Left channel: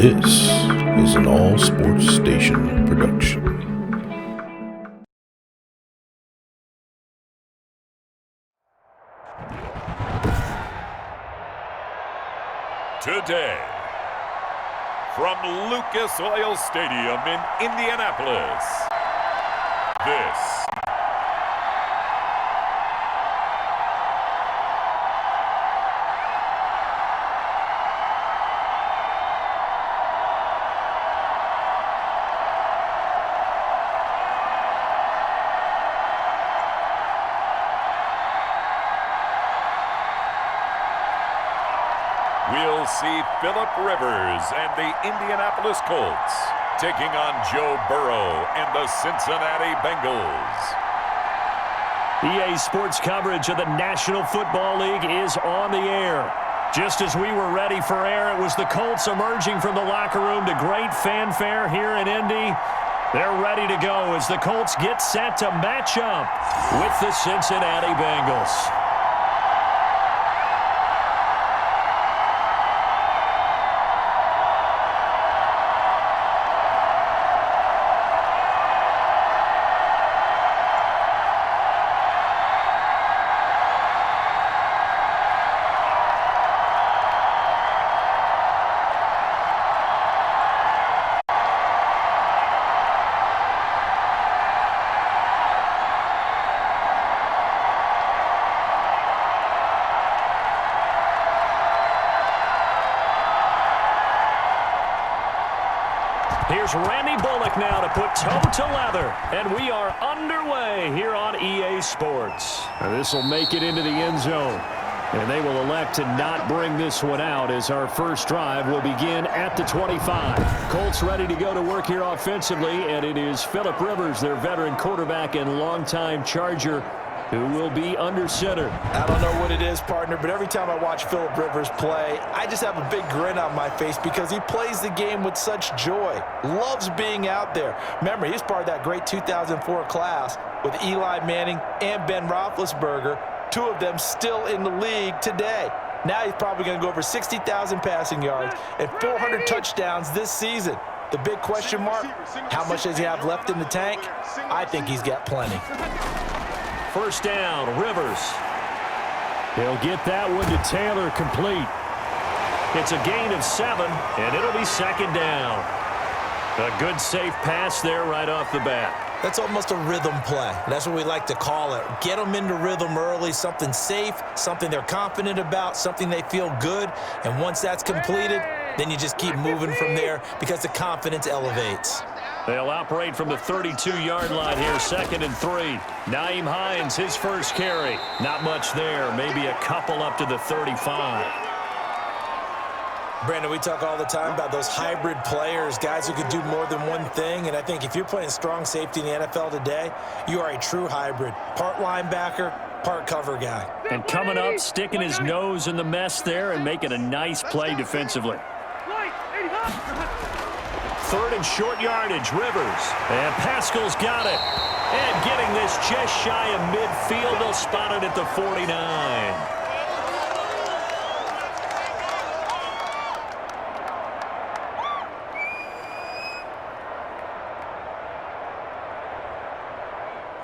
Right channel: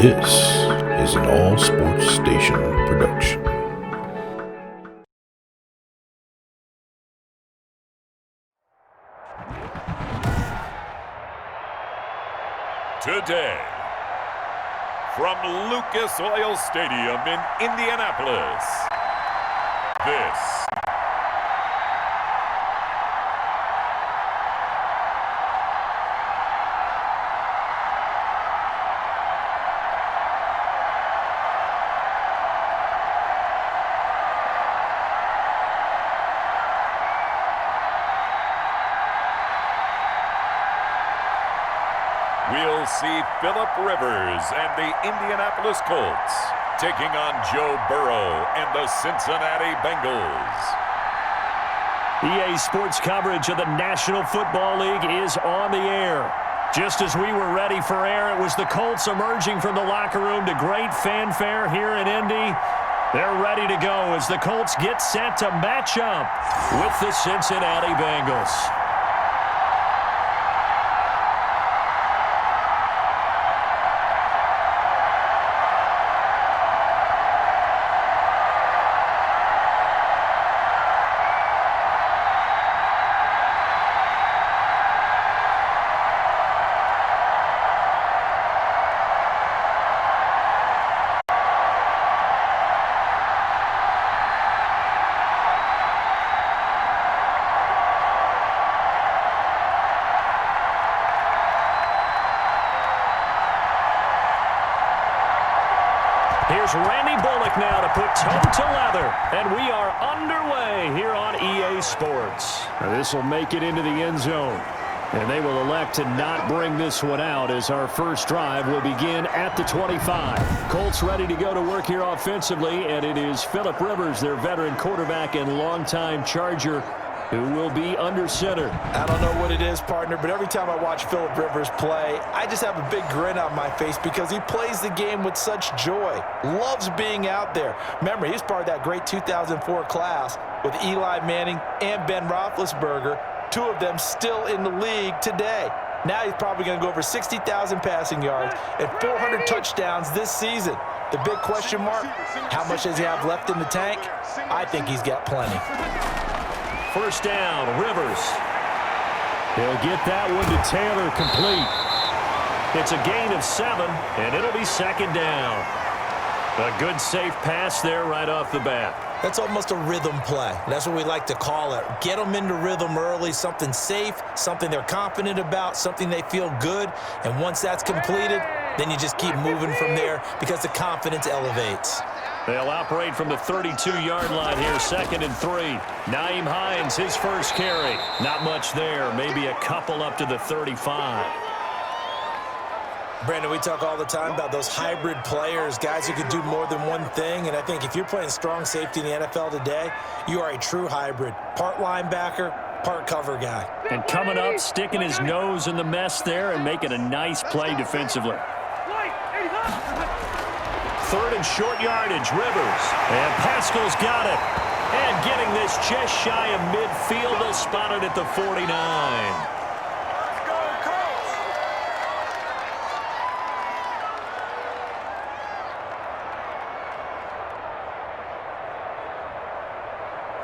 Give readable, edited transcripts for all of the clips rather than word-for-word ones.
This is an All Sports Station production. Today, from Lucas Oil Stadium in Indianapolis, this we'll see Philip Rivers and the Indianapolis Colts taking on Joe Burrow and the Cincinnati Bengals. EA Sports coverage of the National Football League is on the air. Just as we were ready for air, it was the Colts emerging from the locker room to great fanfare here in Indy. They're ready to go as the Colts get set to match up with the Cincinnati Bengals. Here's Randy Bullock now to put toe to leather, and we are underway here on EA Sports. This will make it into the end zone, and they will elect to not bring this one out as our first drive will begin at the 25. Colts ready to go to work here offensively, and it is Philip Rivers, their veteran quarterback and longtime Charger, who will be under center. I don't know what it is, partner, but every time I watch Philip Rivers play, I just have a big grin on my face because he plays the game with such joy, loves being out there. Remember, he's part of that great 2004 class with Eli Manning and Ben Roethlisberger, two of them still in the league today. Now he's probably going to go over 60,000 passing yards and 400 touchdowns this season. The big question mark, how much does he have left in the tank? I think he's got plenty. First down, Rivers. He'll get that one to Taylor complete. It's a gain of 7, and it'll be second down. A good safe pass there right off the bat. That's almost a rhythm play. That's what we like to call it. Get them into rhythm early, something safe, something they're confident about, something they feel good. And once that's completed, then you just keep moving from there because the confidence elevates. They'll operate from the 32-yard line here, 2nd and 3. Nyheim Hines, his first carry. Not much there, maybe a couple up to the 35. Brandon, we talk all the time about those hybrid players, guys who could do more than one thing. And I think if you're playing strong safety in the NFL today, you are a true hybrid. Part linebacker, part cover guy. And coming up, sticking his nose in the mess there and making a nice play defensively. 3rd and short yardage, Rivers. And Pascal's got it. And getting this just shy of midfield, they'll spot it at the 49.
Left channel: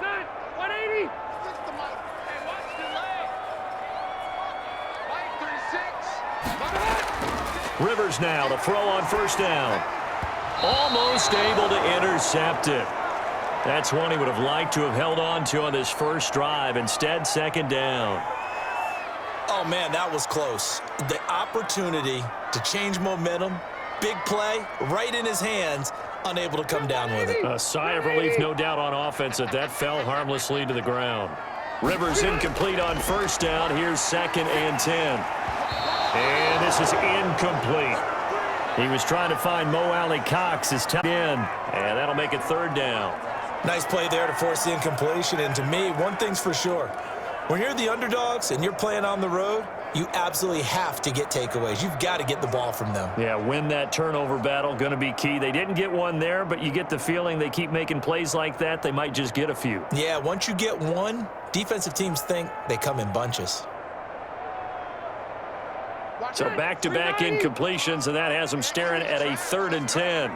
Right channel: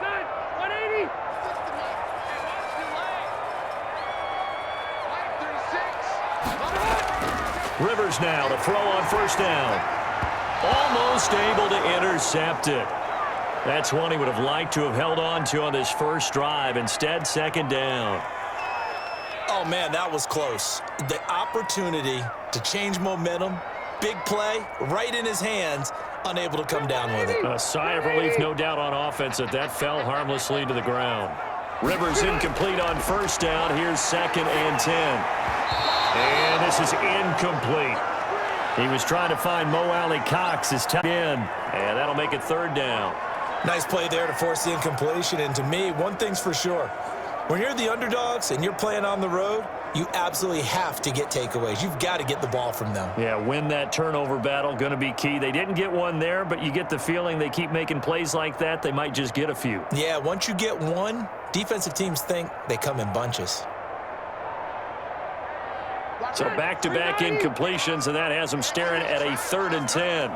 Son, 180. Rivers now to throw on first down. Almost able to intercept it. That's one he would have liked to have held on to on this first drive. Instead, second down. Oh, man, that was close. The opportunity to change momentum, big play, right in his hands, unable to come down with it. A sigh of relief, no doubt, on offense that fell harmlessly to the ground. Rivers incomplete on first down. Here's 2nd and 10. And this is incomplete. He was trying to find Mo Alley-Cox, his tight end, and that'll make it 3rd down. Nice play there to force the incompletion. And to me, one thing's for sure. When you're the underdogs and you're playing on the road, you absolutely have to get takeaways. You've got to get the ball from them. Yeah, win that turnover battle, going to be key. They didn't get one there, but you get the feeling they keep making plays like that, they might just get a few. Yeah, once you get one, defensive teams think they come in bunches. So back-to-back incompletions, and that has him staring at a 3rd and 10.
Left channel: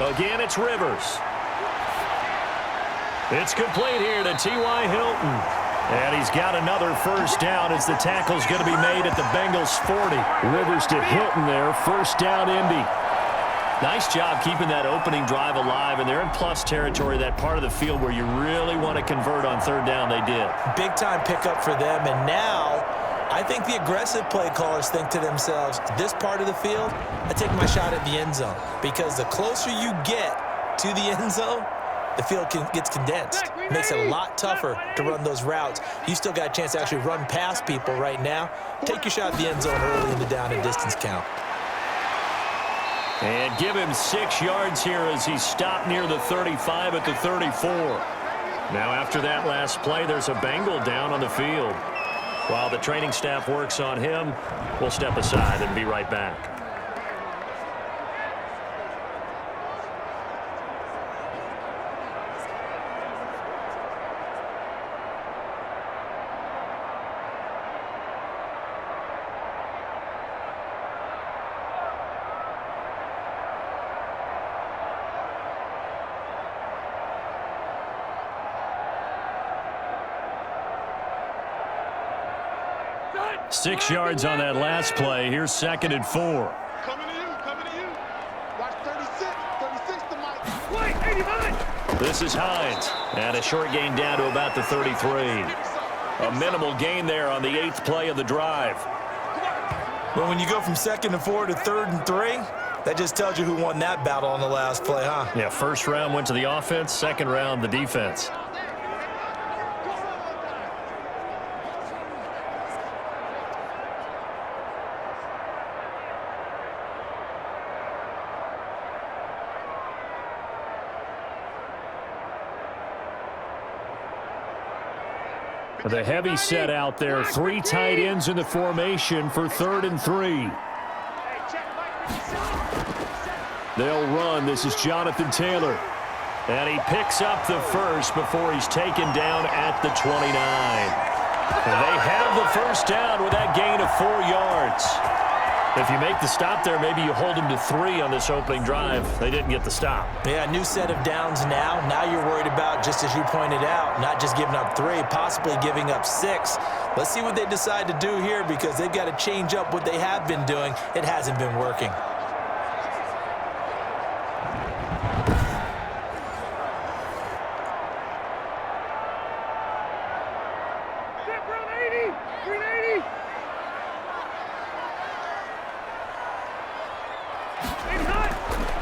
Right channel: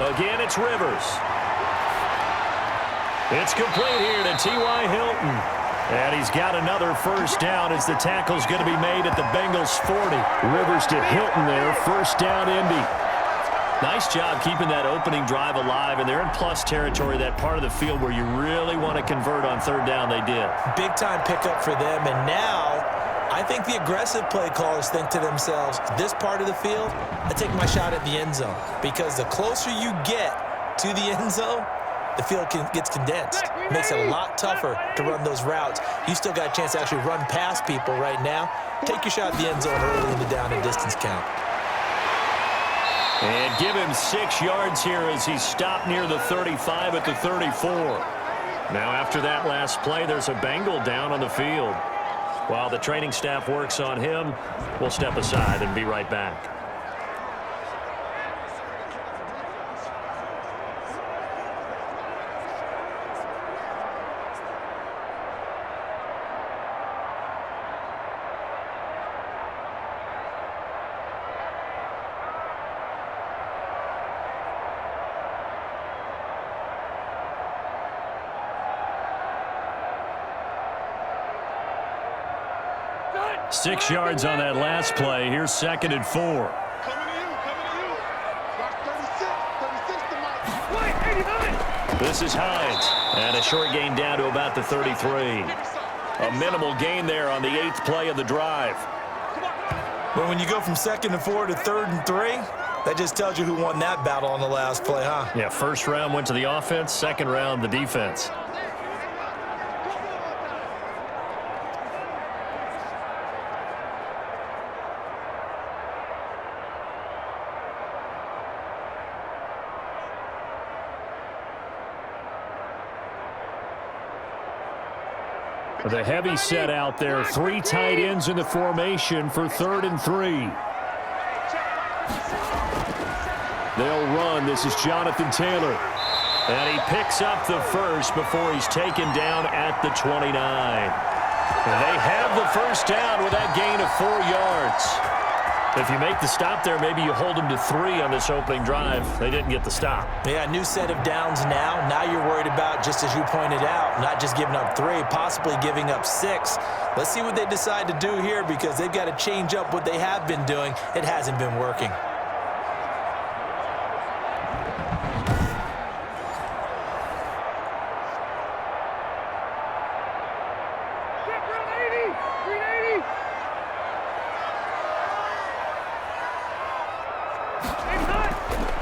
Again, it's Rivers. It's complete here to T.Y. Hilton. And he's got another first down as the tackle's going to be made at the Bengals 40. Rivers to Hilton there, first down Indy. Nice job keeping that opening drive alive, and they're in plus territory, that part of the field where you really want to convert on 3rd down. They did. Big-time pickup for them, and now I think the aggressive play callers think to themselves, this part of the field, I take my shot at the end zone, because the closer you get to the end zone, the field gets condensed. Makes it a lot tougher to run those routes. You still got a chance to actually run past people right now. Take your shot at the end zone early in the down and distance count. And give him 6 yards here as he's stopped near the 35 at the 34. Now after that last play, there's a Bengal down on the field. While the training staff works on him, we'll step aside and be right back. Done. 6 yards on that last play. Here's 2nd and 4. Coming to you, coming to you. Watch 36 to Mike. Wait, 80 Hines. This is Hines. And a short gain down to about the 33. A minimal gain there on the 8th play of the drive. Well, when you go from 2nd and 4 to 3rd and 3, that just tells you who won that battle on the last play, huh? Yeah, first round went to the offense, second round the defense. The heavy set out there, 3 tight ends in the formation for 3rd and 3. They'll run. This is Jonathan Taylor. And he picks up the first before he's taken down at the 29. And they have the first down with that gain of 4 yards. If you make the stop there, maybe you hold them to 3 on this opening drive. They didn't get the stop. Yeah, new set of downs now. Now you're worried about, just as you pointed out, not just giving up 3, possibly giving up 6. Let's see what they decide to do here, because they've got to change up what they have been doing. It hasn't been working. Step round 80. Green 80. 80 Hines.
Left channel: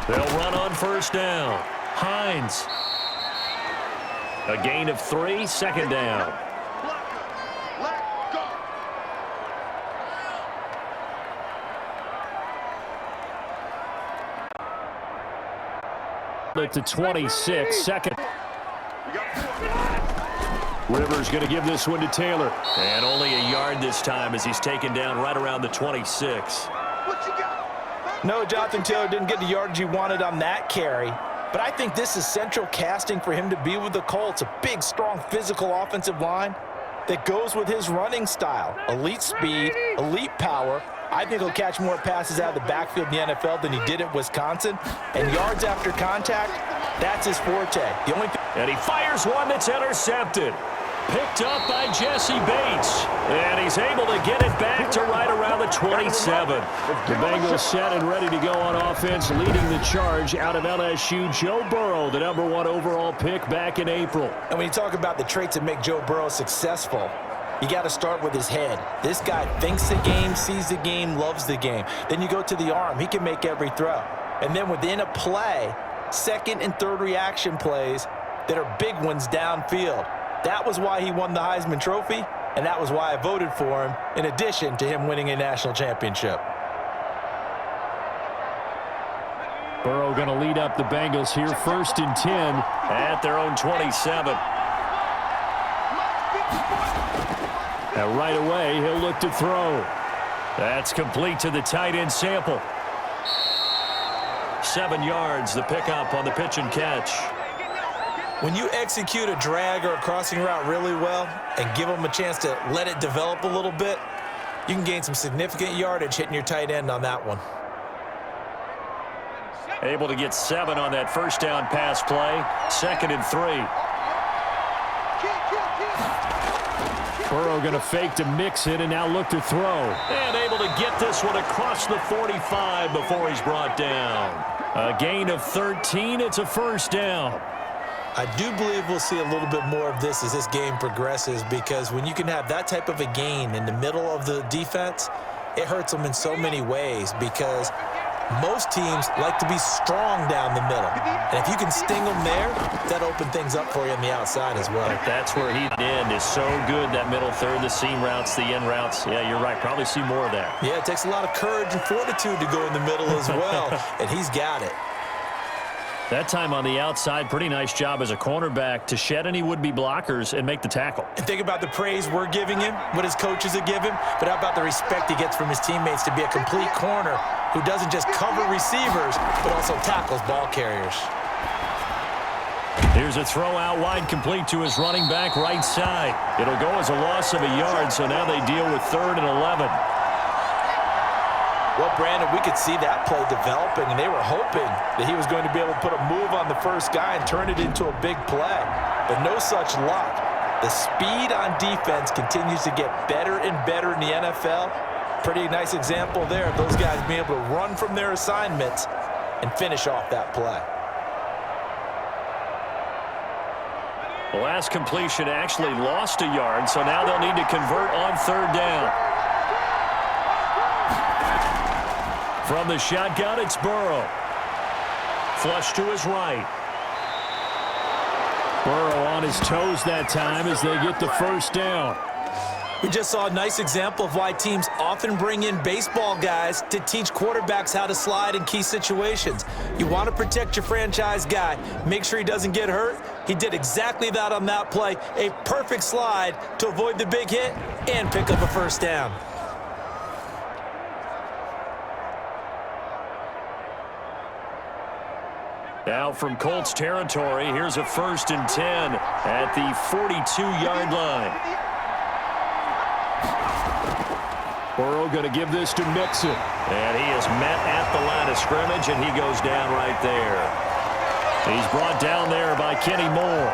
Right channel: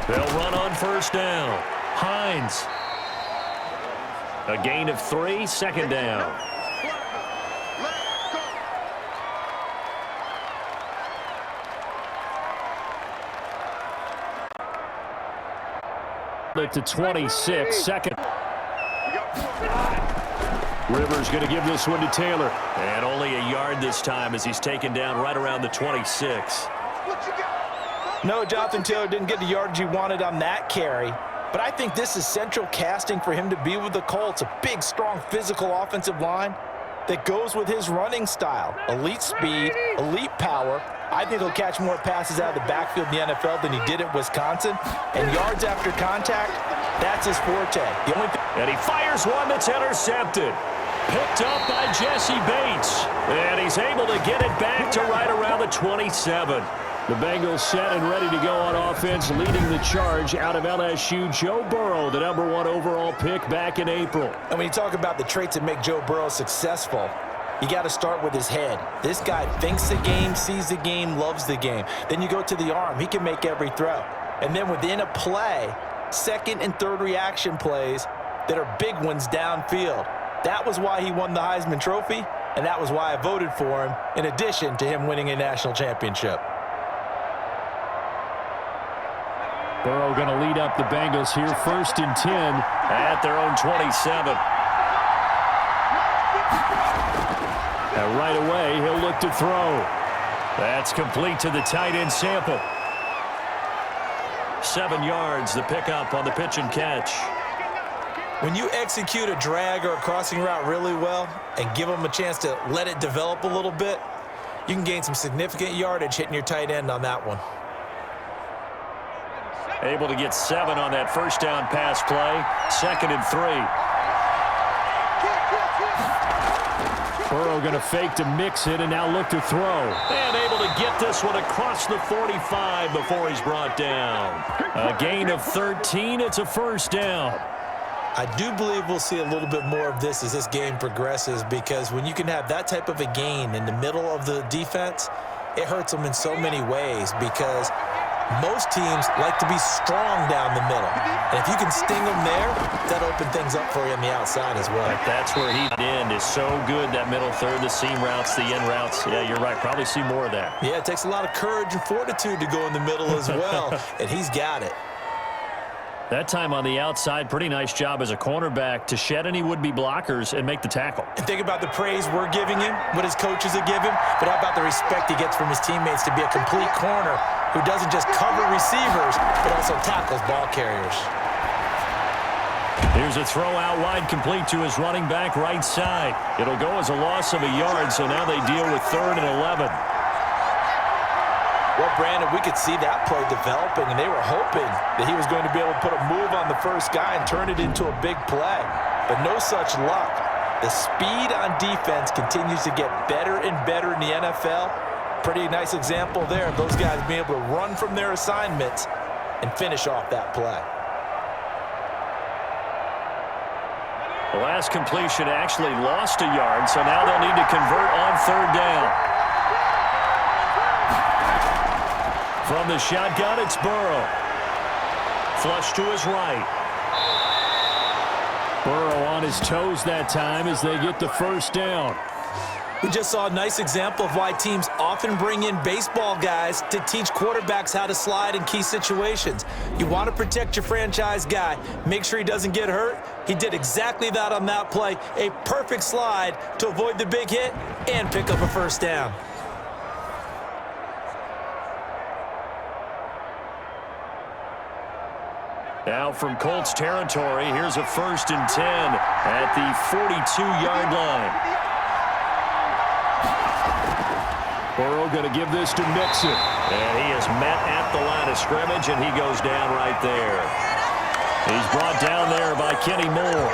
They'll run on first down. Hines. A gain of 3, second down. Let go. At the 26, second. We got 4. Rivers going to give this one to Taylor. And only a yard this time as he's taken down right around the 26. What you got? No, Jonathan Taylor didn't get the yardage he wanted on that carry. But I think this is central casting for him to be with the Colts. A big, strong, physical offensive line that goes with his running style. Elite speed, elite power. I think he'll catch more passes out of the backfield in the NFL than he did at Wisconsin. And yards after contact, that's his forte. The only thing. And he fires one that's intercepted. Picked up by Jesse Bates. And he's able to get it back to right around the 27. The Bengals set and ready to go on offense, leading the charge out of LSU, Joe Burrow, the #1 overall pick back in April. And when you talk about the traits that make Joe Burrow successful, you got to start with his head. This guy thinks the game, sees the game, loves the game. Then you go to the arm. He can make every throw. And then within a play, second and third reaction plays that are big ones downfield. That was why he won the Heisman Trophy, and that was why I voted for him, in addition to him winning a national championship. Burrow going to lead up the Bengals here, 1st and 10 at their own 27. And right away, he'll look to throw. That's complete to the tight end Sample. 7 yards, the pickup on the pitch and catch. When you execute a drag or a crossing route really well and give them a chance to let it develop a little bit, you can gain some significant yardage hitting your tight end on that one. Able to get 7 on that first down pass play. 2nd and 3. Burrow going to fake to mix it and now look to throw. And able to get this one across the 45 before he's brought down. A gain of 13. It's a first down. I do believe we'll see a little bit more of this as this game progresses, because when you can have that type of a gain in the middle of the defense, it hurts them in so many ways, because most teams like to be strong down the middle. And if you can sting them there, that opens things up for you on the outside as well. But that's where he in is so good, that middle third, the seam routes, the in routes. Yeah, you're right. Probably see more of that. Yeah, it takes a lot of courage and fortitude to go in the middle as well, and he's got it. That time on the outside, pretty nice job as a cornerback to shed any would-be blockers and make the tackle. And think about the praise we're giving him, what his coaches have given him, but how about the respect he gets from his teammates to be a complete corner who doesn't just cover receivers, but also tackles ball carriers. Here's a throw out wide, complete to his running back right side. It'll go as a loss of a yard, so now they deal with 3rd and 11. Well, Brandon, we could see that play developing, and they were hoping that he was going to be able to put a move on the first guy and turn it into a big play. But no such luck. The speed on defense continues to get better and better in the NFL. Pretty nice example there of those guys being able to run from their assignments and finish off that play. The last completion actually lost a yard, so now they'll need to convert on 3rd down. From the shotgun, it's Burrow. Flush to his right. Burrow on his toes that time as they get the first down. We just saw a nice example of why teams often bring in baseball guys to teach quarterbacks how to slide in key situations. You want to protect your franchise guy. Make sure he doesn't get hurt. He did exactly that on that play. A perfect slide to avoid the big hit and pick up a first down. Now from Colts territory, here's a 1st and 10 at the 42-yard line. Burrow going to give this to Mixon. And he is met at the line of scrimmage, and he goes down right there. He's brought down there by Kenny Moore.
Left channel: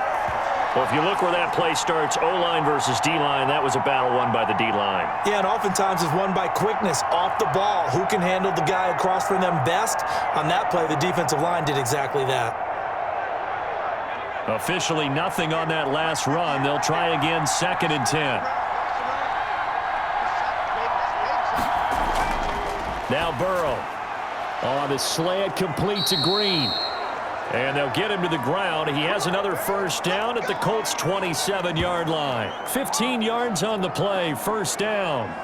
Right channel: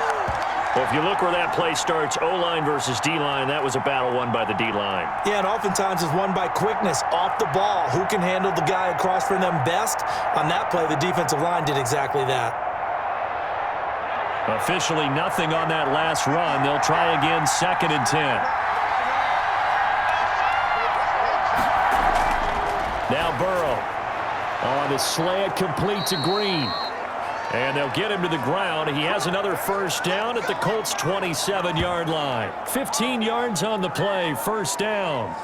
Well, if you look where that play starts, O-line versus D-line, that was a battle won by the D-line. Yeah, and oftentimes it's won by quickness off the ball. Who can handle the guy across from them best? On that play, the defensive line did exactly that. Officially nothing on that last run. They'll try again, 2nd and 10. Now Burrow on his slant, complete to Green. And they'll get him to the ground. He has another first down at the Colts' 27-yard line. 15 yards on the play, first down.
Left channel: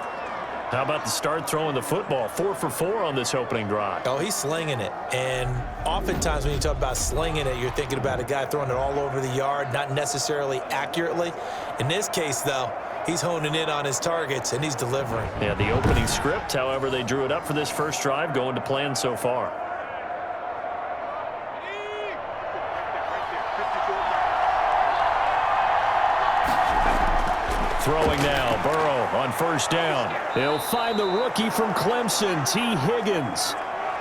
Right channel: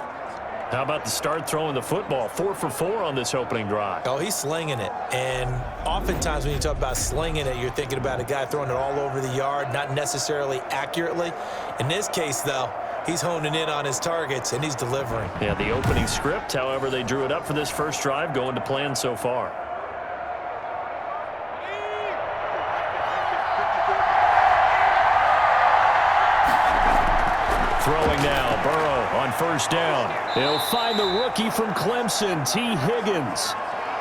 How about the start throwing the football? 4 for 4 on this opening drive. Oh, he's slinging it. And oftentimes when you talk about slinging it, you're thinking about a guy throwing it all over the yard, not necessarily accurately. In this case, though, he's honing in on his targets, and he's delivering. Yeah, the opening script, however, they drew it up for this first drive, going to plan so far. Throwing now, Burrow on first down. He'll find the rookie from Clemson, T. Higgins.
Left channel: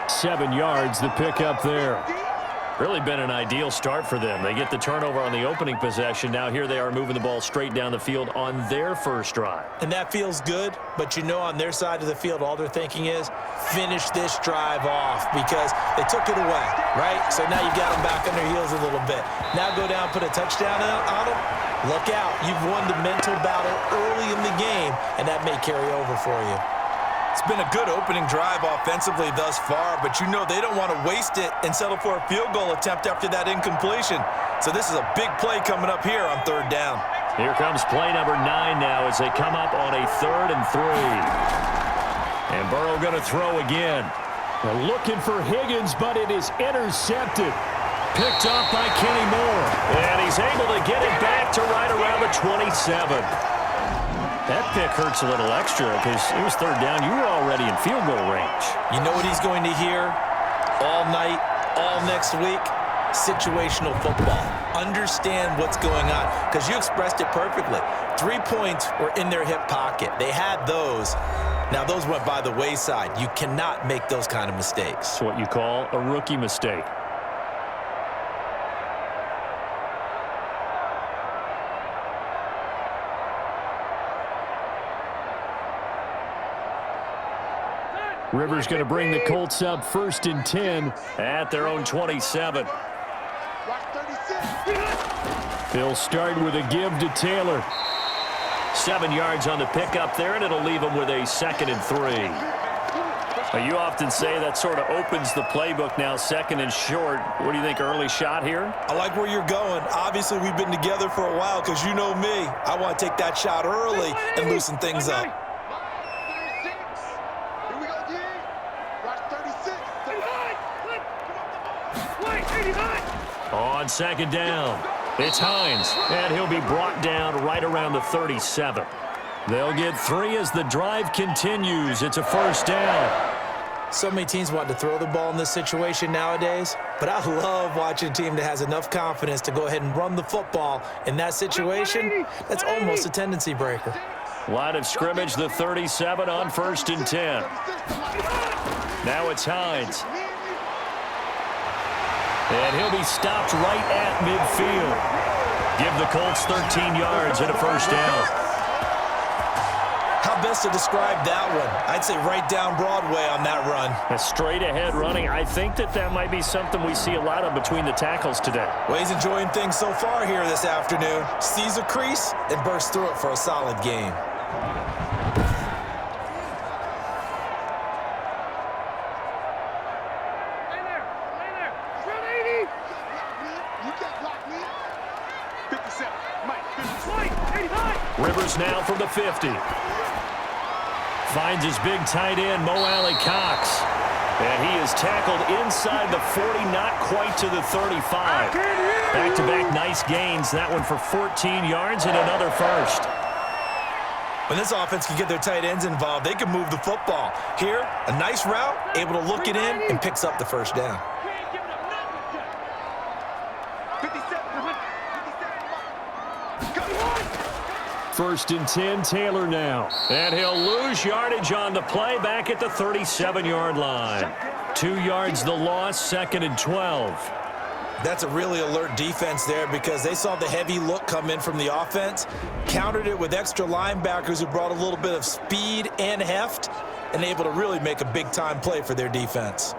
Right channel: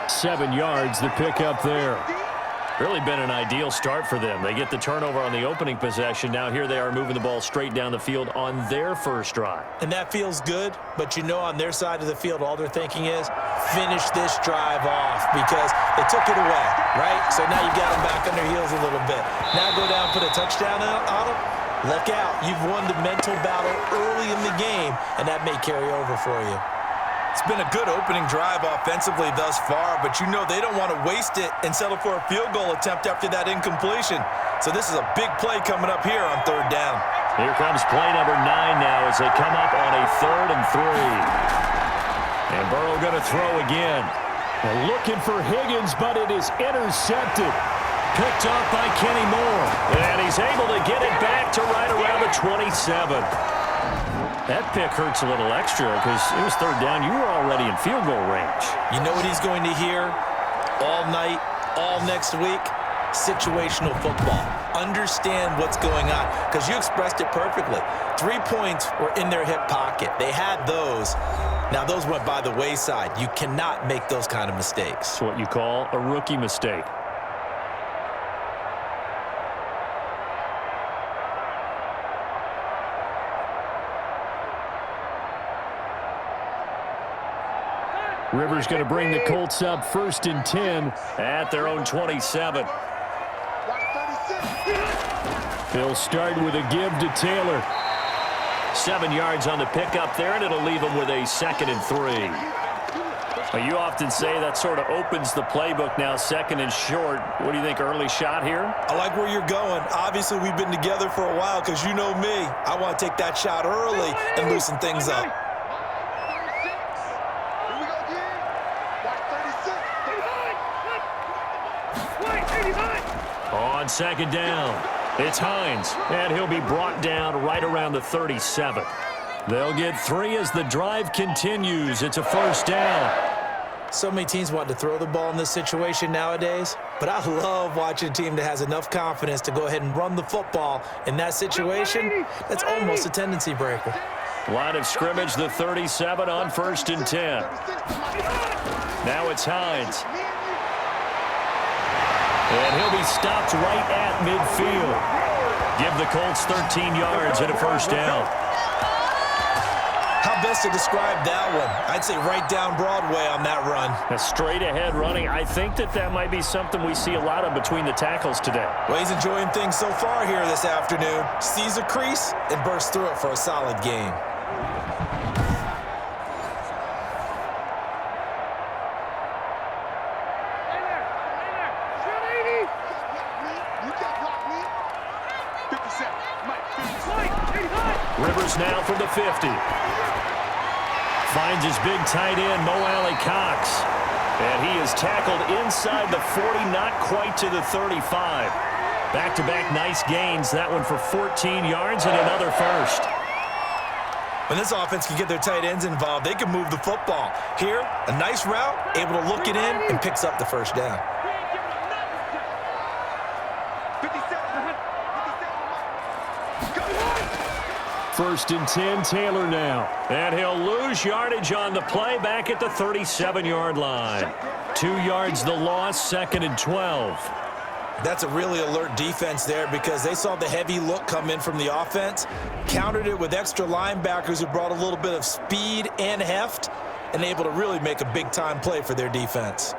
7 yards, the pickup there. Really been an ideal start for them. They get the turnover on the opening possession. Now here they are moving the ball straight down the field on their first drive. And that feels good, but you know on their side of the field, all they're thinking is finish this drive off because they took it away, right? So now you've got them back on their heels a little bit. Now go down, put a touchdown on them. Look out. You've won the mental battle early in the game, and that may carry over for you. It's been a good opening drive offensively thus far, but you know they don't want to waste it and settle for a field goal attempt after that incompletion. So this is a big play coming up here on 3rd down. Here comes play number 9 now as they come up on a 3rd and 3. And Burrow going to throw again. They're looking for Higgins, but it is intercepted. Picked up by Kenny Moore. And he's able to get it back to right around the 27. That pick hurts a little extra because it was 3rd down. You were already in field goal range. You know what he's going to hear all night, all next week? situational football. Understand what's going on, because you expressed it perfectly. 3 points were in their hip pocket. They had those. Now, those went by the wayside. You cannot make those kind of mistakes. It's what you call a rookie mistake. Rivers going to bring the Colts up 1st and 10 at their own 27. Watch 36. They'll start with a give to Taylor. 7 yards on the pickup there, and it'll leave them with a 2nd and 3. Now, you often say that sort of opens the playbook now, 2nd and short. What do you think, early shot here? I like where you're going. Obviously, we've been together for a while, because you know me. I want to take that shot early and loosen things up. 36. Here we go, G. Watch 36. 85. On 2nd down, it's Hines, and he'll be brought down right around the 37. They'll get 3 as the drive continues. It's a 1st down. So many teams want to throw the ball in this situation nowadays, but I love watching a team that has enough confidence to go ahead and run the football in that situation. That's almost a tendency breaker. Line of scrimmage, the 37 on 1st and 10. Now it's Hines. And he'll be stopped right at midfield. Give the Colts 13 yards and a 1st down. How best to describe that one? I'd say right down Broadway on that run. A straight ahead running. I think that might be something we see a lot of between the tackles today. Well, he's enjoying things so far here this afternoon. Sees a crease and bursts through it for a solid game. Rivers now from the 50. Finds his big tight end, Mo Alley Cox. And he is tackled inside the 40, not quite to the 35. Back-to-back nice gains. That one for 14 yards and another 1st. When this offense can get their tight ends involved, they can move the football. Here, a nice route, able to look it in, and picks up the 1st down. 1st and 10, Taylor now. And he'll lose yardage on the play back at the 37-yard line. 2 yards the loss, 2nd and 12. That's a really alert defense there, because they saw the heavy look come in from the offense, countered it with extra linebackers who brought a little bit of speed and heft, and able to really make a big-time play for their defense.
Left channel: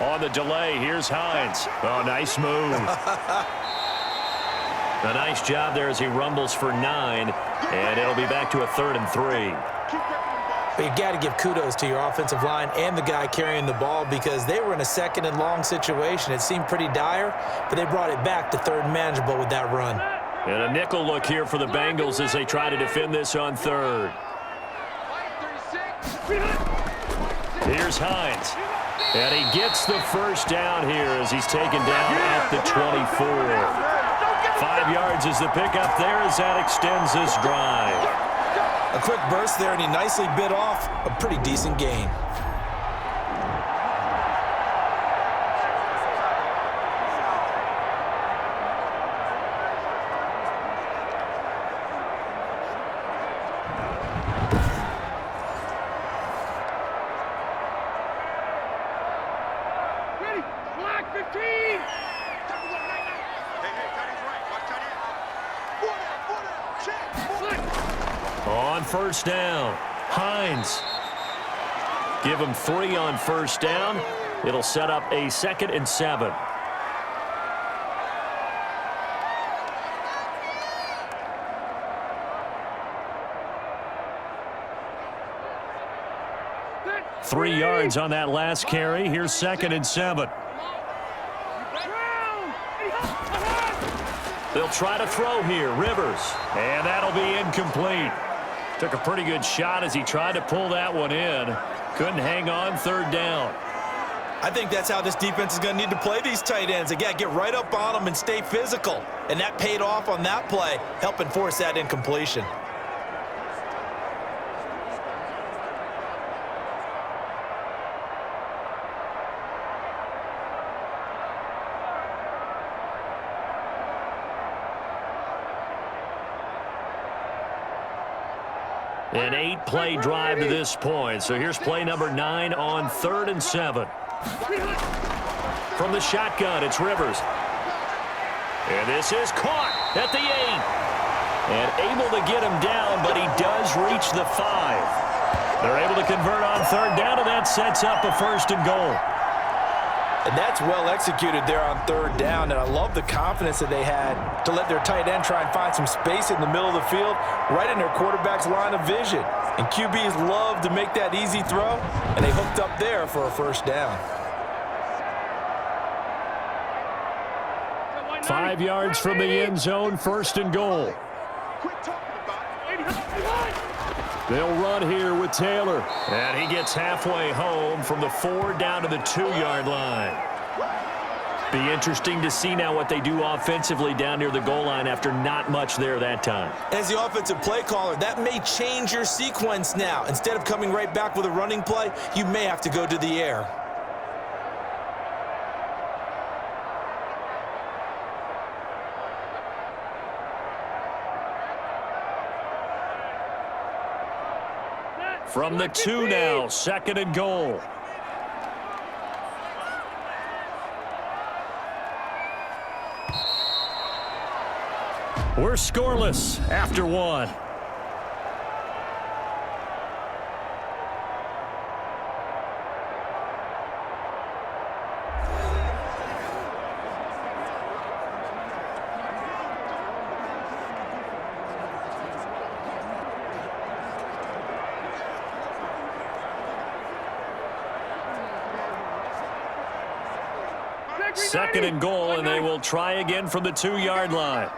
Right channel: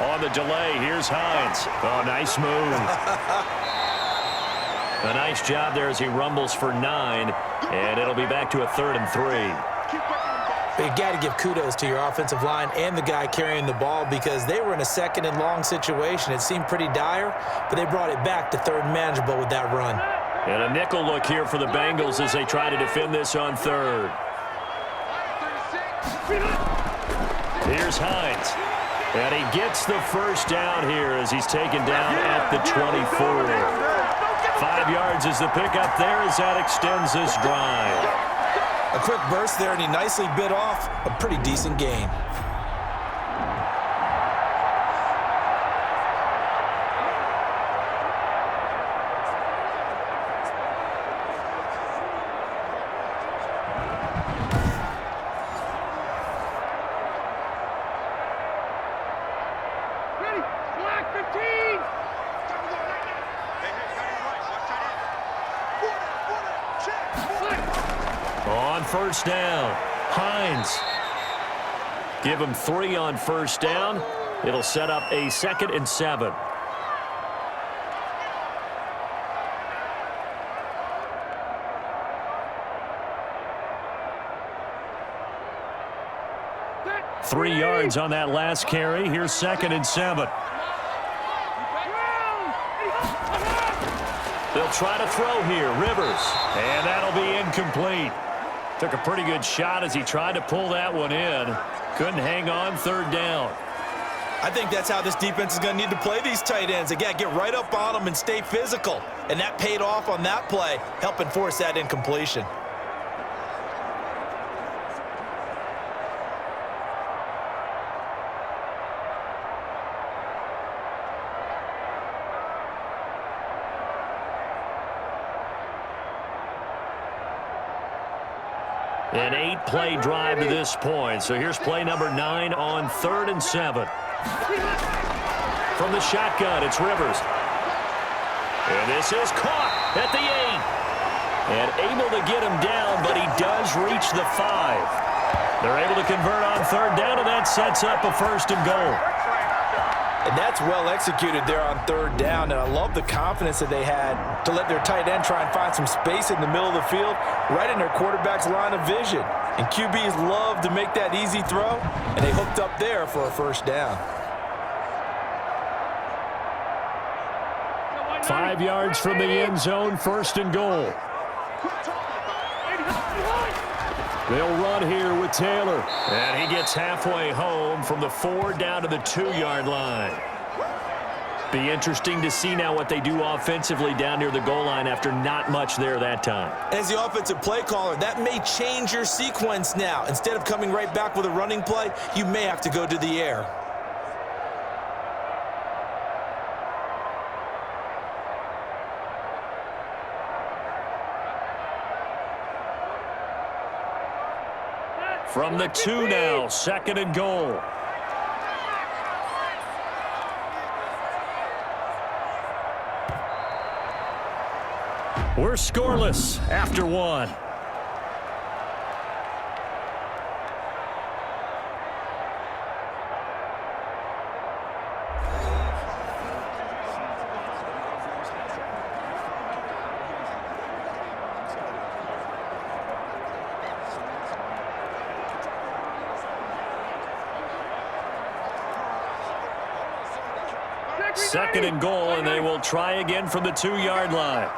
On the delay, here's Hines. Oh, nice move. A nice job there as he rumbles for 9, and it'll be back to a 3rd and 3. But you got to give kudos to your offensive line and the guy carrying the ball, because they were in a 2nd and long situation. It seemed pretty dire, but they brought it back to 3rd and manageable with that run. And a nickel look here for the Bengals as they try to defend this on 3rd. Here's Hines. And he gets the 1st down here as he's taken down at the 24. 5 yards is the pickup there as that extends this drive. A quick burst there, and he nicely bit off a pretty decent gain. On 1st down, Hines. Give him 3 on 1st down. It'll set up a 2nd and 7. Three yards on that last carry. Here's 2nd and 7. They'll try to throw here. Rivers. And that'll be incomplete. Took a pretty good shot as he tried to pull that one in. Couldn't hang on third down. I think that's how this defense is going to need to play these tight ends. Again, get right up on them and stay physical. And that paid off on that play, helping force that incompletion. An 8-play drive to this point. So here's play number 9 on 3rd and 7. From the shotgun, it's Rivers. And this is caught at the 8. And able to get him down, but he does reach the 5. They're able to convert on 3rd down, and that sets up a 1st and goal. And that's well executed there on 3rd down. And I love the confidence that they had to let their tight end try and find some space in the middle of the field, right in their quarterback's line of vision. And QBs love to make that easy throw, and they hooked up there for a 1st down. 5 yards from the end zone, 1st and goal. They'll run here with Taylor. And he gets halfway home from the 4 down to the 2-yard line. Be interesting to see now what they do offensively down near the goal line after not much there that time. As the offensive play caller, that may change your sequence now. Instead of coming right back with a running play, you may have to go to the air. From the 2 now, 2nd and goal. We're scoreless after 1. Second and goal, and they will try again from the 2-yard line.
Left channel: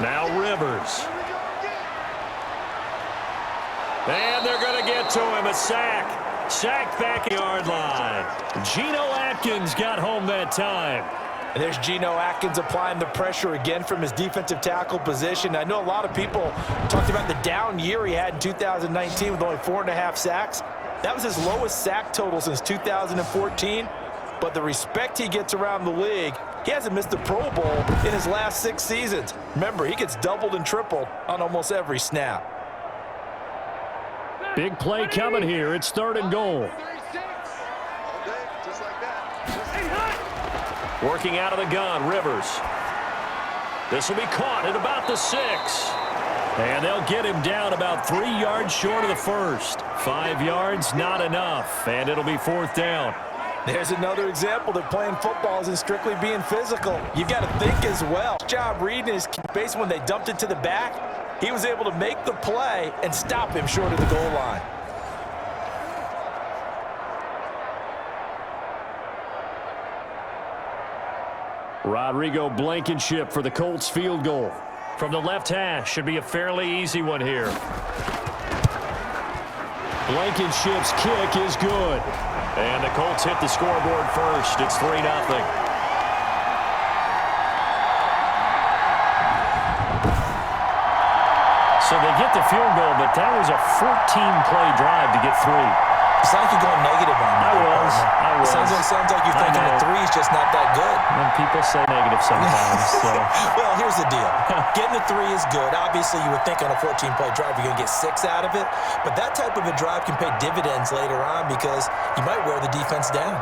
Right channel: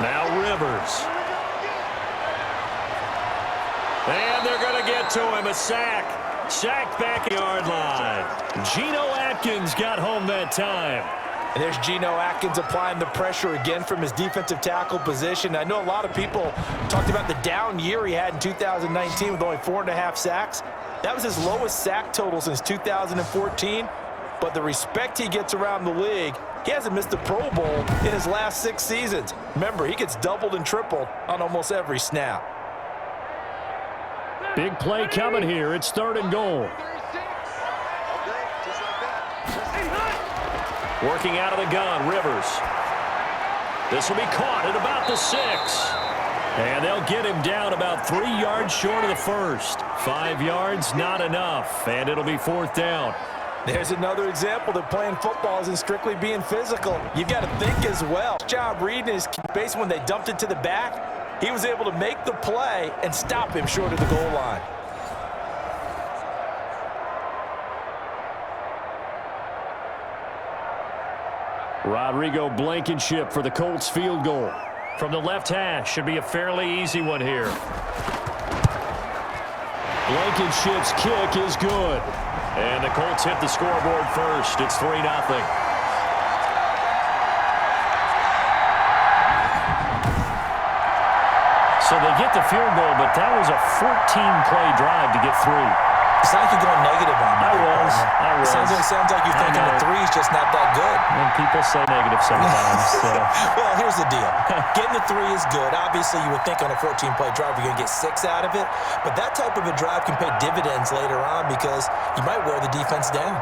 Now Rivers. And they're going to get to him. A sack. Sack back yard line. Geno Atkins got home that time. And there's Geno Atkins applying the pressure again from his defensive tackle position. I know a lot of people talked about the down year he had in 2019 with only 4.5 sacks. That was his lowest sack total since 2014. But the respect he gets around the league, he hasn't missed the Pro Bowl in his last 6 seasons. Remember, he gets doubled and tripled on almost every snap. Big play coming here. It's 3rd and goal. Working out of the gun, Rivers. This will be caught at about the 6. And they'll get him down about 3 yards short of the 1st. 5 yards, not enough. And it'll be 4th down. There's another example that playing football isn't strictly being physical. You've got to think as well. Job reading his base when they dumped it to the back. He was able to make the play and stop him short of the goal line. Rodrigo Blankenship for the Colts field goal. From the left hash, should be a fairly easy one here. Blankenship's kick is good. And the Colts hit the scoreboard first. It's 3-0. So they get the field goal, but that was a 14-play drive to get 3. It's not like you're going negative on me. I was. Sounds like you're thinking the 3 is just not that good. And people say negative sometimes. So. Well, here's the deal. Getting the 3 is good. Obviously, you would think on a 14-play drive you're going to get 6 out of it. But that type of a drive can pay dividends later on because you might wear the defense down.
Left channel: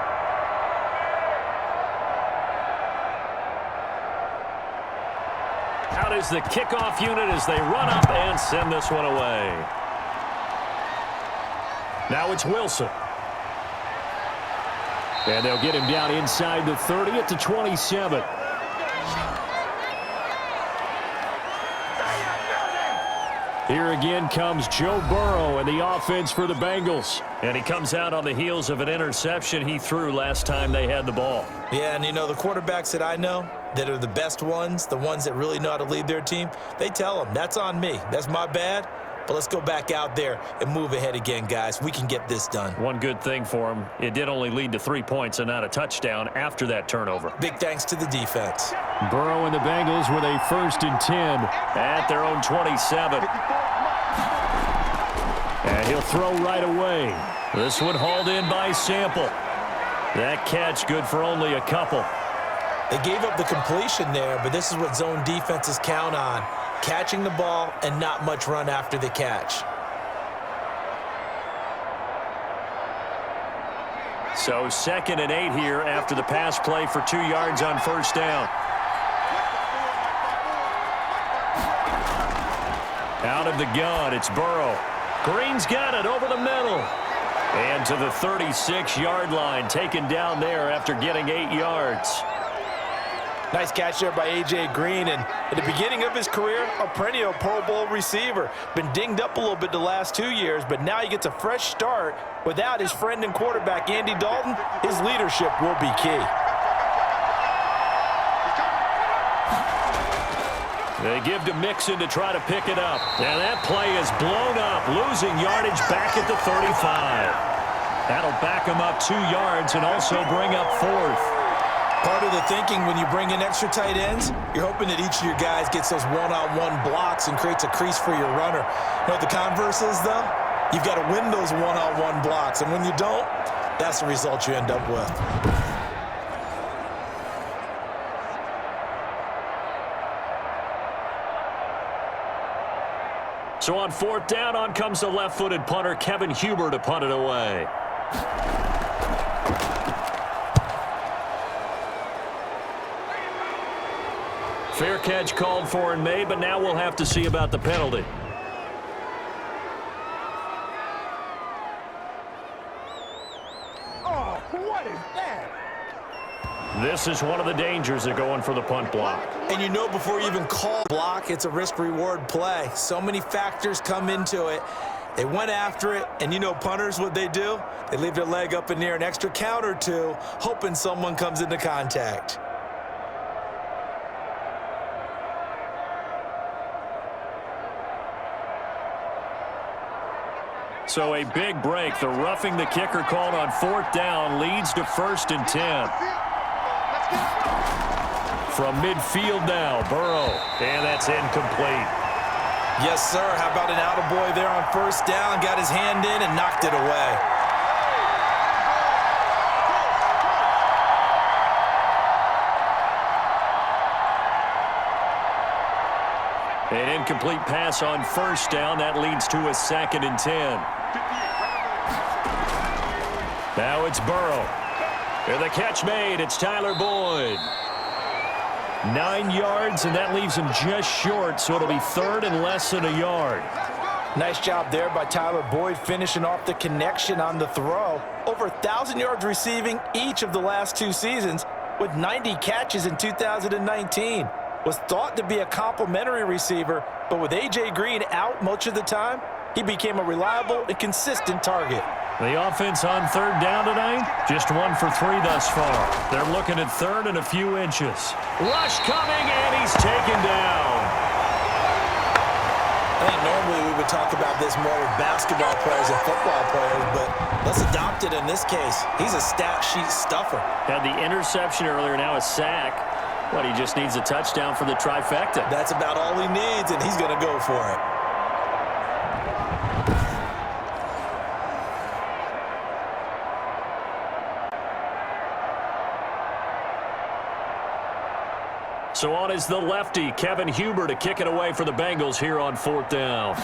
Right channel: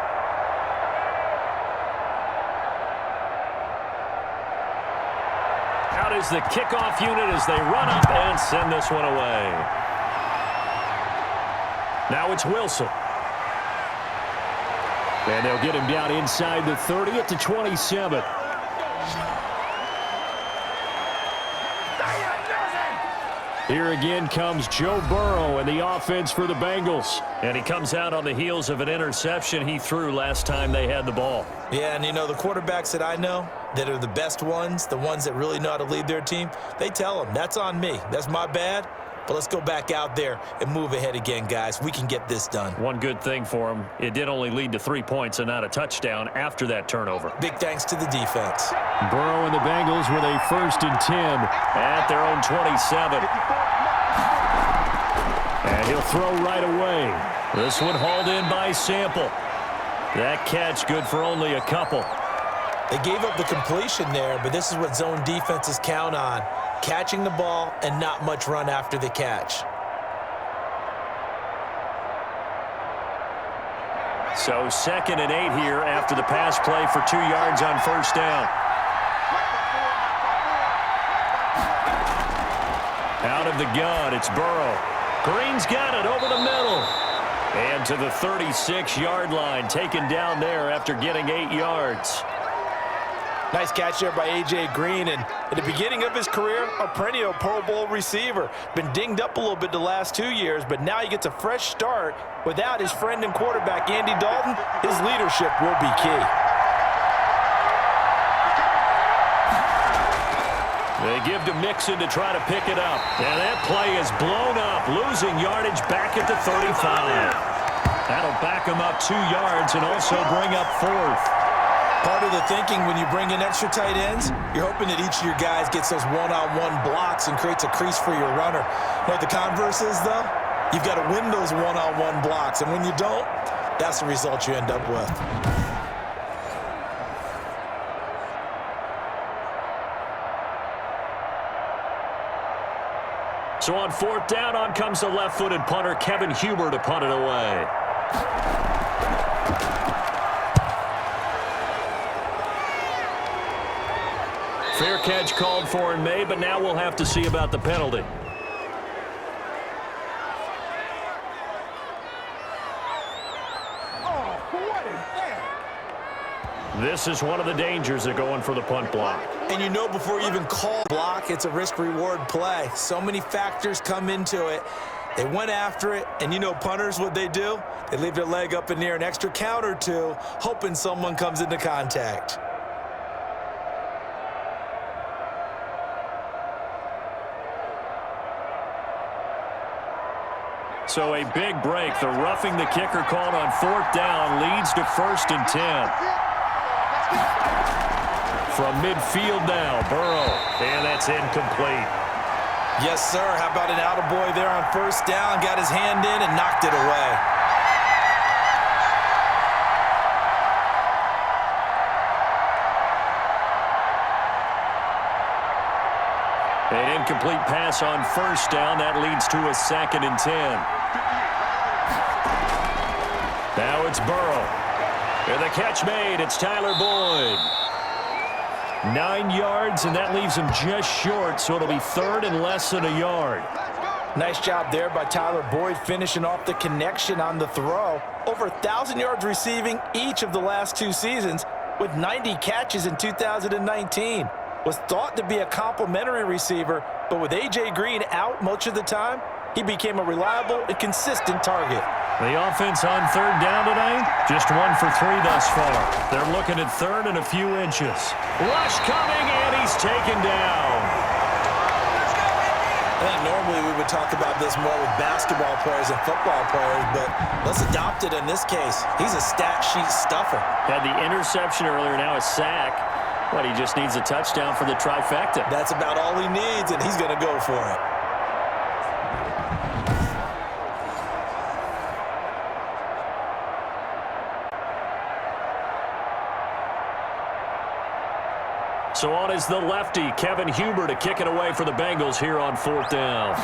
Out is the kickoff unit as they run up and send this one away. Now it's Wilson. And they'll get him down inside the 30 at the 27. Here again comes Joe Burrow and the offense for the Bengals. And he comes out on the heels of an interception he threw last time they had the ball. Yeah, and you know, the quarterbacks that I know that are the best ones, the ones that really know how to lead their team, they tell them, that's on me. That's my bad. But let's go back out there and move ahead again, guys. We can get this done. One good thing for him, it did only lead to 3 points and not a touchdown after that turnover. Big thanks to the defense. Burrow and the Bengals with a 1st and 10 at their own 27. And he'll throw right away. This one hauled in by Sample. That catch good for only a couple. They gave up the completion there, but this is what zone defenses count on. Catching the ball and not much run after the catch. So 2nd and 8 here after the pass play for 2 yards on 1st down. Out of the gun, it's Burrow. Green's got it over the middle. And to the 36-yard line, taken down there after getting 8 yards. Nice catch there by A.J. Green, and at the beginning of his career, a perennial Pro Bowl receiver. Been dinged up a little bit the last 2 years, but now he gets a fresh start. Without his friend and quarterback, Andy Dalton, his leadership will be key. They give to Mixon to try to pick it up. And that play is blown up, losing yardage back at the 35. That'll back him up 2 yards and also bring up 4th. Part of the thinking when you bring in extra tight ends, you're hoping that each of your guys gets those one-on-one blocks and creates a crease for your runner. You know what the converse is, though? You've got to win those one-on-one blocks, and when you don't, that's the result you end up with. So on 4th down, on comes the left-footed punter, Kevin Huber, to punt it away. Fair catch called for and made, but now we'll have to see about the penalty. Oh, what is that? This is one of the dangers of going for the punt block. And you know before you even call block, it's a risk-reward play. So many factors come into it. They went after it, and you know punters, what they do? They leave their leg up in the air an extra count or two, hoping someone comes into contact. So a big break. The roughing the kicker called on 4th down leads to 1st and 10. From midfield now, Burrow. And that's incomplete. Yes, sir. How about an attaboy there on 1st down? Got his hand in and knocked it away. An incomplete pass on 1st down. That leads to a 2nd and 10. Now it's Burrow. And the catch made. It's Tyler Boyd. 9 yards, and that leaves him just short, so it'll be 3rd and less than a yard. Nice job there by Tyler Boyd, finishing off the connection on the throw. Over 1,000 yards receiving each of the last 2 seasons, with 90 catches in 2019. Was thought to be a complimentary receiver, but with A.J. Green out much of the time, he became a reliable and consistent target. The offense on 3rd down tonight, just 1 for 3 thus far. They're looking at 3rd and a few inches. Rush coming, and he's taken down. I think normally we would talk about this more with basketball players and football players, but let's adopt it in this case. He's a stat sheet stuffer. Had the interception earlier, now a sack. What, he just needs a touchdown for the trifecta. That's about all he needs, and he's going to go for it. So on is the lefty, Kevin Huber, to kick it away for the Bengals here on 4th down.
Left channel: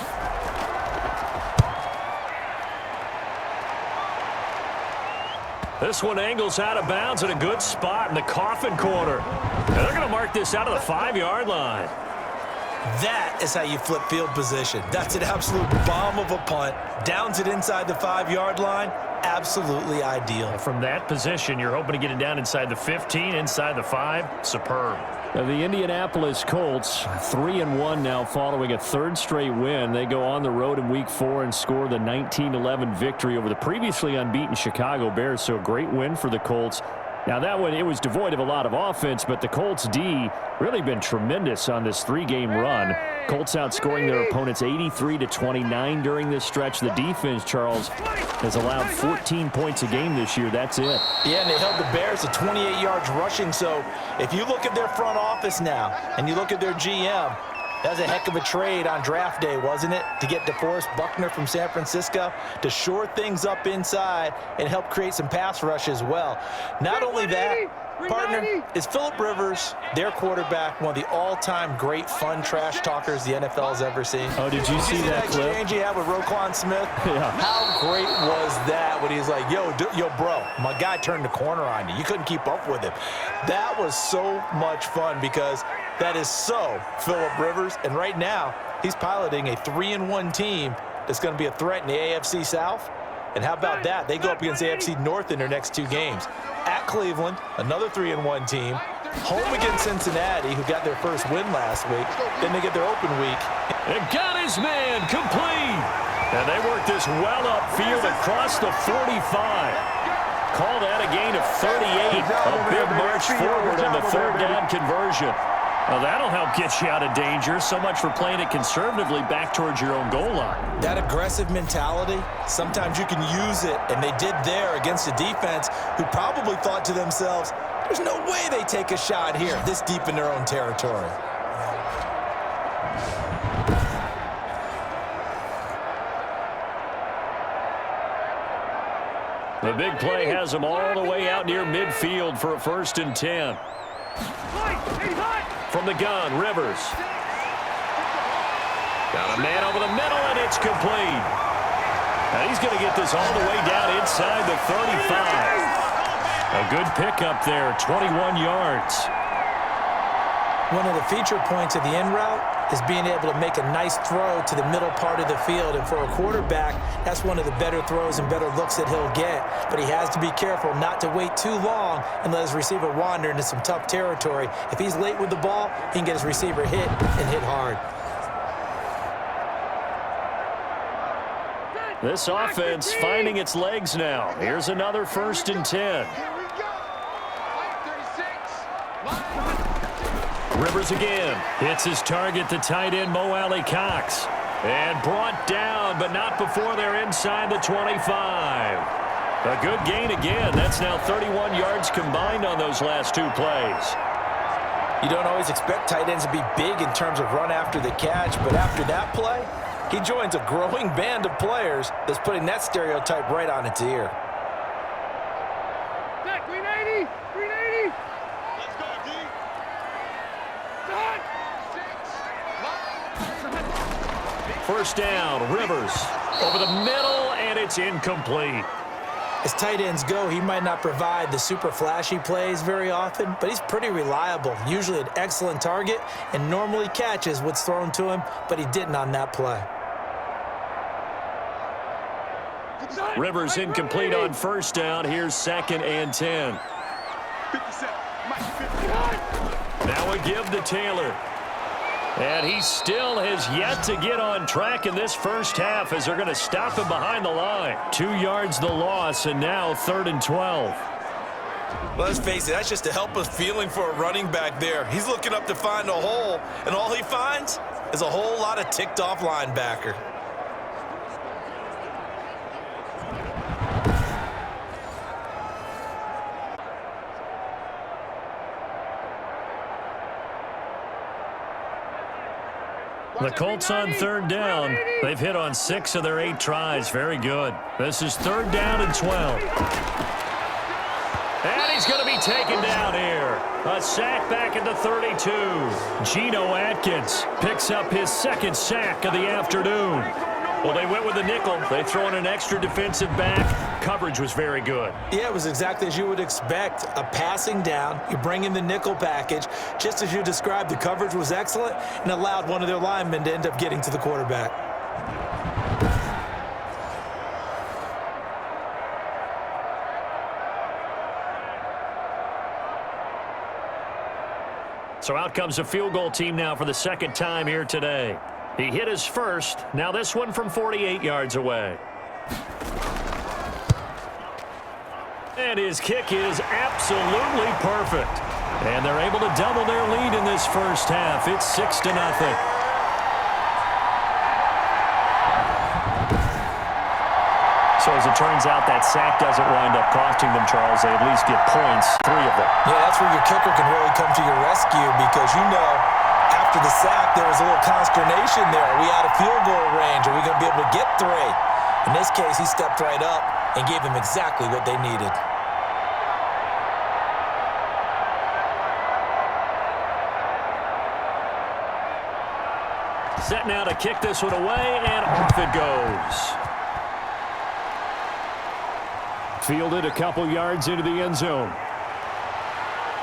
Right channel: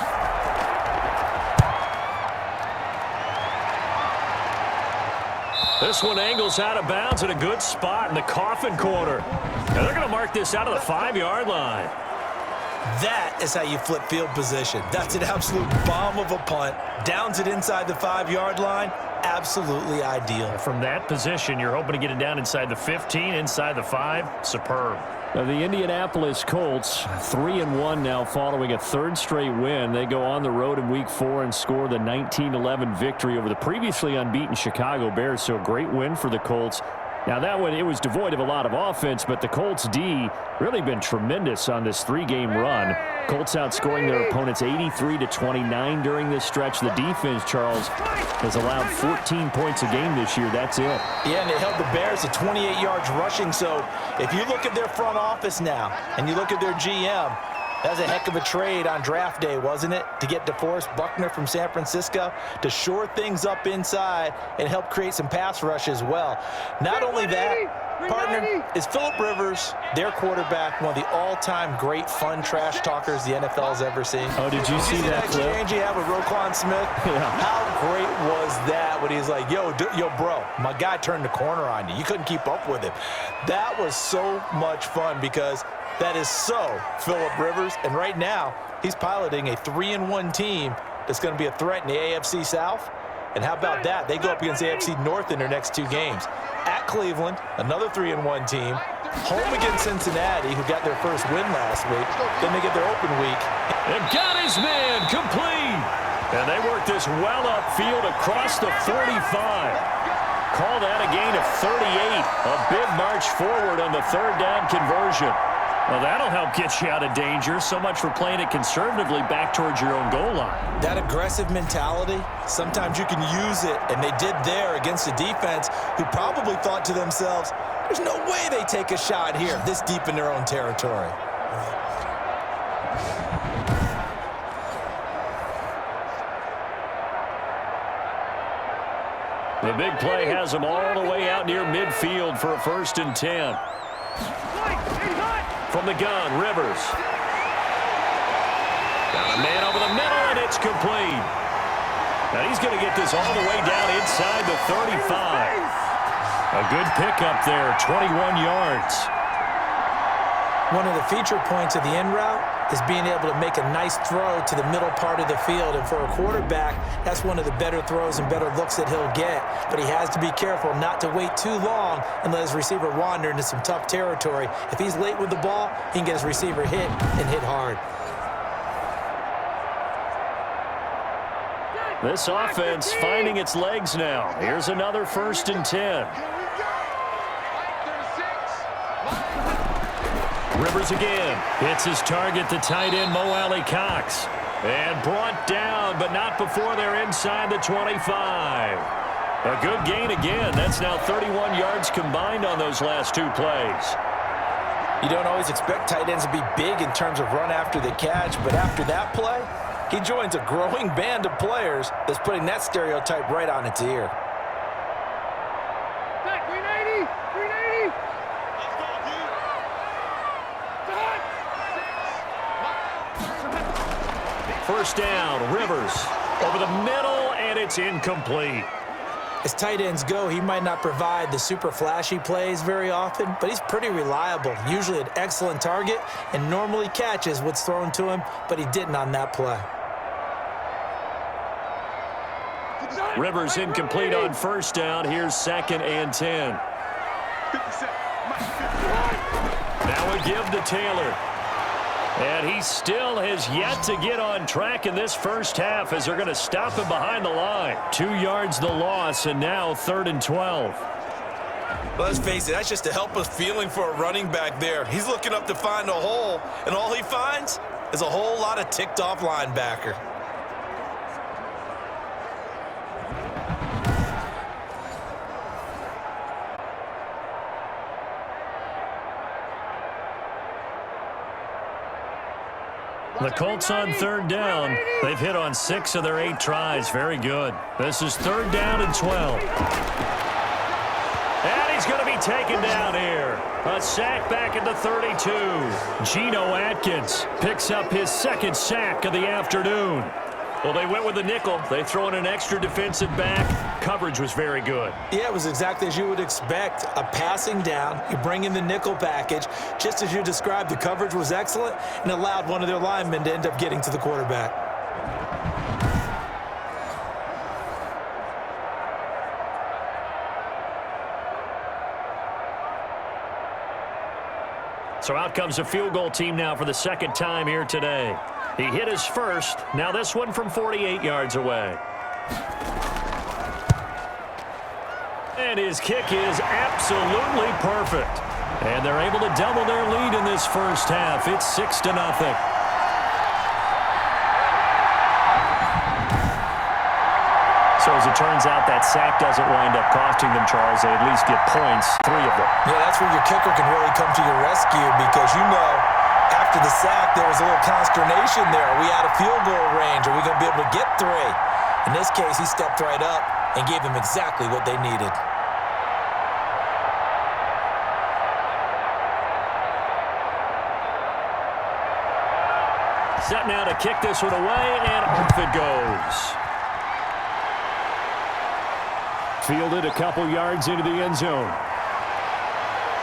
This one angles out of bounds in a good spot in the coffin corner. And they're going to mark this out of the 5-yard line. That is how you flip field position. That's an absolute bomb of a punt. Downs it inside the 5-yard line. Absolutely ideal. From that position, you're hoping to get it down inside the 15, inside the 5. Superb. The Indianapolis Colts, 3-1 now following a third straight win. They go on the road in Week 4 and score the 19-11 victory over the previously unbeaten Chicago Bears. So a great win for the Colts. Now that one, it was devoid of a lot of offense, but the Colts D really been tremendous on this 3-game run. Colts outscoring their opponents 83-29 during this stretch. The defense, Charles, has allowed 14 points a game this year. That's it. Yeah, and they held the Bears to 28 yards rushing. So if you look at their front office now and you look at their GM, that was a heck of a trade on draft day, wasn't it? To get DeForest Buckner from San Francisco to shore things up inside and help create some pass rush as well. Not only that, partner, is Phillip Rivers, their quarterback, one of the all-time great fun trash talkers the NFL's ever seen. Oh, did you see that clip? Exchange he had with Roquan Smith? Yeah. How great was that when he's like, yo, bro, my guy turned the corner on you. You couldn't keep up with him. That was so much fun because that is so Phillip Rivers. And right now, he's piloting a 3-1 team that's going to be a threat in the AFC South. And how about that? They go up against AFC North in their next 2 games. At Cleveland, another 3-1 team. Home against Cincinnati, who got their first win last week. Then they get their open week. And got his man complete. And they work this well upfield across the 45. Call that a gain of 38. A big march forward on the third down conversion. Well, that'll help get you out of danger. So much for playing it conservatively back towards your own goal line. That aggressive mentality, sometimes you can use it, and they did there against a defense who probably thought to themselves, there's no way they take a shot here this deep in their own territory. The big play has them all the way out near midfield for a 1st and 10. From the gun, Rivers. Got a man over the middle, and it's complete. Now he's going to get this all the way down inside the 35. A good pickup there, 21 yards. One of the feature points of the end route is being able to make a nice throw to the middle part of the field. And for a quarterback, that's one of the better throws and better looks that he'll get. But he has to be careful not to wait too long and let his receiver wander into some tough territory. If he's late with the ball, he can get his receiver hit and hit hard. This offense finding its legs now. Here's another 1st and 10. Rivers again. Hits his target, the tight end, Mo Alley-Cox. And brought down, but not before they're inside the 25. A good gain again. That's now 31 yards combined on those last 2 plays. You don't always expect tight ends to be big in terms of run after the catch, but after that play, he joins a growing band of players that's putting that stereotype right on its ear. Back, 380, 380. Let's go, D. First down, Rivers over the middle, and it's incomplete. As tight ends go, he might not provide the super flashy plays very often, but he's pretty reliable, usually an excellent target, and normally catches what's thrown to him, but he didn't on that play. Rivers incomplete on first down. Here's 2nd and 10. 57. Mike, 51. Now a give to Taylor. And he still has yet to get on track in this first half as they're going to stop him behind the line. 2 yards the loss, and now 3rd and 12. Well, let's face it, that's just a helpless feeling for a running back there. He's looking up to find a hole, and all he finds is a whole lot of ticked-off linebacker. The Colts on 3rd down. They've hit on 6 of their 8 tries. Very good. This is 3rd down and 12. And he's going to be taken down here. A sack back at the 32. Geno Atkins picks up his 2nd sack of the afternoon. Well, they went with the nickel. They throw in an extra defensive back. Coverage was very good. Yeah, it was exactly as you would expect. A passing down, you bring in the nickel package. Just as you described, the coverage was excellent and allowed one of their linemen to end up getting to the quarterback. So out comes a field goal team now for the second time here today. He hit his first. Now this one from 48 yards away. And his kick is absolutely perfect. And they're able to double their lead in this first half. It's 6-0. So as it turns out, that sack doesn't wind up costing them, Charles. They at least get points, 3 of them. Yeah, that's where your kicker can really come to your rescue because, you know, after the sack, there was a little consternation there. Are we out of field goal range? Are we going to be able to get 3? In this case, he stepped right up and gave them exactly what they needed. Set now to kick this one away, and off it goes. Fielded a couple yards into the end zone.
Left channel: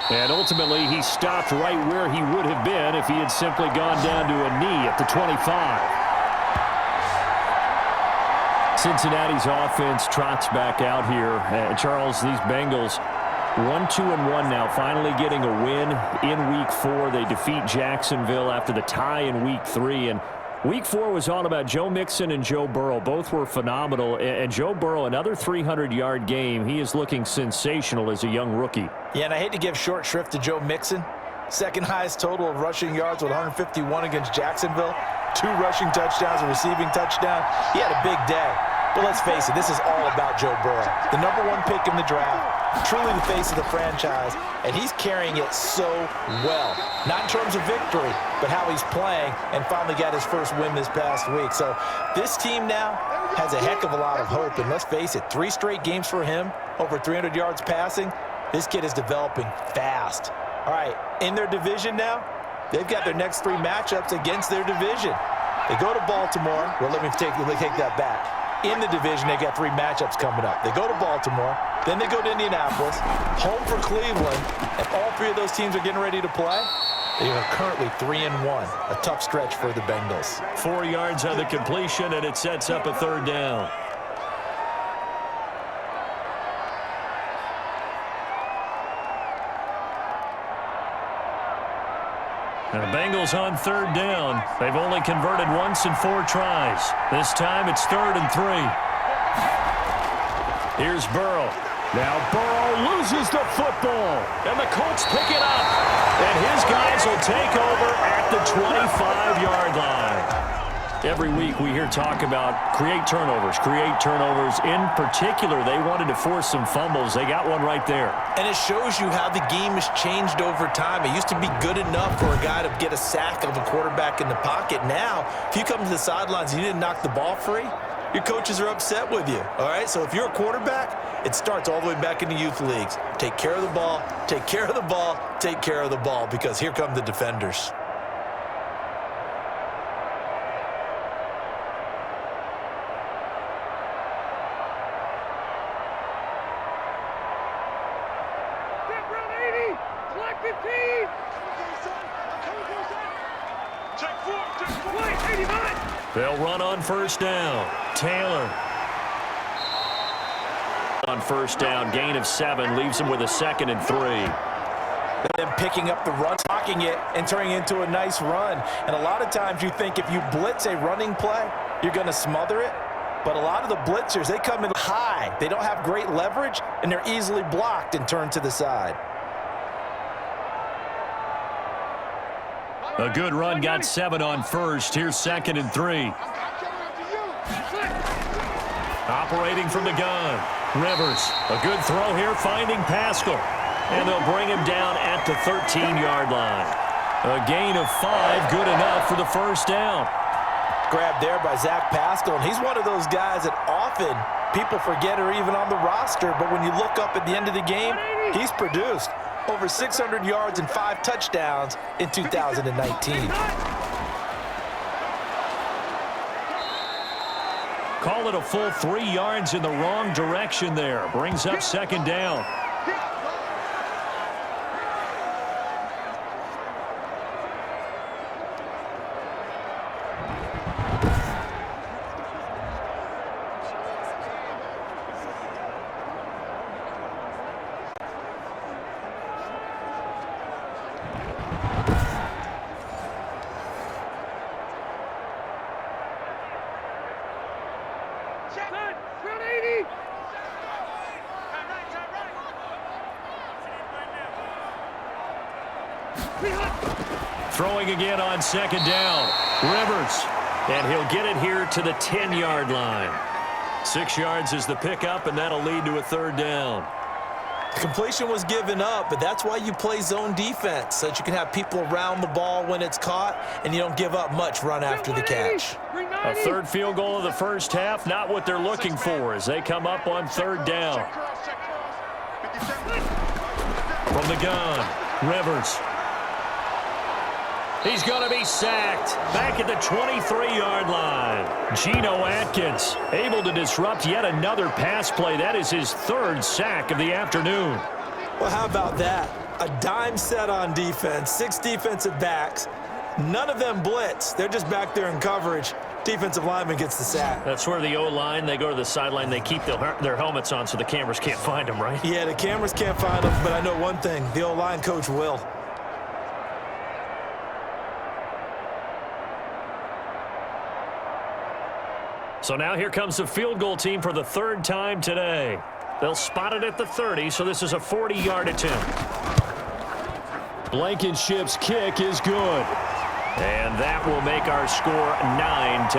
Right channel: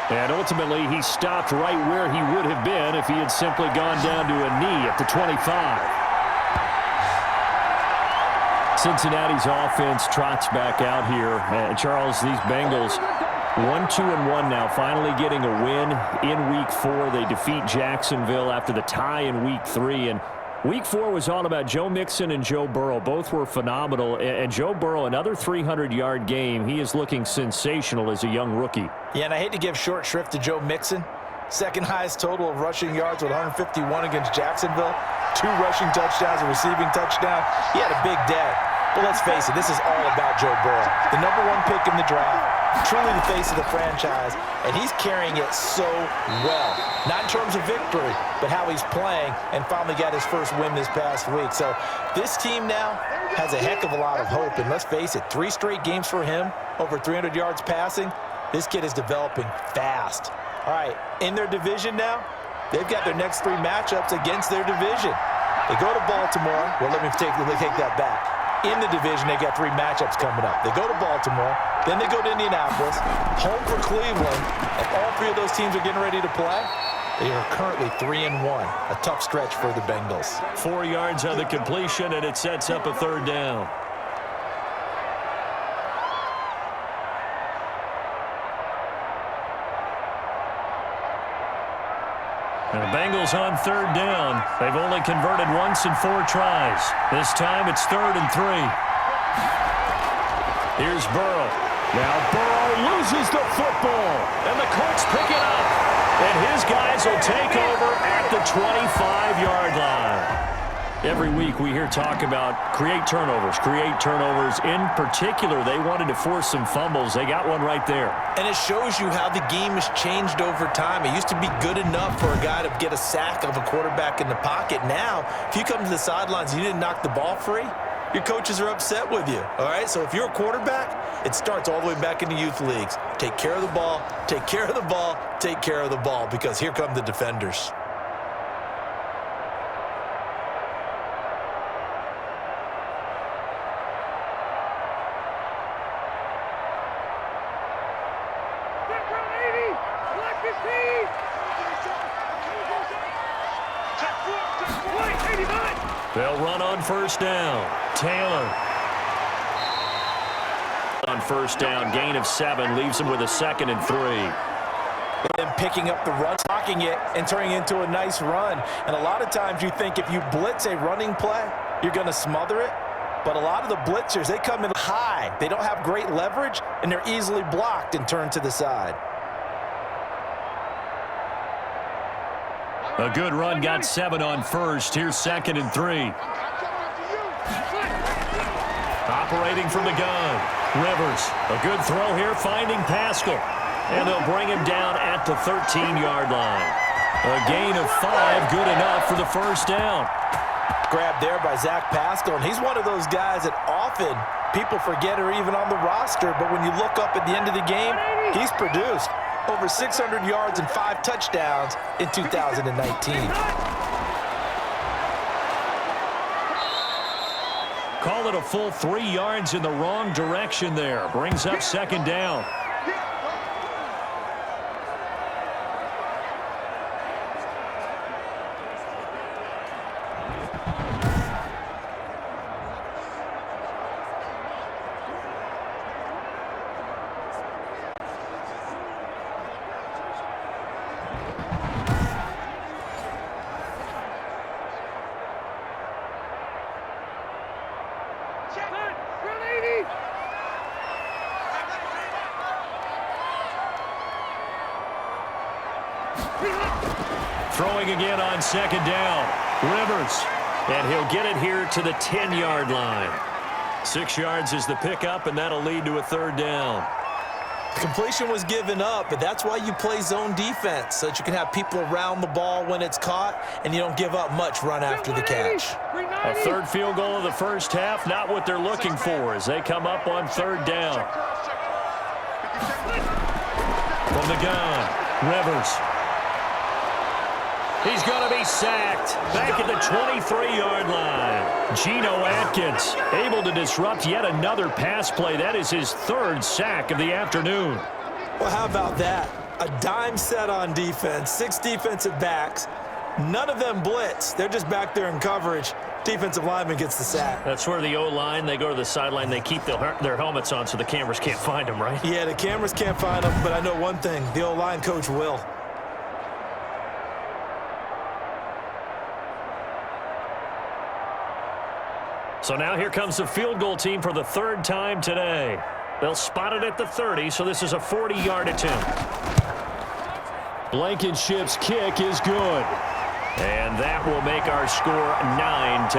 And ultimately, he stopped right where he would have been if he had simply gone down to a knee at the 25. Cincinnati's offense trots back out here. Charles, these Bengals 1-2-1 now, finally getting a win in Week 4. They defeat Jacksonville after the tie in Week 3. And Week 4 was all about Joe Mixon and Joe Burrow. Both were phenomenal. And Joe Burrow, another 300-yard game. He is looking sensational as a young rookie. Yeah, and I hate to give short shrift to Joe Mixon. Second highest total of rushing yards with 151 against Jacksonville. 2 rushing touchdowns, a receiving touchdown. He had a big day. But let's face it, this is all about Joe Burrow. The #1 pick in the draft, truly the face of the franchise, and he's carrying it so well. Not in terms of victory, but how he's playing, and finally got his first win this past week. So this team now has a heck of a lot of hope, and let's face it, 3 straight games for him, over 300 yards passing. This kid is developing fast. All right, in their division now, they've got their next 3 matchups against their division. They go to Baltimore. Well, let me take that back. In the division, they got 3 matchups coming up. They go to Baltimore, then they go to Indianapolis, home for Cleveland, and all 3 of those teams are getting ready to play. They are currently 3-1, a tough stretch for the Bengals. 4 yards on the completion, and it sets up a 3rd down. And the Bengals on 3rd down. They've only converted once in 4 tries. This time it's 3rd and 3. Here's Burrow. Now Burrow loses the football. And the Colts pick it up. And his guys will take over at the 25-yard line. Every week we hear talk about create turnovers. In particular, they wanted to force some fumbles. They got one right there. And it shows you how the game has changed over time. It used to be good enough for a guy to get a sack of a quarterback in the pocket. Now, if you come to the sidelines and you didn't knock the ball free, your coaches are upset with you. All right? So if you're a quarterback, it starts all the way back in the youth leagues. Take care of the ball, take care of the ball, take care of the ball, because here come the defenders. They'll run on 1st down. Taylor. On 1st down, gain of 7, leaves him with a 2nd and 3. Them picking up the run, blocking it, and turning it into a nice run. And a lot of times you think if you blitz a running play, you're going to smother it. But a lot of the blitzers, they come in high. They don't have great leverage, and they're easily blocked and turned to the side. A good run, got 7 on 1st. Here's 2nd and 3. Operating from the gun. Rivers, a good throw here, finding Pascal. And they'll bring him down at the 13-yard line. A gain of 5, good enough for the 1st down. Grabbed there by Zach Pascal, and he's one of those guys that often people forget are even on the roster, but when you look up at the end of the game, he's produced over 600 yards and 5 touchdowns in 2019. Call it a full 3 yards in the wrong direction there. Brings up 2nd down. Throwing again on second down. Rivers. And he'll get it here to the 10-yard line. 6 yards is the pickup, and that'll lead to a third down. Completion was given up, but that's why you play zone defense, so that you can have people around the ball when it's caught, and you don't give up much run after the catch. A third field goal of the first half, not what they're looking for as they come up on third down. From the gun, Rivers. He's going to be sacked back at the 23-yard line. Geno Atkins able to disrupt yet another pass play. That is his third sack of the afternoon. Well, how about that? A dime set on defense, 6 defensive backs. None of them blitz. They're just back there in coverage. Defensive lineman gets the sack. That's where the O-line, they go to the sideline, they keep their helmets on so the cameras can't find them, right? Yeah, the cameras can't find them, but I know one thing. The O-line coach will. So now here comes the field goal team for the third time today. They'll spot it at the 30, so this is a 40-yard attempt. Blankenship's kick is good. And that will make our score 9-0.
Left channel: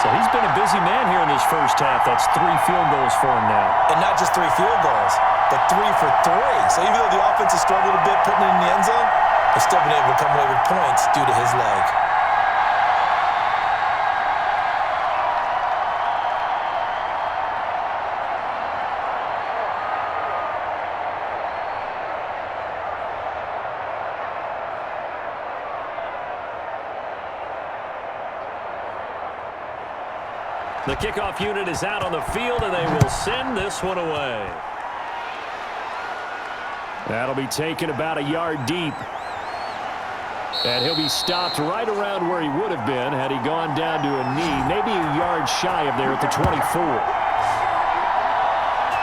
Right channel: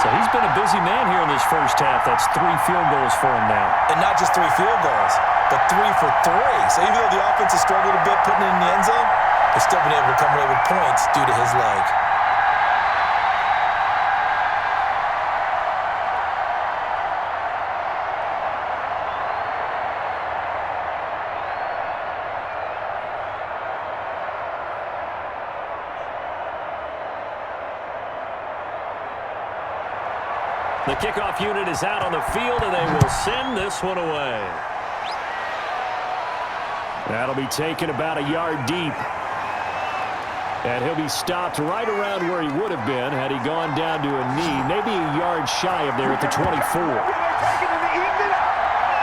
So he's been a busy man here in this first half. That's 3 field goals for him now. And not just 3 field goals, but 3 for 3. So even though the offense has struggled a bit putting it in the end zone, they've still been able to come away with points due to his leg. The kickoff unit is out on the field, and they will send this one away. That'll be taken about a yard deep. And he'll be stopped right around where he would have been had he gone down to a knee, maybe a yard shy of there at the 24.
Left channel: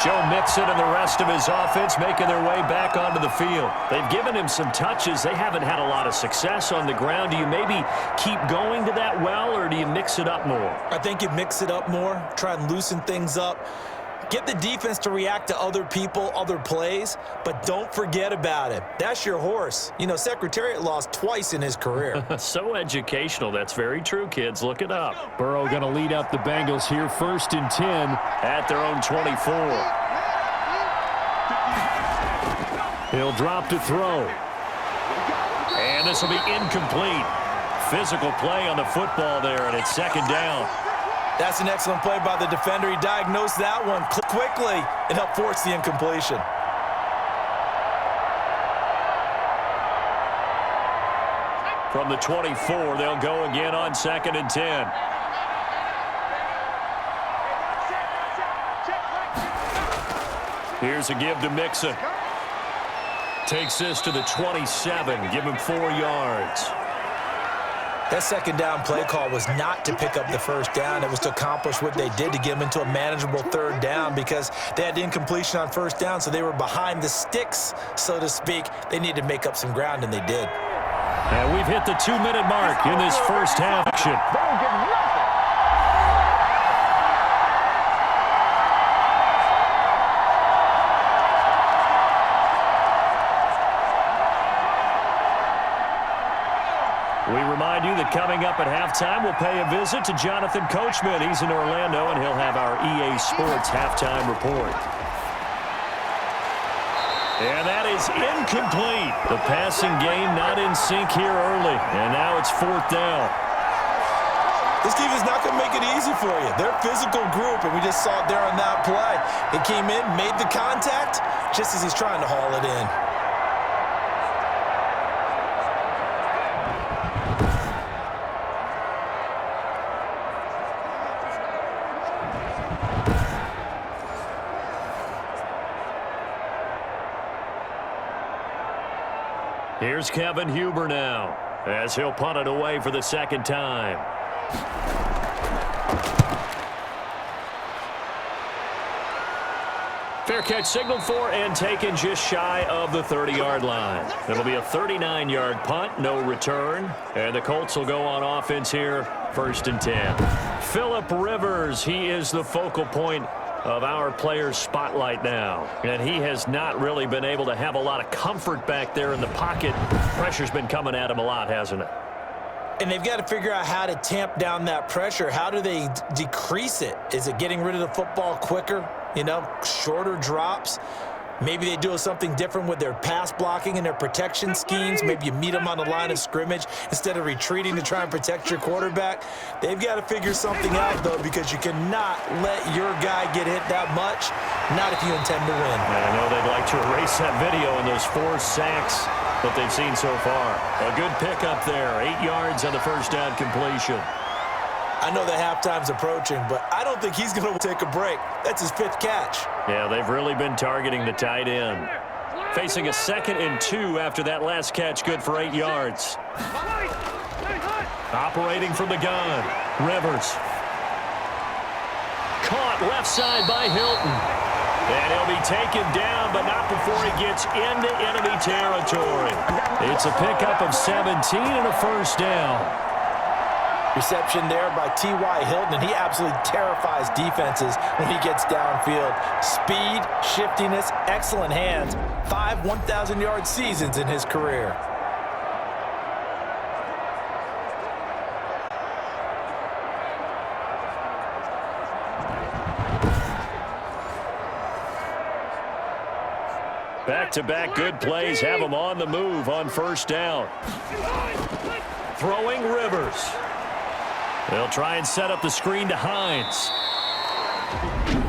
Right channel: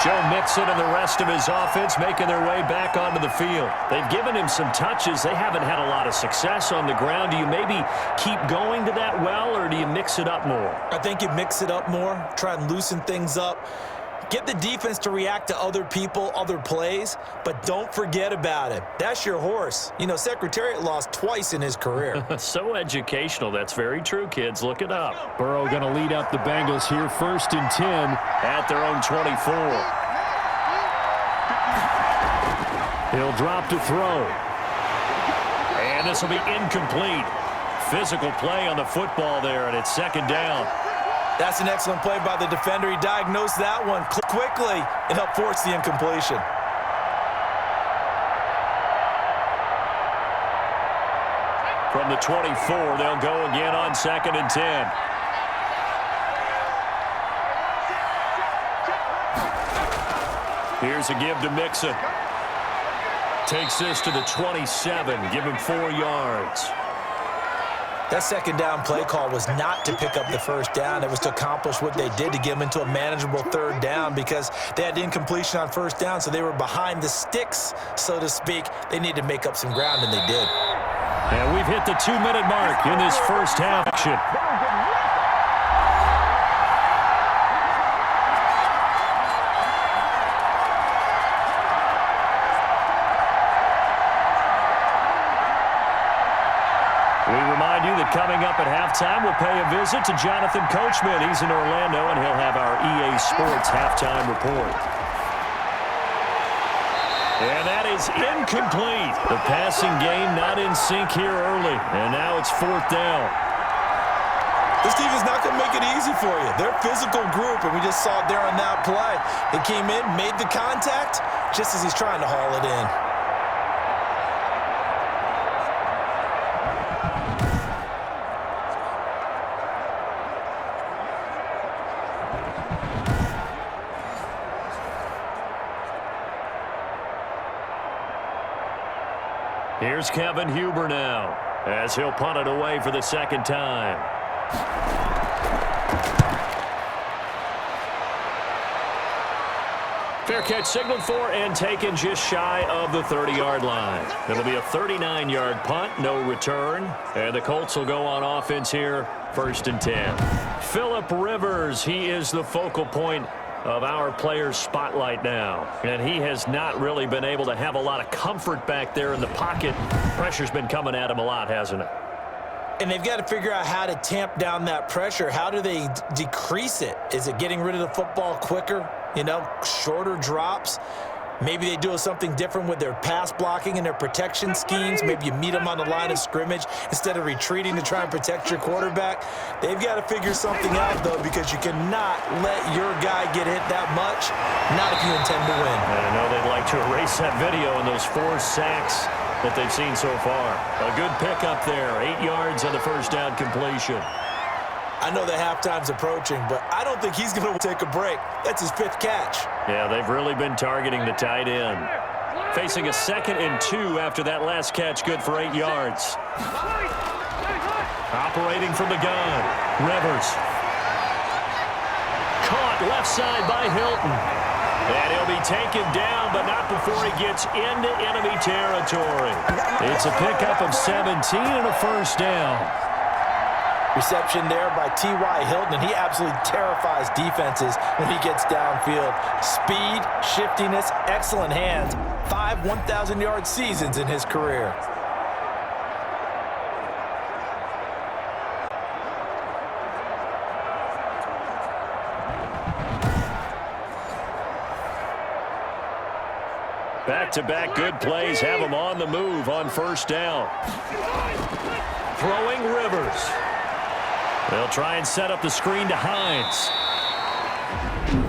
Joe Mixon and the rest of his offense making their way back onto the field. They've given him some touches. They haven't had a lot of success on the ground. Do you maybe keep going to that well, or do you mix it up more? I think you mix it up more, try and loosen things up. Get the defense to react to other people, other plays, but don't forget about it. That's your horse. You know, Secretariat lost twice in his career. So educational. That's very true, kids. Look it up. Burrow going to lead up the Bengals here, 1st and 10 at their own 24. He'll drop to throw. And this will be incomplete. Physical play on the football there, and it's 2nd down. That's an excellent play by the defender. He diagnosed that one quickly and helped force the incompletion. From the 24, they'll go again on 2nd and 10. Here's a give to Mixon. Takes this to the 27. Give him 4 yards. That 2nd down play call was not to pick up the 1st down. It was to accomplish what they did to get them into a manageable 3rd down because they had incompletion on 1st down, so they were behind the sticks, so to speak. They needed to make up some ground, and they did. And we've hit the 2-minute mark in this first half action. We remind you that coming up at halftime, we'll pay a visit to Jonathan Coachman. He's in Orlando, and he'll have our EA Sports halftime report. And that is incomplete. The passing game not in sync here early, and now it's 4th down. This team is not going to make it easy for you. They're a physical group, and we just saw it there on that play. He came in, made the contact, just as he's trying to haul it in. Here's Kevin Huber now, as he'll punt it away for the 2nd time. Fair catch signaled for and taken just shy of the 30-yard line. It'll be a 39-yard punt, no return. And the Colts will go on offense here, 1st and 10. Phillip Rivers, he is the focal point of our player's spotlight now. And he has not really been able to have a lot of comfort back there in the pocket. Pressure's been coming at him a lot, hasn't it? And they've got to figure out how to tamp down that pressure. How do they decrease it? Is it getting rid of the football quicker? You know, shorter drops? Maybe they do something different with their pass blocking and their protection schemes. Maybe you meet them on the line of scrimmage instead of retreating to try and protect your quarterback. They've got to figure something out, though, because you cannot let your guy get hit that much, not if you intend to win. And I know they'd like to erase that video and those 4 sacks that they've seen so far. A good pickup there, 8 yards on the first down completion. I know that halftime's approaching, but I don't think he's going to take a break. That's his 5th catch. Yeah, they've really been targeting the tight end. Facing a 2nd and 2 after that last catch, good for 8 yards. Operating from the gun, Rivers. Caught left side by Hilton. And he'll be taken down, but not before he gets into enemy territory. It's a pickup of 17 and a first down. Reception there by T.Y. Hilton, and he absolutely terrifies defenses when he gets downfield. Speed, shiftiness, excellent hands. 5 1,000-yard seasons in his career. Back-to-back good plays have him on the move on first down. Throwing Rivers. They'll try and set up the screen to Hines.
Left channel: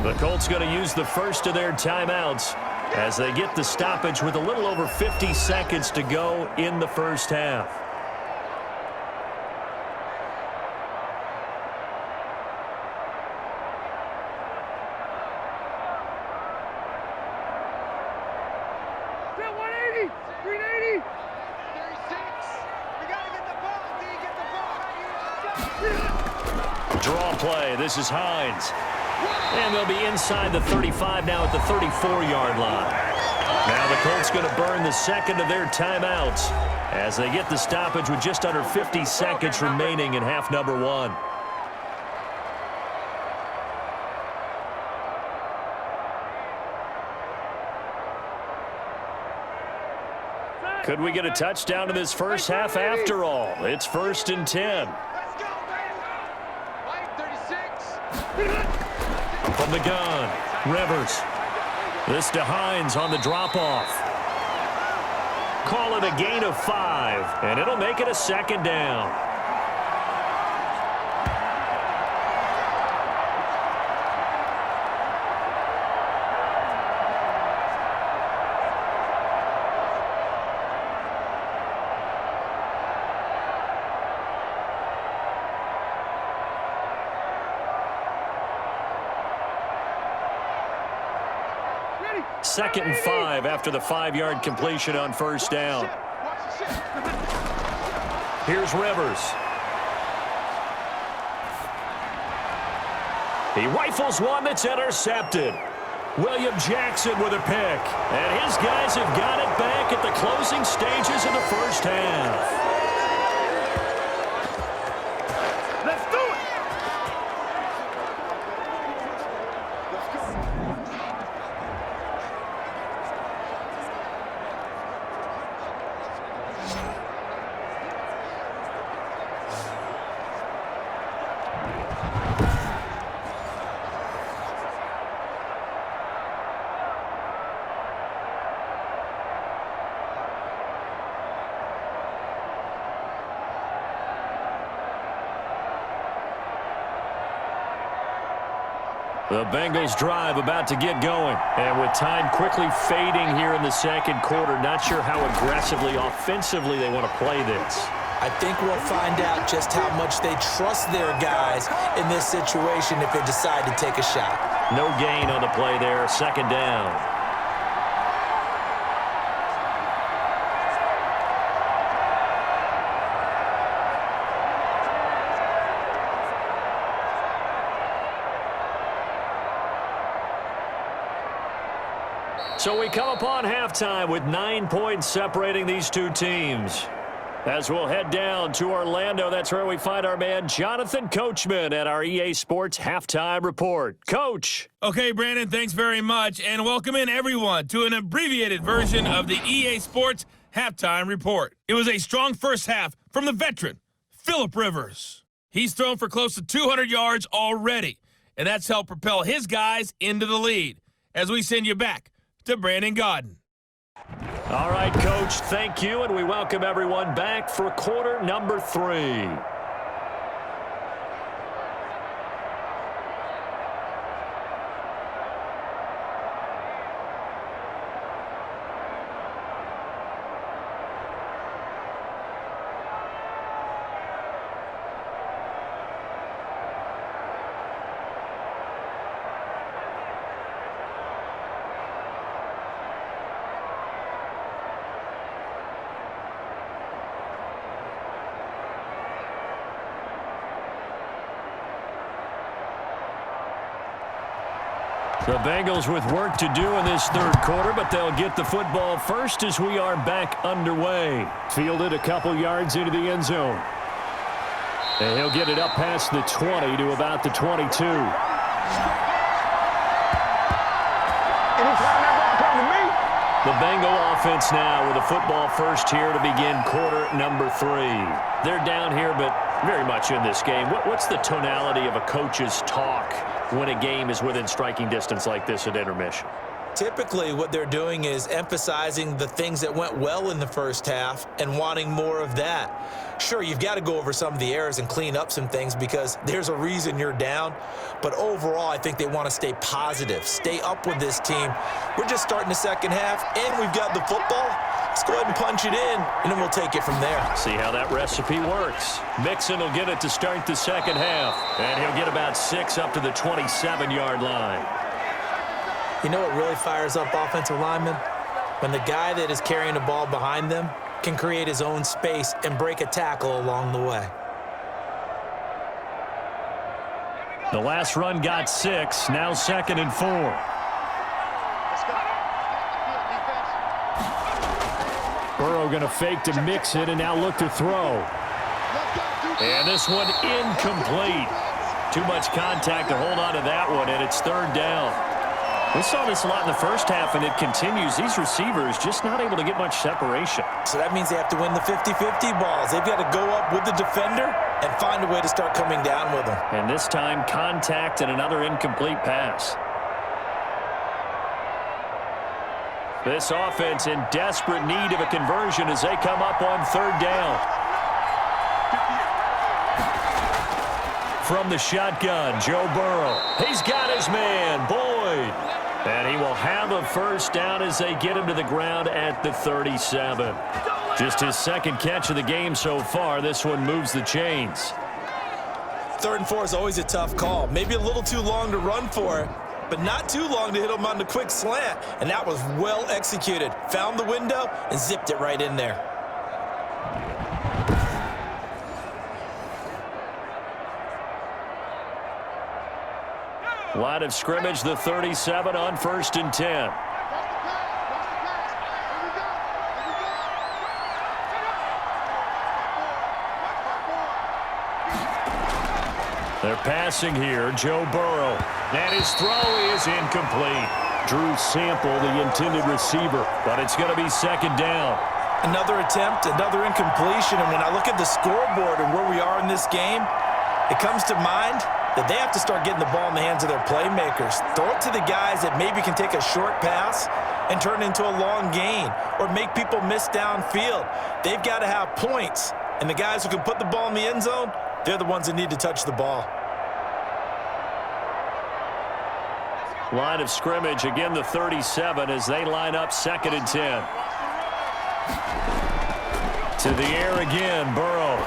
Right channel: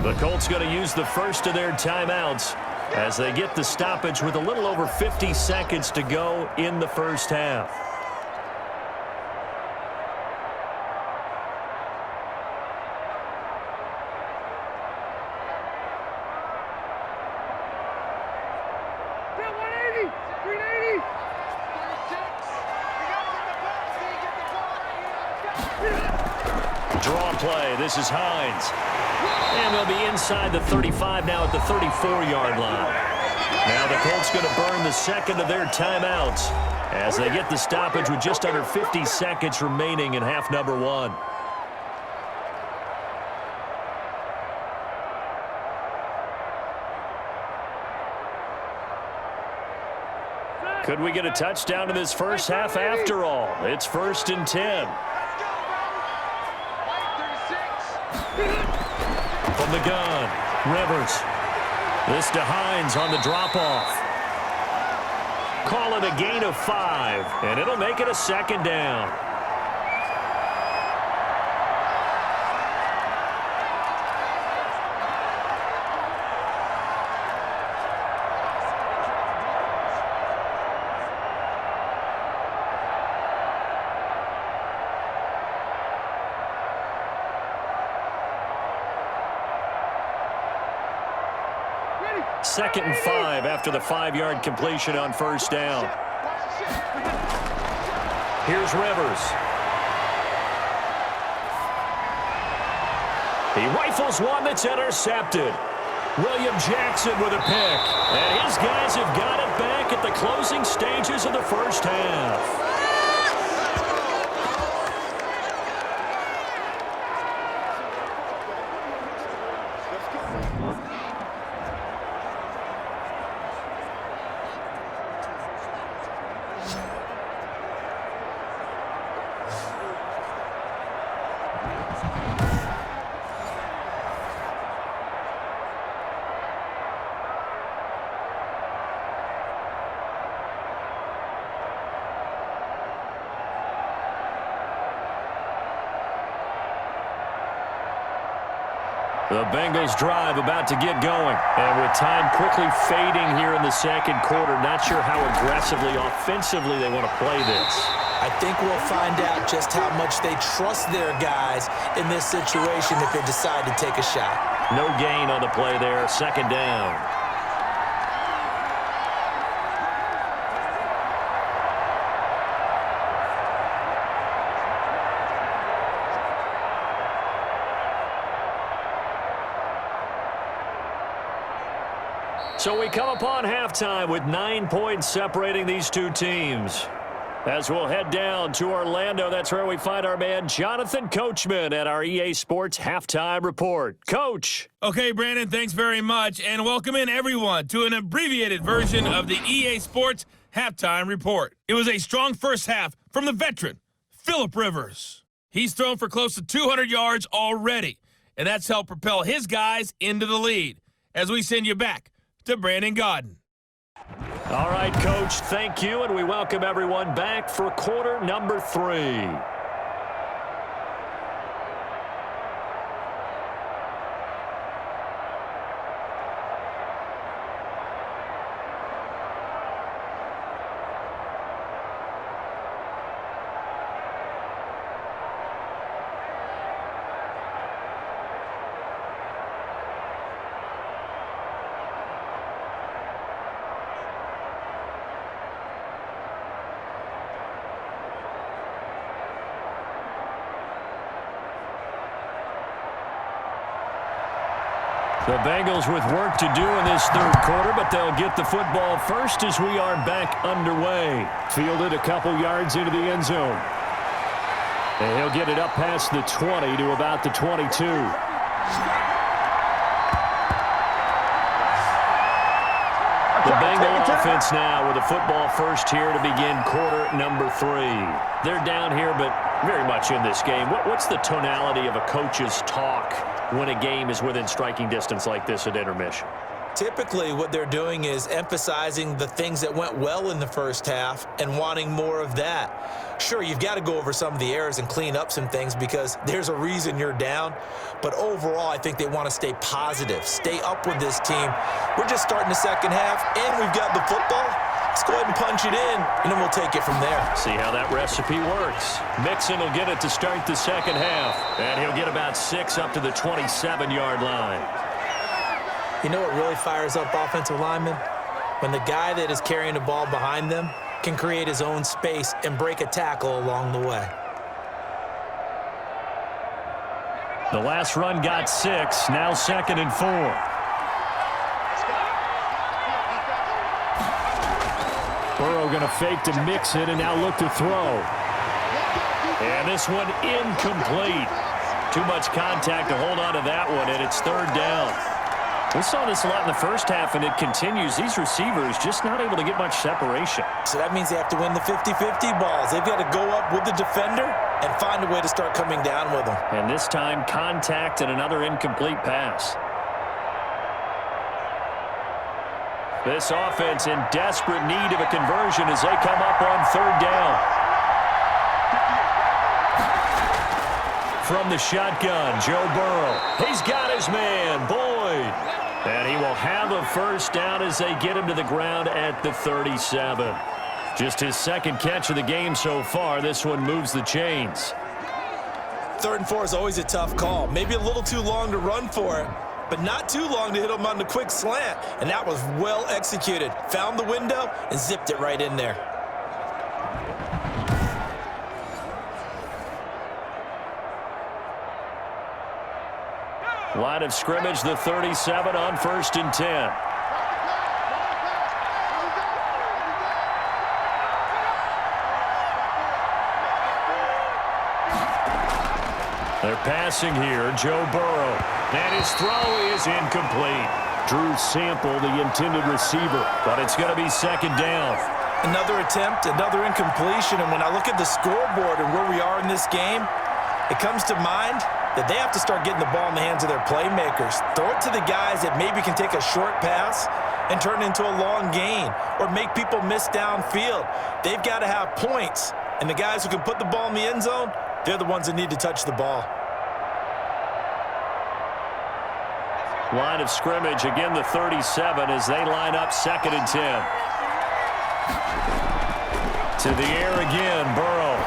The Colts going to use the first of their timeouts as they get the stoppage with a little over 50 seconds to go in the first half. Set 180, 380. 36. We got to get the ball. Get the ball right here. Draw play. This is Hines. And they'll be inside the 35 now at the 34-yard line. Now the Colts going to burn the second of their timeouts as they get the stoppage with just under 50 seconds remaining in half number 1. Could we get a touchdown in this first half after all? It's 1st and 10. Let's go, Brady. White 36. From the gun, Rivers. This to Hines on the drop-off. Call it a gain of 5, and it'll make it a 2nd down. Ready. 2nd and 5 after the 5-yard completion on first down. Watch the shit. Here's Rivers. He rifles one that's intercepted. William Jackson with a pick. And his guys have got it back at the closing stages of the first half. The Bengals drive about to get going. And with time quickly fading here in the second quarter, not sure how aggressively, offensively they want to play this. I think we'll find out just how much they trust their guys in this situation if they decide to take a shot. No gain on the play there, 2nd down. So we come upon halftime with 9 points separating these two teams. As we'll head down to Orlando, that's where we find our man Jonathan Coachman at our EA Sports Halftime Report. Coach. Okay, Brandon, thanks very much, and welcome in everyone to an abbreviated version of the EA Sports Halftime Report. It was a strong first half from the veteran, Phillip Rivers. He's thrown for close to 200 yards already, and that's helped propel his guys into the lead. As we send you back to Brandon Gaudin. All right, Coach, thank you, and we welcome everyone back for quarter number 3. The Bengals with work to do in this third quarter, but they'll get the football first as we are back underway. Fielded a couple yards into the end zone. And he'll get it up past the 20 to about the 22. The Bengal offense now with a football first here to begin quarter number 3. They're down here, but very much in this game. What's the tonality of a coach's talk when a game is within striking distance like this at intermission? Typically, what they're doing is emphasizing the things that went well in the first half and wanting more of that. Sure, you've got to go over some of the errors and clean up some things because there's a reason you're down. But overall, I think they want to stay positive, stay up with this team. We're just starting the second half, and we've got the football. Let's go ahead and punch it in, and then we'll take it from there. See how that recipe works. Mixon will get it to start the second half, and he'll get about 6 up to the 27-yard line. You know what really fires up offensive linemen? When the guy that is carrying the ball behind them can create his own space and break a tackle along the way. The last run got 6, now 2nd and 4. Burrow going to fake to Mixon and now look to throw. And this one incomplete. Too much contact to hold on to that one, and it's 3rd down. We saw this a lot in the first half, and it continues. These receivers just not able to get much separation. So that means they have to win the 50-50 balls. They've got to go up with the defender and find a way to start coming down with them. And this time, contact and another incomplete pass. This offense in desperate need of a conversion as they come up on 3rd down. From the shotgun, Joe Burrow. He's got his man, Boyd. And he will have a first down as they get him to the ground at the 37. Just his 2nd catch of the game so far. This one moves the chains. 3rd and 4 is always a tough call. Maybe a little too long to run for it, but not too long to hit him on the quick slant. And that was well executed. Found the window and zipped it right in there. Line of scrimmage, the 37 on 1st and 10. They're passing here, Joe Burrow. And his throw is incomplete. Drew Sample, the intended receiver, but it's going to be 2nd down. Another attempt, another incompletion, and when I look at the scoreboard and where we are in this game, it comes to mind that they have to start getting the ball in the hands of their playmakers. Throw it to the guys that maybe can take a short pass and turn it into a long gain or make people miss downfield. They've got to have points, and the guys who can put the ball in the end zone, they're the ones that need to touch the ball. Line of scrimmage, again the 37 as they line up 2nd and 10. To the air again, Burrow.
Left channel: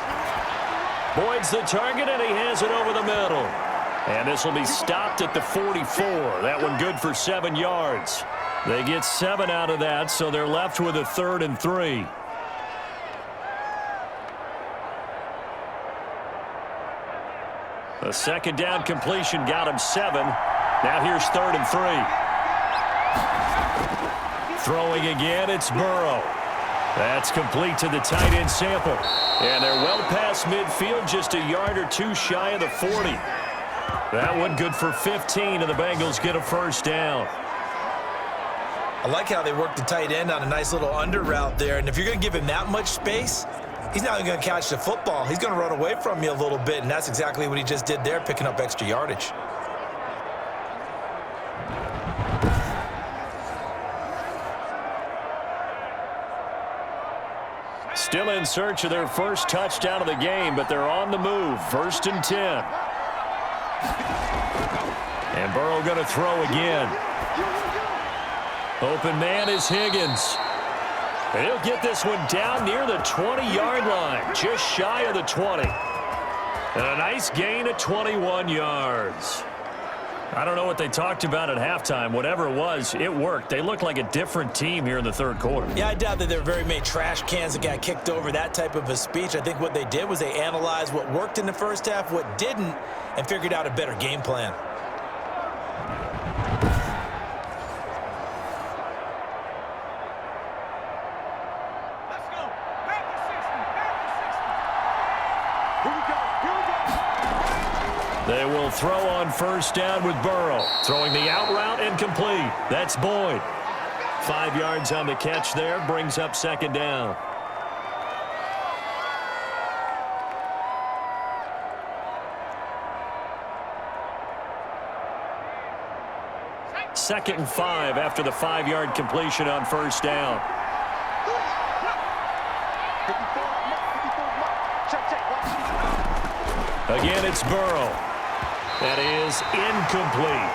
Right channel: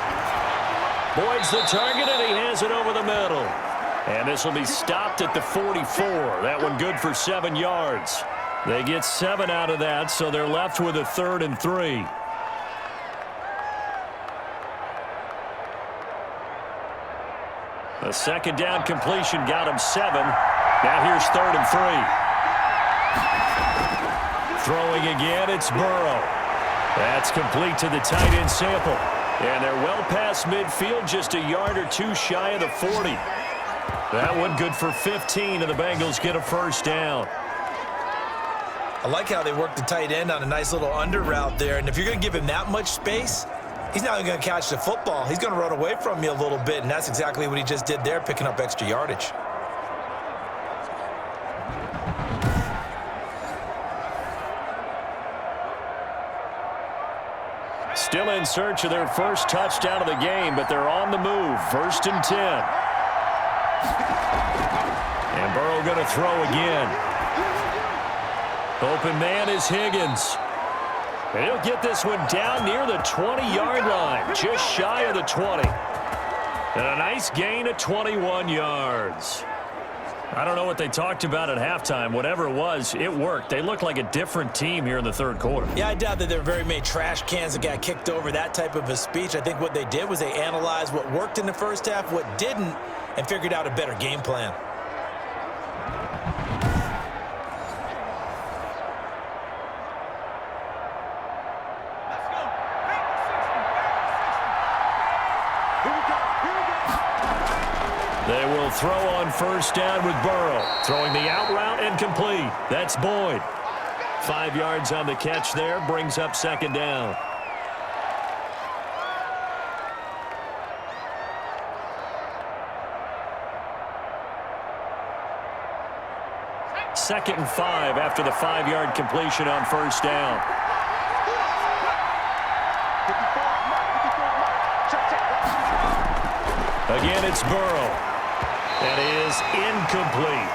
Boyd's the target, and he has it over the middle. And this will be stopped at the 44. That one good for 7 yards. They get 7 out of that, so they're left with a 3rd and 3. A 2nd down completion got him 7. Now here's 3rd and 3. Throwing again, it's Burrow. That's complete to the tight end Sample. And they're well past midfield, just a yard or two shy of the 40. That one good for 15, and the Bengals get a first down. I like how they work the tight end on a nice little under route there. And if you're going to give him that much space, he's not going to catch the football. He's going to run away from you a little bit, and that's exactly what he just did there, picking up extra yardage. Still in search of their first touchdown of the game, but they're on the move. 1st and 10. And Burrow going to throw again. Open man is Higgins. And he'll get this one down near the 20-yard line, just shy of the 20. And a nice gain of 21 yards. I don't know what they talked about at halftime. Whatever it was, it worked. They looked like a different team here in the third quarter. Yeah, I doubt that there were very many trash cans that got kicked over, that type of a speech. I think what they did was they analyzed what worked in the first half, what didn't, and figured out a better game plan. Let's go. Back to 60. Back to 60. Here we go. Here we go. They will throw on first down with Burrow. Throwing the out route and complete. That's Boyd. 5 yards on the catch there. Brings up second down. Second and 5 after the 5-yard completion on first down. 54 mark. Check. Again, it's Burrow. That is incomplete.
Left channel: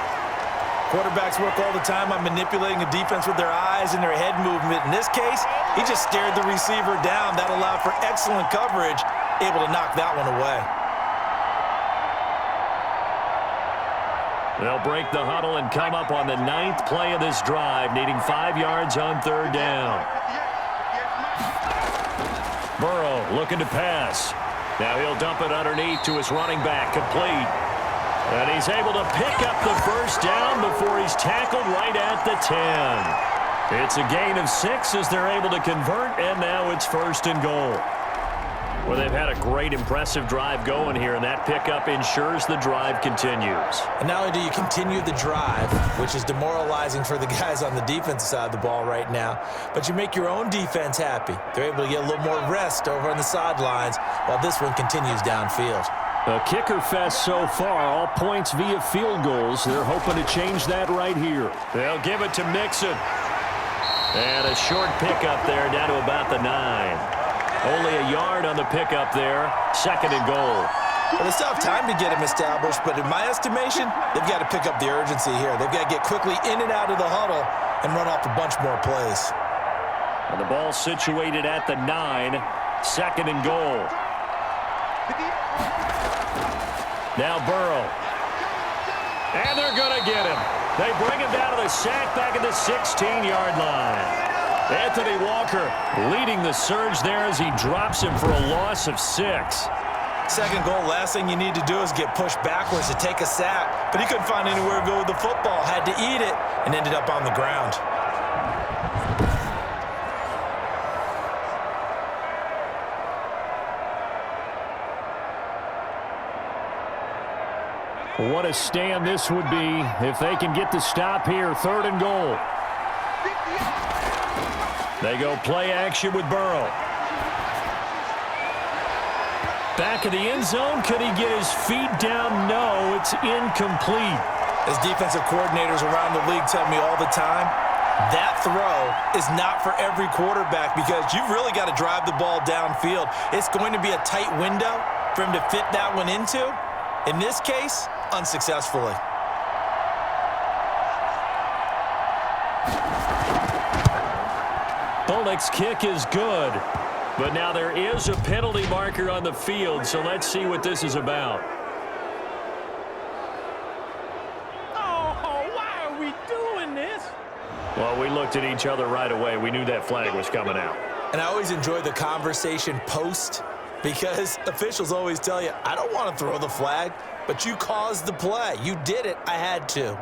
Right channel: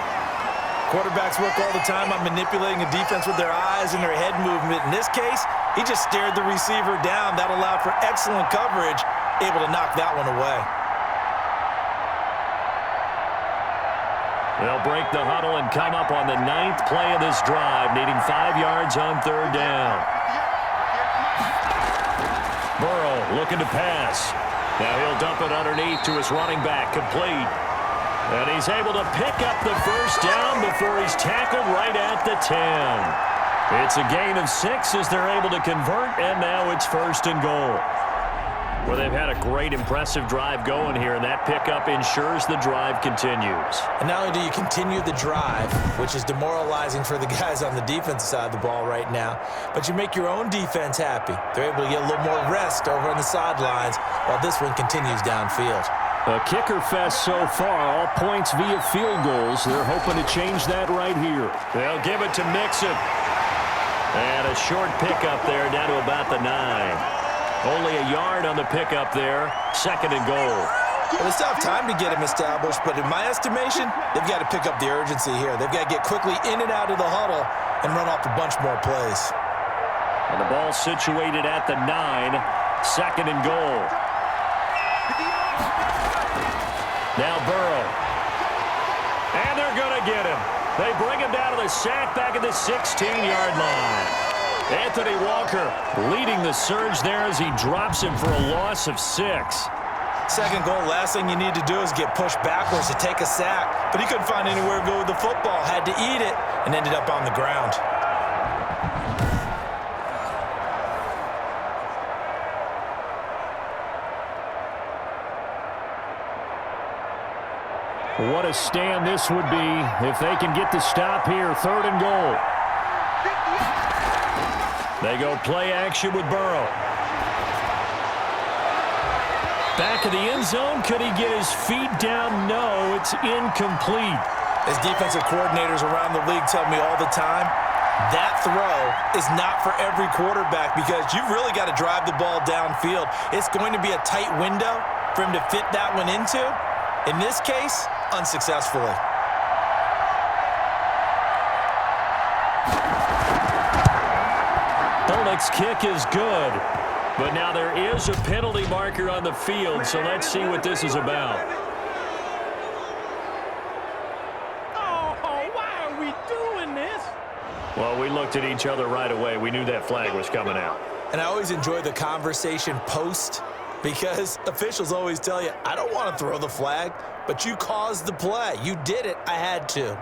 Quarterbacks work all the time on manipulating a defense with their eyes and their head movement. In this case, he just stared the receiver down. That allowed for excellent coverage, able to knock that one away. They'll break the huddle and come up on the 9th play of this drive, needing 5 yards on third down. Burrow looking to pass. Now he'll dump it underneath to his running back, complete. And he's able to pick up the first down before he's tackled right at the 10. It's a gain of 6 as they're able to convert, and now it's 1st and goal. Well, they've had a great, impressive drive going here, and that pickup ensures the drive continues. And not only do you continue the drive, which is demoralizing for the guys on the defensive side of the ball right now, but you make your own defense happy. They're able to get a little more rest over on the sidelines while this one continues downfield. A kicker fest so far, all points via field goals. They're hoping to change that right here. They'll give it to Mixon. And a short pickup there down to about the 9. Only a yard on the pickup there. 2nd and goal. Well, they still have time to get him established, but in my estimation, they've got to pick up the urgency here. They've got to get quickly in and out of the huddle and run off a bunch more plays. And the ball situated at the 9. 2nd and goal. Now Burrow. And they're going to get him. They bring him down to the sack back at the 16-yard line. Anthony Walker leading the surge there as he drops him for a loss of 6. 2nd goal, last thing you need to do is get pushed backwards to take a sack. But he couldn't find anywhere to go with the football, had to eat it, and ended up on the ground. What a stand this would be if they can get the stop here. 3rd and goal. They go play action with Burrow. Back of the end zone. Could he get his feet down? No, it's incomplete. As defensive coordinators around the league tell me all the time, that throw is not for every quarterback because you've really got to drive the ball downfield. It's going to be a tight window for him to fit that one into. In this case, unsuccessfully. Bolnick's kick is good, but now there is a penalty marker on the field, so let's see what this is about. Oh, why are we doing this? Well, we looked at each other right away. We knew that flag was coming out. And I always enjoy the conversation post because officials always tell you, I don't want to throw the flag, but you caused the play. You did it. I had to.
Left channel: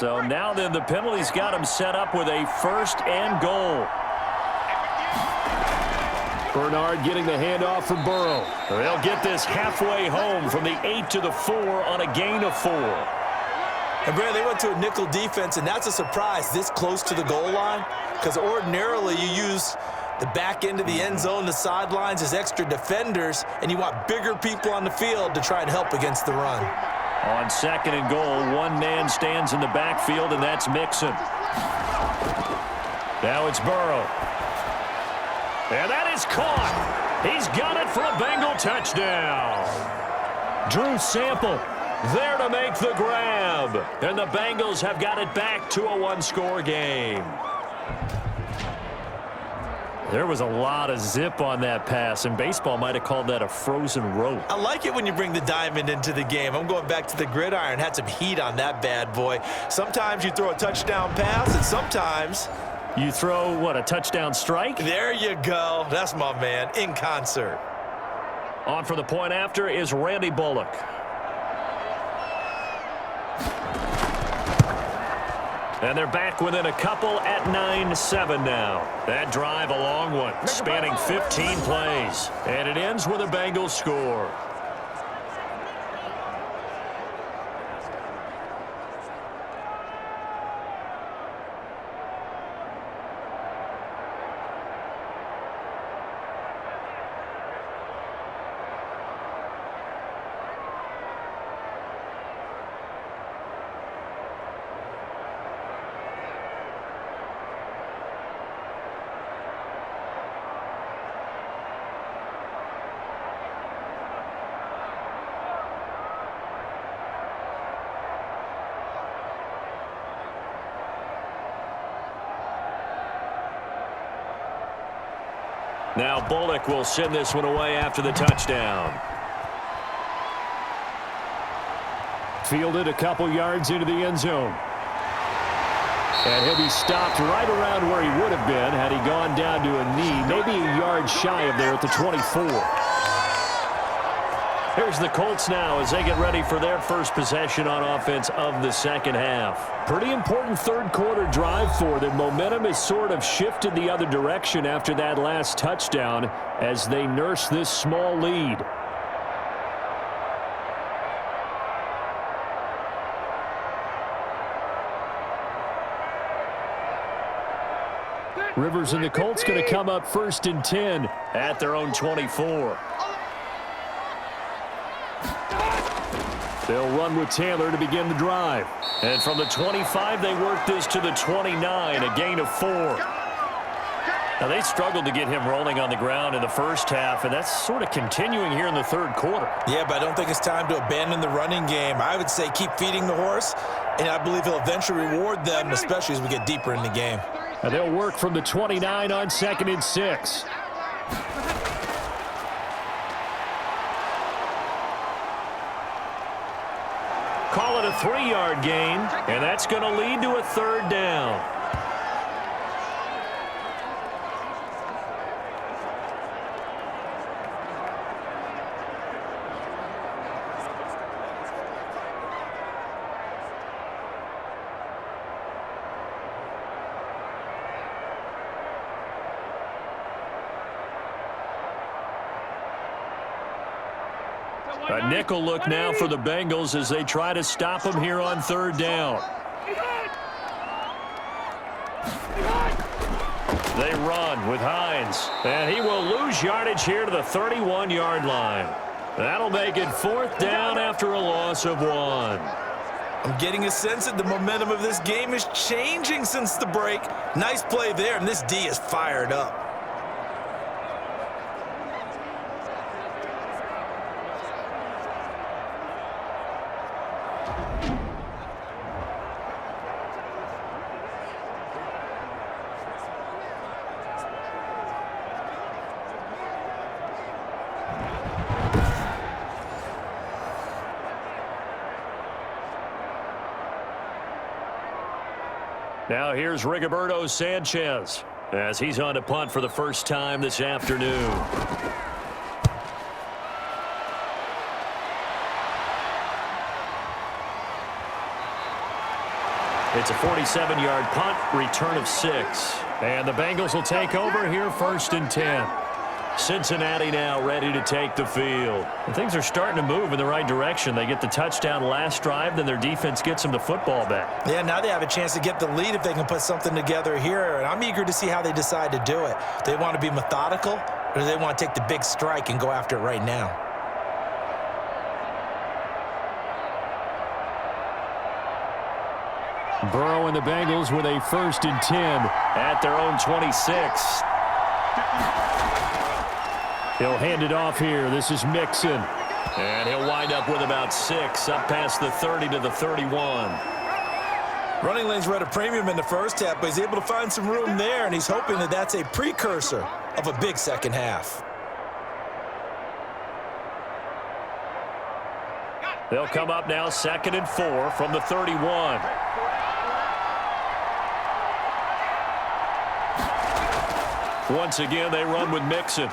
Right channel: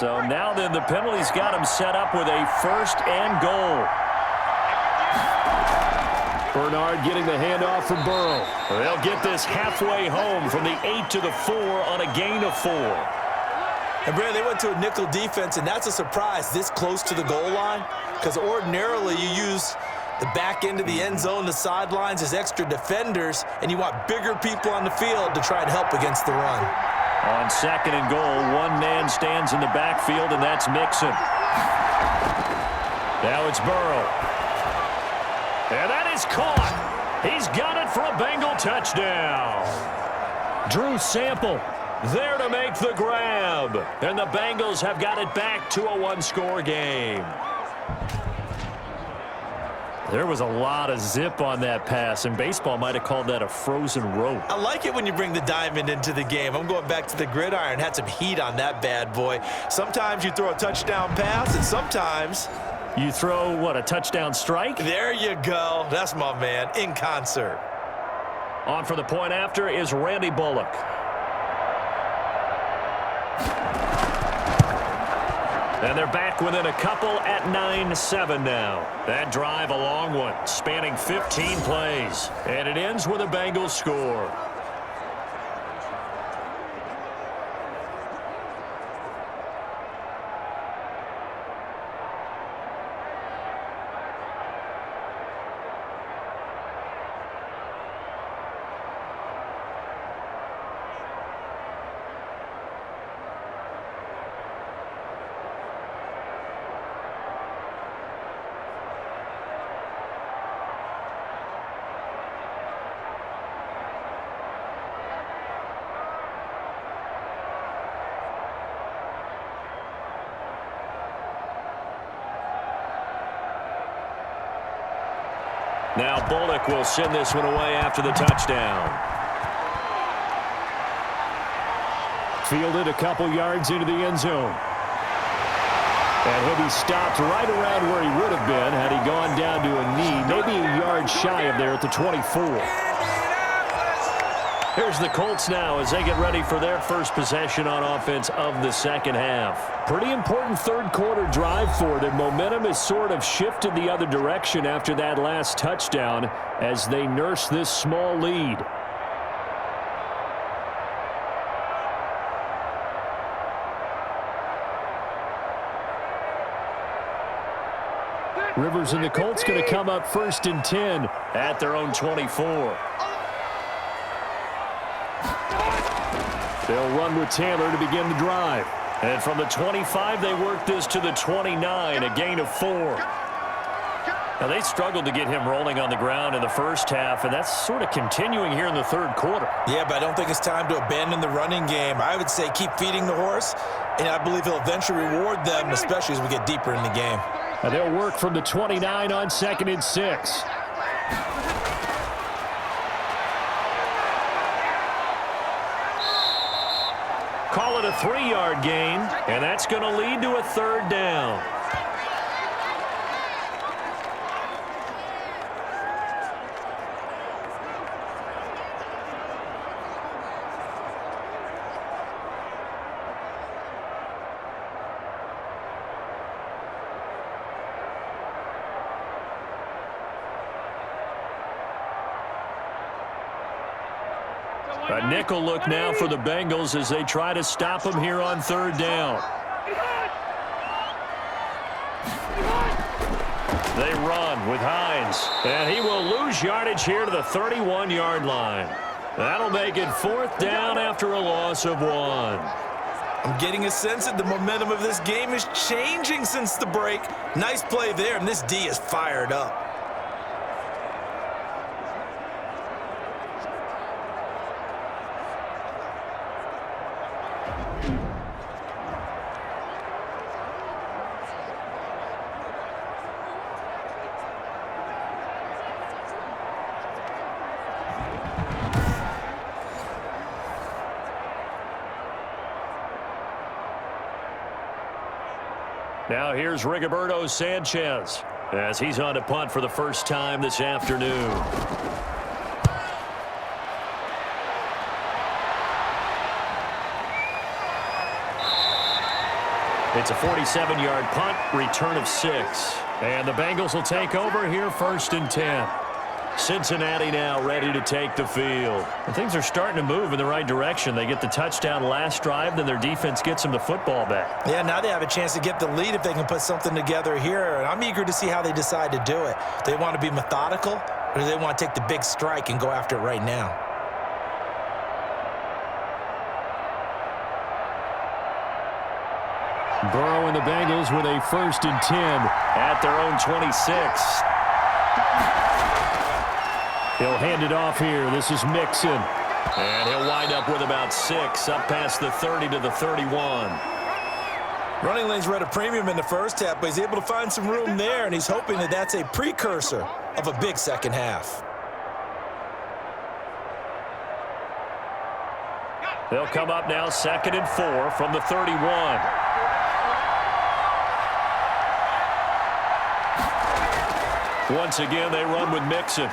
So now then the penalty's got him set up with a 1st and goal. Bernard getting the handoff from Burrow. They'll get this halfway home from the 8 to the 4 on a gain of 4. And, Brad, they went to a nickel defense, and that's a surprise this close to the goal line, because ordinarily you use the back end of the end zone, the sidelines as extra defenders, and you want bigger people on the field to try and help against the run. On 2nd and goal, one man stands in the backfield, and that's Mixon. Now it's Burrow. And that is caught. He's got it for a Bengal touchdown. Drew Sample there to make the grab. And the Bengals have got it back to a 1-score game. There was a lot of zip on that pass, and baseball might have called that a frozen rope. I like it when you bring the diamond into the game. I'm going back to the gridiron. Had some heat on that bad boy. Sometimes you throw a touchdown pass, and sometimes you throw, what, a touchdown strike? There you go. That's my man, in concert. On for the point after is Randy Bullock. And they're back within a couple at 9-7 now. That drive a long one, spanning 15 plays. And it ends with a Bengals score. Now Bullock will send this one away after the touchdown. Fielded a couple yards into the end zone. And he'll be stopped right around where he would have been had he gone down to a knee, maybe a yard shy of there at the 24. Here's the Colts now as they get ready for their first possession on offense of the second half. Pretty important third quarter drive for them. Momentum has sort of shifted the other direction after that last touchdown as they nurse this small lead. Rivers and the Colts going to come up 1st and 10 at their own 24. They'll run with Taylor to begin the drive. And from the 25, they work this to the 29, a gain of 4. Now, they struggled to get him rolling on the ground in the first half, and that's sort of continuing here in the third quarter. Yeah, but I don't think it's time to abandon the running game. I would say keep feeding the horse, and I believe he'll eventually reward them, especially as we get deeper in the game. And they'll work from the 29 on 2nd and 6. Call it a 3-yard gain, and that's going to lead to a 3rd down. A nickel look now for the Bengals as they try to stop him here on 3rd down. They run with Hines, and he will lose yardage here to the 31-yard line. That'll make it 4th down after a loss of 1. I'm getting a sense that the momentum of this game is changing since the break. Nice play there, and this D is fired up. Now here's Rigoberto Sanchez as he's on to punt for the first time this afternoon. It's a 47-yard punt, return of 6. And the Bengals will take over here 1st and 10. Cincinnati now ready to take the field. And things are starting to move in the right direction. They get the touchdown last drive, then their defense gets them the football back. Yeah, now they have a chance to get the lead if they can put something together here. And I'm eager to see how they decide to do it. Do they want to be methodical, or do they want to take the big strike and go after it right now? Burrow and the Bengals with a 1st and 10 at their own 26. He'll hand it off here. This is Mixon. And he'll wind up with about 6 up past the 30 to the 31. Running lanes were at a premium in the first half, but he's able to find some room there, and he's hoping that that's a precursor of a big second half. They'll come up now 2nd and 4 from the 31. Once again, they run with Mixon.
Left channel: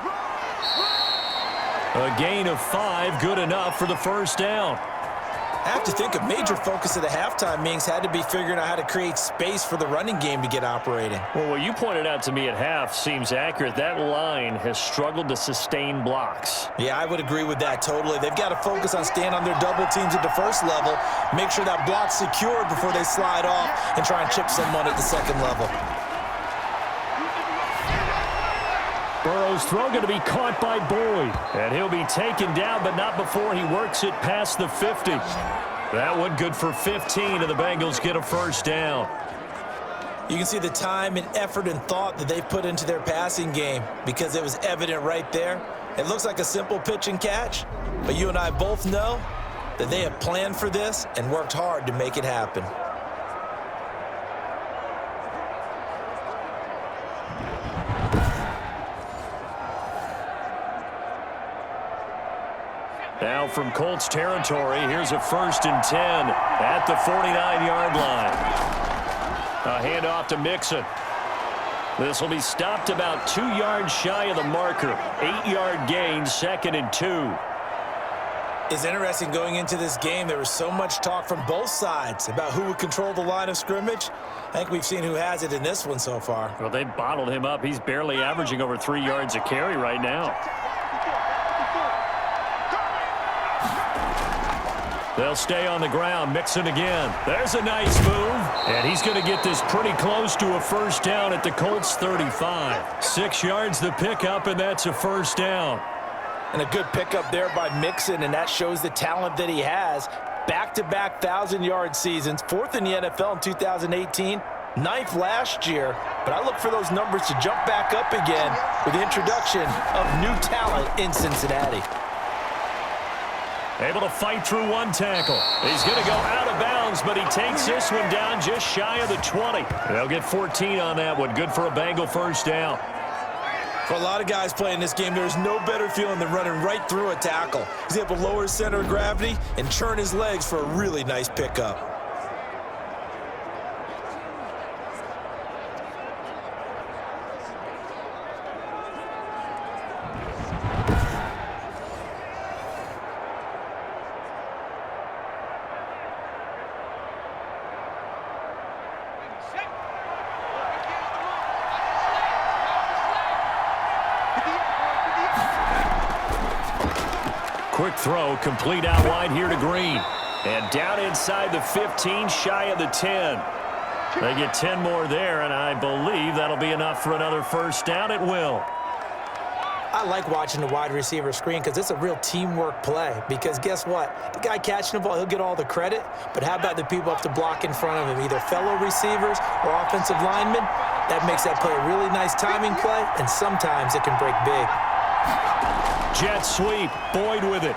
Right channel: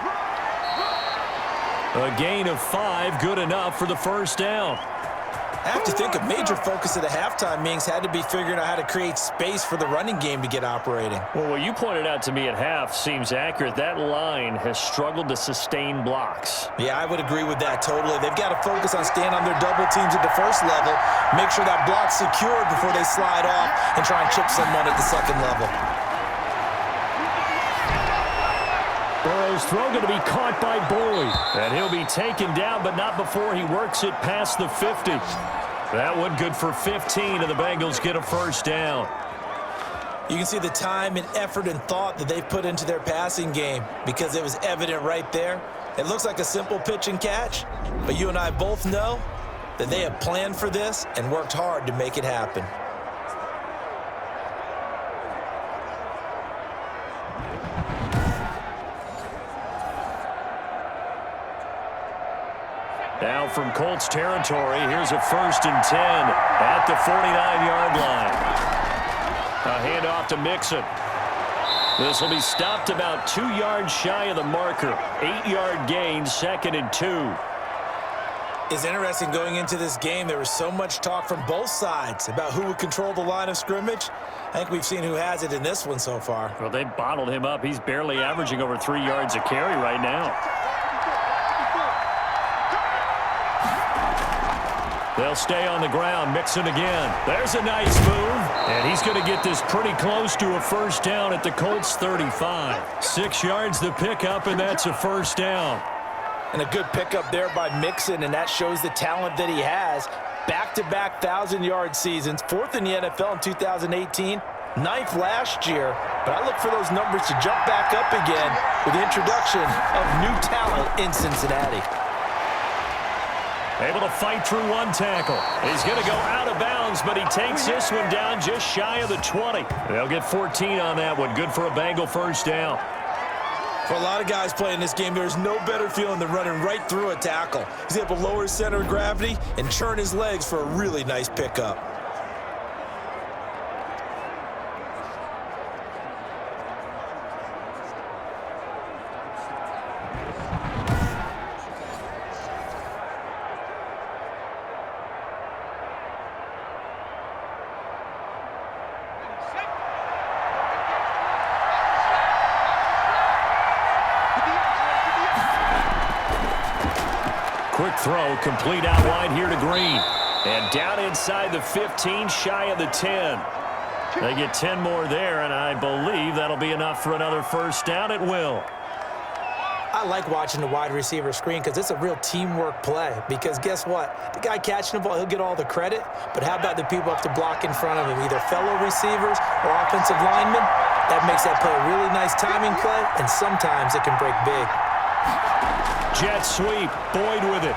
A gain of 5, good enough for the 1st down. I have to think a major focus of the halftime meetings had to be figuring out how to create space for the running game to get operating. Well, what you pointed out to me at half seems accurate. That line has struggled to sustain blocks. Yeah, I would agree with that totally. They've got to focus on staying on their double teams at the first level, make sure that block's secured before they slide off and try and chip someone at the second level. Burrow's throw going to be caught by Boyd. And he'll be taken down, but not before he works it past the 50. That one good for 15, and the Bengals get a 1st down. You can see the time and effort and thought that they've put into their passing game because it was evident right there. It looks like a simple pitch and catch, but you and I both know that they have planned for this and worked hard to make it happen. Now from Colts territory, here's a 1st and 10 at the 49-yard line. A handoff to Mixon. This will be stopped about 2 yards shy of the marker. 8-yard gain, 2nd and 2. It's interesting going into this game. There was so much talk from both sides about who would control the line of scrimmage. I think we've seen who has it in this one so far. Well, they bottled him up. He's barely averaging over 3 yards a carry right now. They'll stay on the ground. Mixon again. There's a nice move. And he's going to get this pretty close to a 1st down at the Colts 35. 6 yards the pickup, and that's a 1st down. And a good pickup there by Mixon, and that shows the talent that he has. Back-to-back 1,000-yard seasons, 4th in the NFL in 2018, 9th last year. But I look for those numbers to jump back up again with the introduction of new talent in Cincinnati. Able to fight through one tackle. He's going to go out of bounds, but he takes this one down just shy of the 20. They'll get 14 on that one. Good for a Bengal 1st down. For a lot of guys playing this game, there's no better feeling than running right through a tackle. He's able to lower his center of gravity and churn his legs for a really nice pickup. Quick throw, complete out wide here to Green. And down inside the 15, shy of the 10. They get 10 more there, and I believe that'll be enough for another 1st down. It will. I like watching the wide receiver screen because it's a real teamwork play. Because guess what? The guy catching the ball, he'll get all the credit. But how about the people have to block in front of him, either fellow receivers or offensive linemen? That makes that play a really nice timing play, and sometimes it can break big. Jet sweep, Boyd with it.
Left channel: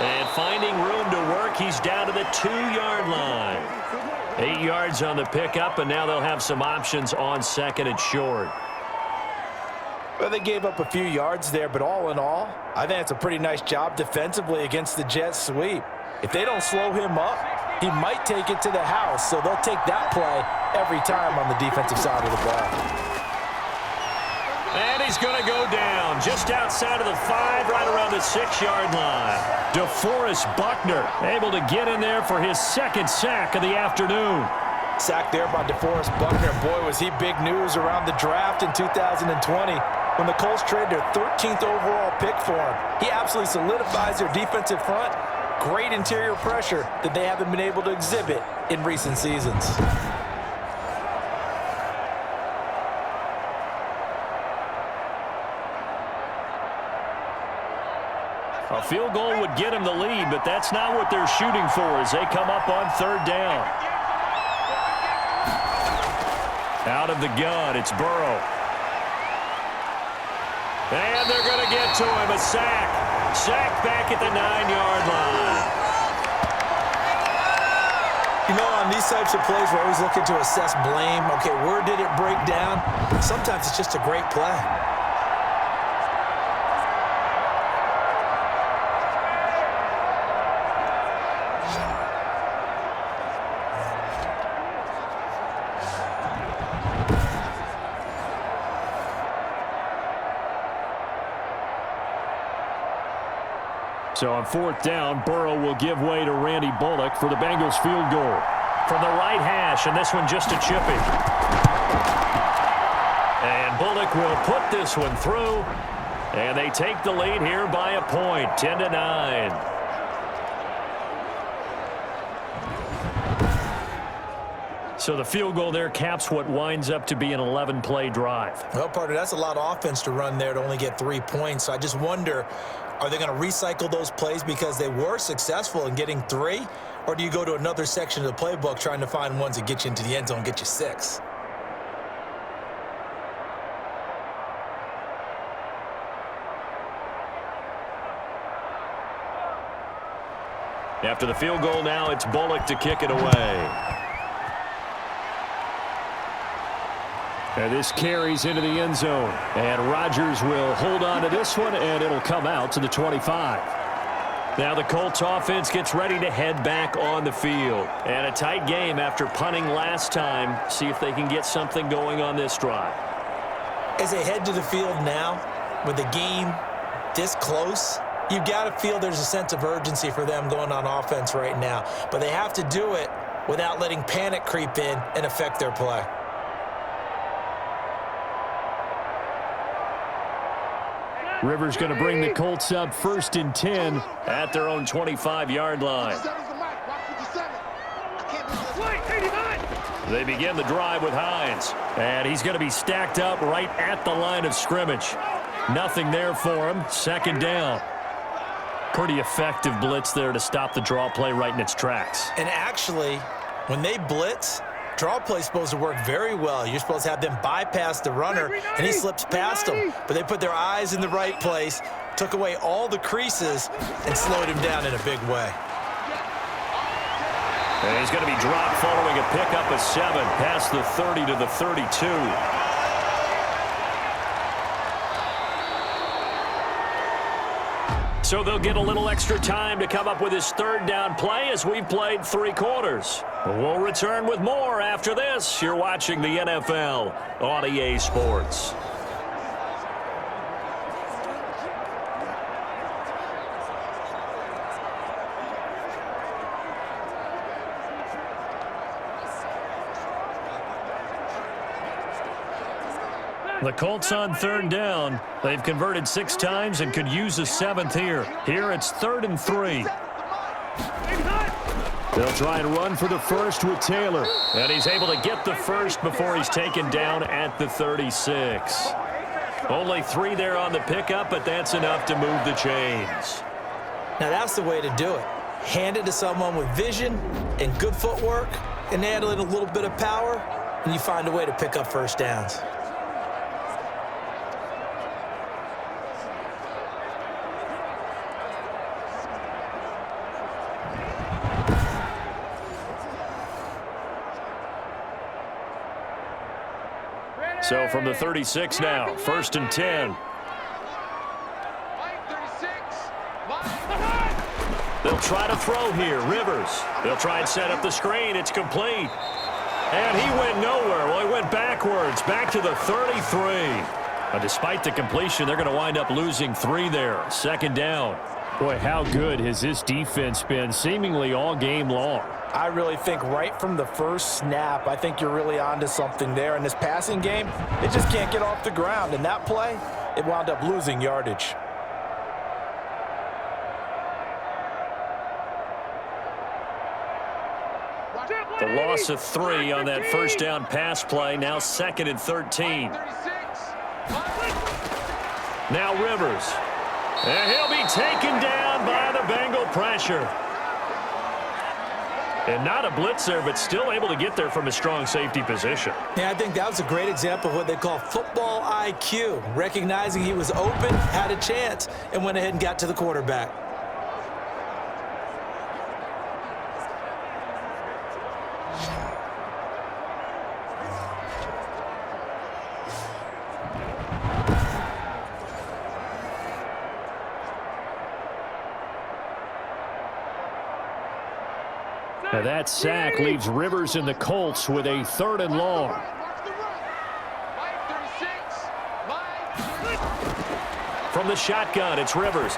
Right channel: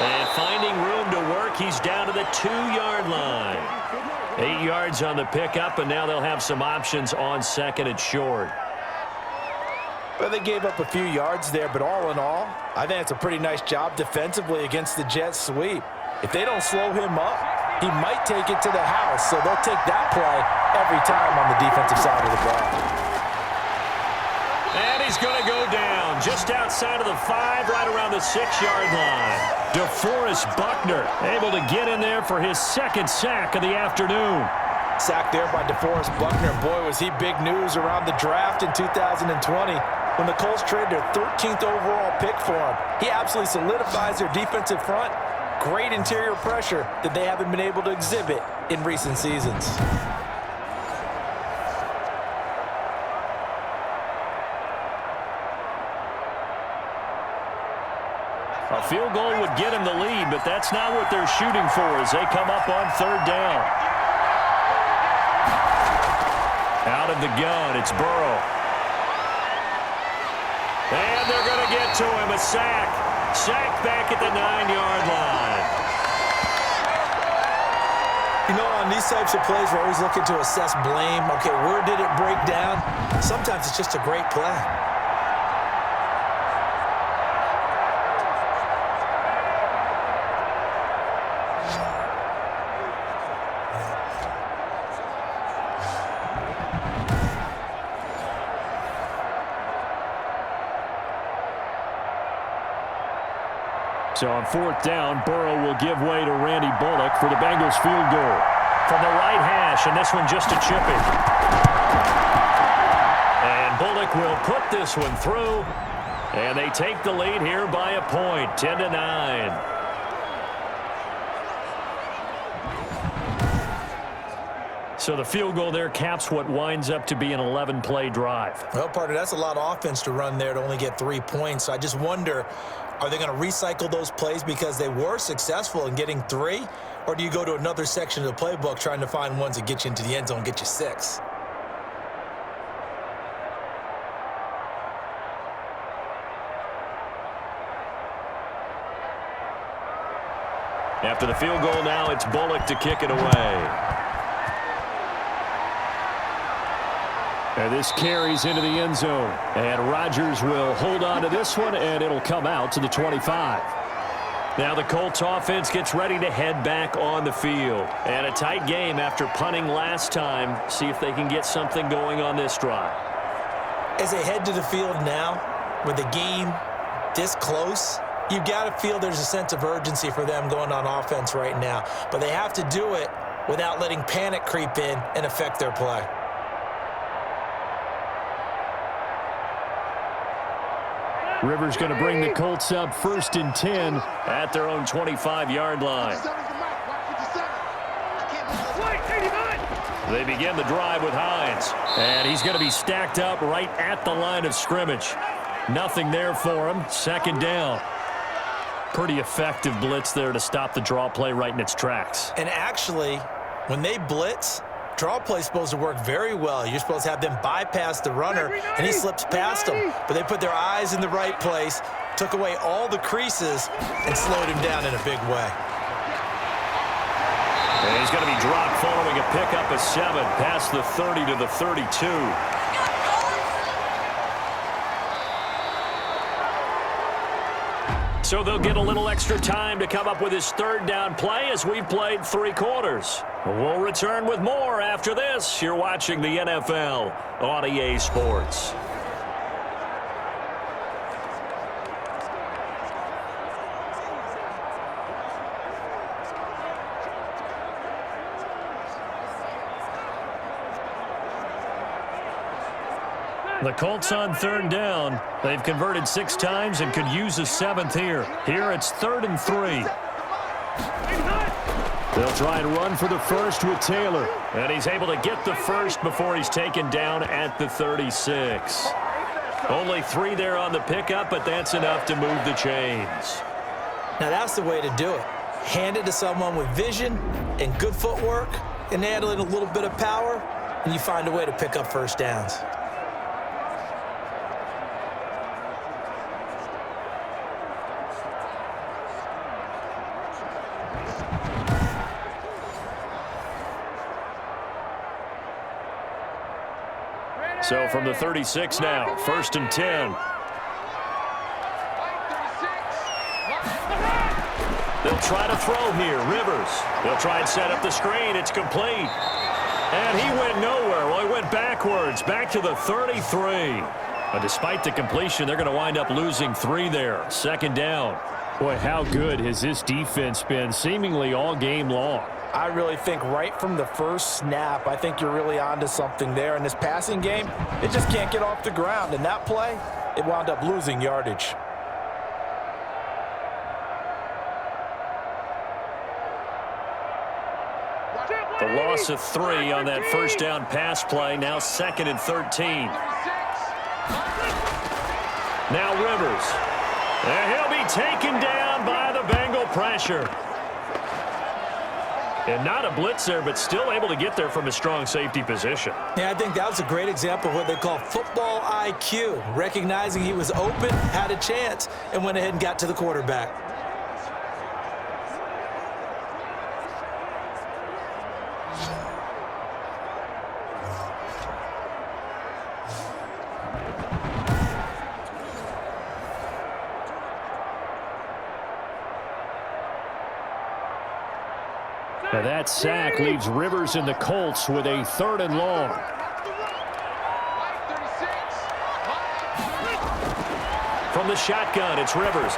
And finding room to work, he's down to the 2-yard line. 8 yards on the pickup, and now they'll have some options on 2nd and short. Well, they gave up a few yards there, but all in all, I think it's a pretty nice job defensively against the jet sweep. If they don't slow him up, he might take it to the house, so they'll take that play every time on the defensive side of the ball. And he's going to go down just outside of the 5, right around the 6-yard line. DeForest Buckner able to get in there for his second sack of the afternoon. Sack there by DeForest Buckner. Boy, was he big news around the draft in 2020 when the Colts traded their 13th overall pick for him. He absolutely solidifies their defensive front. Great interior pressure that they haven't been able to exhibit in recent seasons. A field goal would get him the lead, but that's not what they're shooting for as they come up on 3rd down. Out of the gun, it's Burrow. And they're going to get to him, a sack. Sack back at the 9-yard line. You know, on these types of plays, we're always looking to assess blame. Okay, where did it break down? Sometimes it's just a great play. So on 4th down, Burrow will give way to Randy Bullock for the Bengals field goal. From the right hash, and this one just a chippy. And Bullock will put this one through. And they take the lead here by a point, 10-9. So the field goal there caps what winds up to be an 11-play drive. Well, partner, that's a lot of offense to run there to only get 3 points. I just wonder, are they going to recycle those plays because they were successful in getting 3? Or do you go to another section of the playbook trying to find ones that get you into the end zone and get you 6? After the field goal now, it's Bullock to kick it away. And this carries into the end zone. And Rodgers will hold on to this one, and it'll come out to the 25. Now the Colts offense gets ready to head back on the field. And a tight game after punting last time. See if they can get something going on this drive. As they head to the field now, with the game this close, you've got to feel there's a sense of urgency for them going on offense right now. But they have to do it without letting panic creep in and affect their play. Rivers going to bring the Colts up 1st and 10 at their own 25-yard line. They begin the drive with Hines. And he's going to be stacked up right at the line of scrimmage. Nothing there for him. 2nd down. Pretty effective blitz there to stop the draw play right in its tracks. And actually, when they blitz, draw play is supposed to work very well. You're supposed to have them bypass the runner, and he slips past them. But they put their eyes in the right place, took away all the creases, and slowed him down in a big way. And he's going to be dropped following a pickup of 7 past the 30 to the 32. So they'll get a little extra time to come up with his 3rd down play as we've played 3 quarters. We'll return with more after this. You're watching the NFL on EA Sports. The Colts on 3rd down. They've converted 6 times and could use a 7th here. Here it's 3rd and 3. They'll try and run for the 1st with Taylor. And he's able to get the 1st before he's taken down at the 36. Only 3 there on the pickup, but that's enough to move the chains. Now that's the way to do it. Hand it to someone with vision and good footwork and add in a little bit of power, and you find a way to pick up 1st downs. So from the 36 now, 1st and 10. They'll try to throw here. Rivers. They'll try and set up the screen. It's complete. And he went nowhere. Well, he went backwards, back to the 33. Despite the completion, they're going to wind up losing 3 there. Second down. Boy, how good has this defense been seemingly all game long? I really think right from the first snap, I think you're really onto something there. In this passing game, it just can't get off the ground. And that play, it wound up losing yardage. The loss of 3 on that first down pass play. Now 2nd and 13. Now Rivers. And he'll be taken down by the Bengal pressure. And not a blitzer, but still able to get there from a strong safety position. Yeah, I think that was a great example of what they call football IQ. Recognizing he was open, had a chance, and went ahead and got to the quarterback. Now that sack leaves Rivers and the Colts with a 3rd and long. From the shotgun, it's Rivers.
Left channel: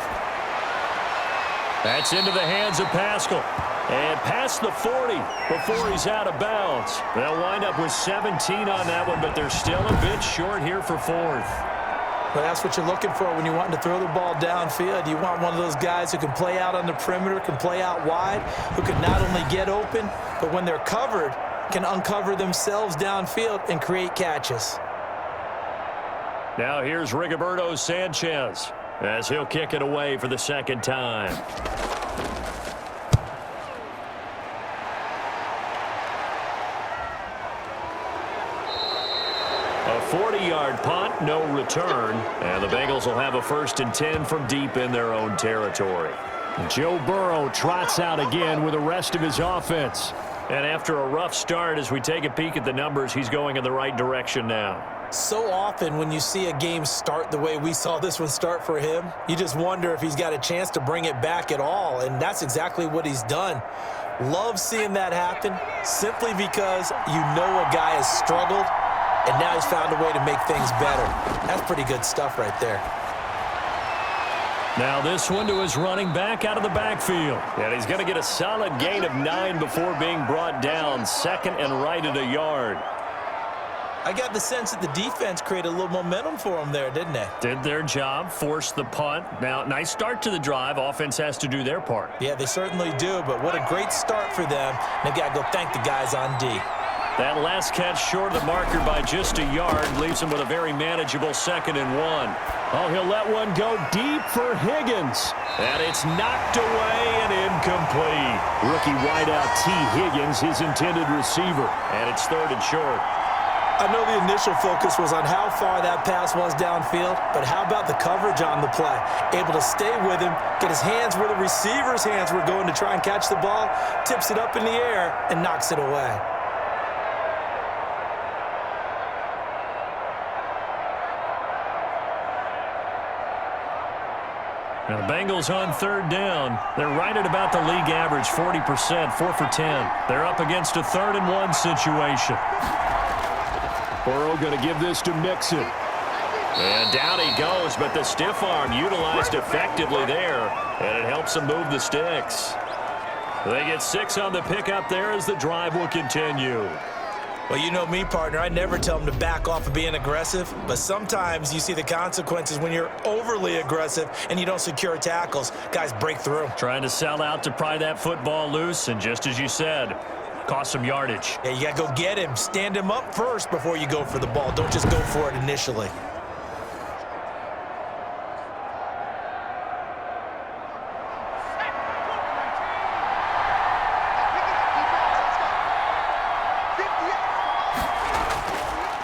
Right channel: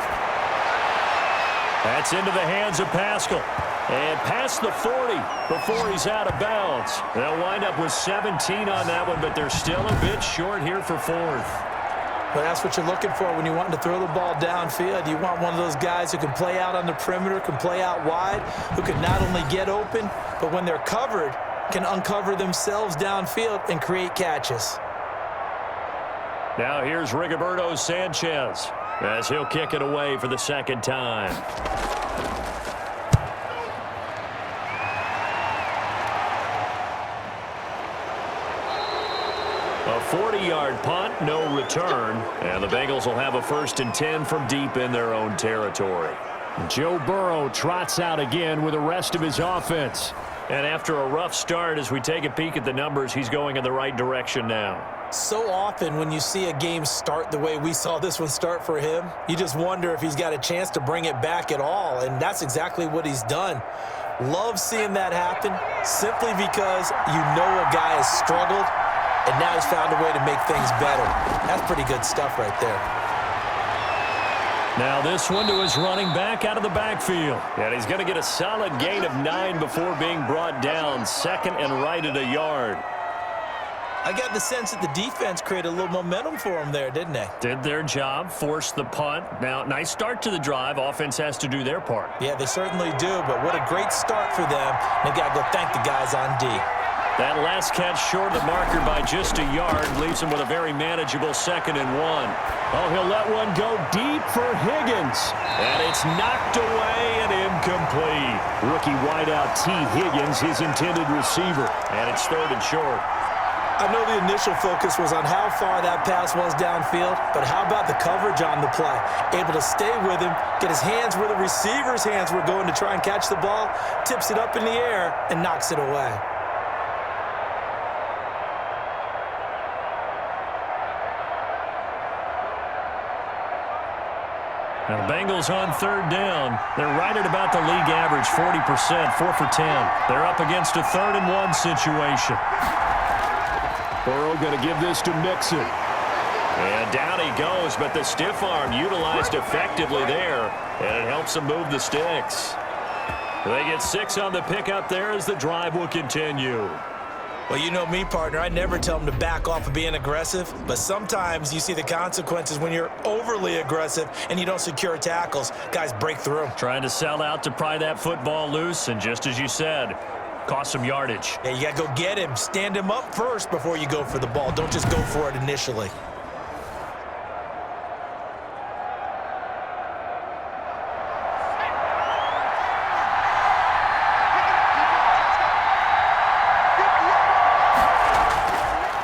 That's into the hands of Pascal. And past the 40 before he's out of bounds. They'll wind up with 17 on that one, but they're still a bit short here for 4th. But that's what you're looking for when you're wanting to throw the ball downfield. You want one of those guys who can play out on the perimeter, can play out wide, who can not only get open, but when they're covered, can uncover themselves downfield and create catches. Now here's Rigoberto Sanchez as he'll kick it away for the 2nd time. A 40-yard punt, no return, and the Bengals will have a 1st and 10 from deep in their own territory. Joe Burrow trots out again with the rest of his offense. And after a rough start, as we take a peek at the numbers, he's going in the right direction now. So often when you see a game start the way we saw this one start for him, you just wonder if he's got a chance to bring it back at all, and that's exactly what he's done. Love seeing that happen simply because you know a guy has struggled, and now he's found a way to make things better. That's pretty good stuff right there. Now this one to his running back out of the backfield. And he's going to get a solid gain of 9 before being brought down. 2nd and right at a yard. I got the sense that the defense created a little momentum for them there, didn't they? Did their job, forced the punt. Now, nice start to the drive. Offense has to do their part. Yeah, they certainly do, but what a great start for them. They got to go thank the guys on D. That last catch short of the marker by just a yard leaves him with a very manageable 2nd and 1. Oh, he'll let one go deep for Higgins. And it's knocked away and incomplete. Rookie wideout T. Higgins, his intended receiver. And it's 3rd and short. I know the initial focus was on how far that pass was downfield, but how about the coverage on the play? Able to stay with him, get his hands where the receiver's hands were going to try and catch the ball, tips it up in the air, and knocks it away. Now the Bengals on 3rd down. They're right at about the league average, 40%, 4 for 10. They're up against a 3rd and 1 situation. Burrow going to give this to Mixon. And down he goes, but the stiff arm utilized effectively there, and it helps him move the sticks. They get 6 on the pickup there as the drive will continue. Well, you know me, partner. I never tell them to back off of being aggressive, but sometimes you see the consequences when you're overly aggressive and you don't secure tackles. Guys break through. Trying to sell out to pry that football loose, and just as you said, cost some yardage. Yeah, you got to go get him. Stand him up first before you go for the ball. Don't just go for it initially.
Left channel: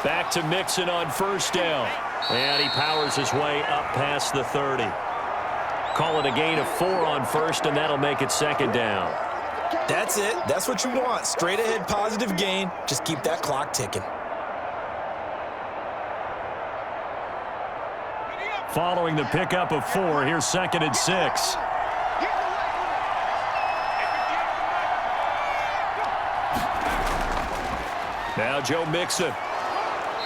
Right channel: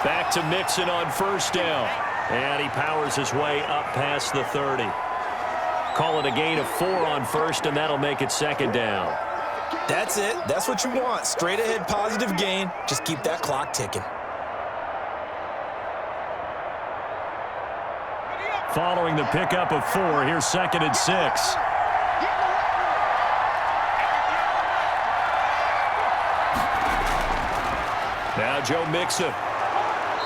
Back to Mixon on 1st down. And he powers his way up past the 30. Call it a gain of 4 on 1st, and that'll make it 2nd down. That's it. That's what you want. Straight ahead positive gain. Just keep that clock ticking. Following the pickup of 4, here's 2nd and 6. Now Joe Mixon.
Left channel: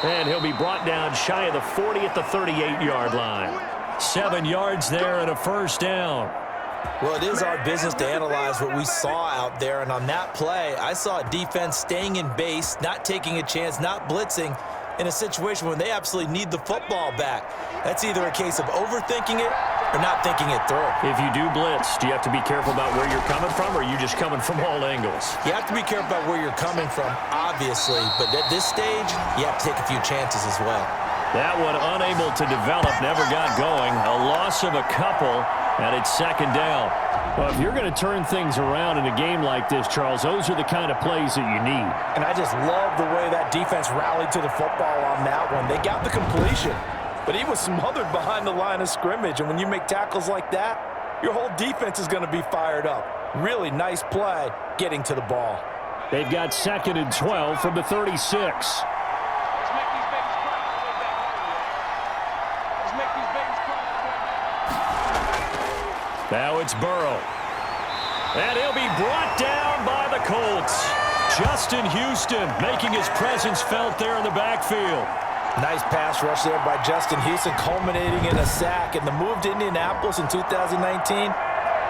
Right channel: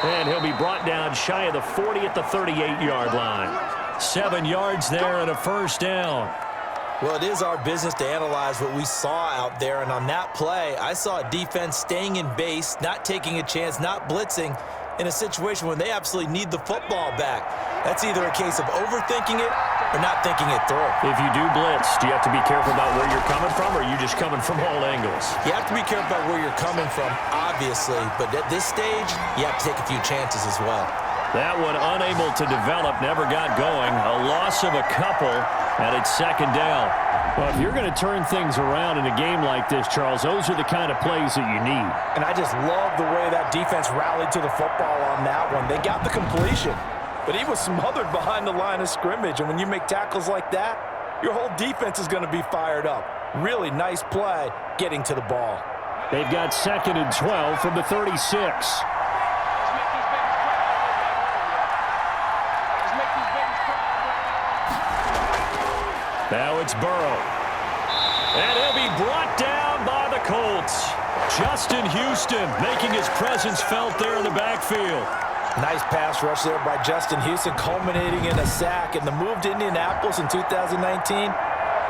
And he'll be brought down shy of the 40 at the 38-yard line. 7 yards there and a first down. Well, it is our business to analyze what we saw out there, and on that play, I saw a defense staying in base, not taking a chance, not blitzing, in a situation when they absolutely need the football back. That's either a case of overthinking it or not thinking it through. If you do blitz, do you have to be careful about where you're coming from, or are you just coming from all angles? You have to be careful about where you're coming from, obviously, but at this stage, you have to take a few chances as well. That one unable to develop, never got going. A loss of a couple, and it's second down. Well, if you're going to turn things around in a game like this, Charles, those are the kind of plays that you need. And I just love the way that defense rallied to the football on that one. They got the completion, but he was smothered behind the line of scrimmage. And when you make tackles like that, your whole defense is going to be fired up. Really nice play getting to the ball. They've got 2nd and 12 from the 36. Now it's Burrow. And he'll be brought down by the Colts. Justin Houston making his presence felt there in the backfield. Nice pass rush there by Justin Houston, culminating in a sack. And the move to Indianapolis in 2019,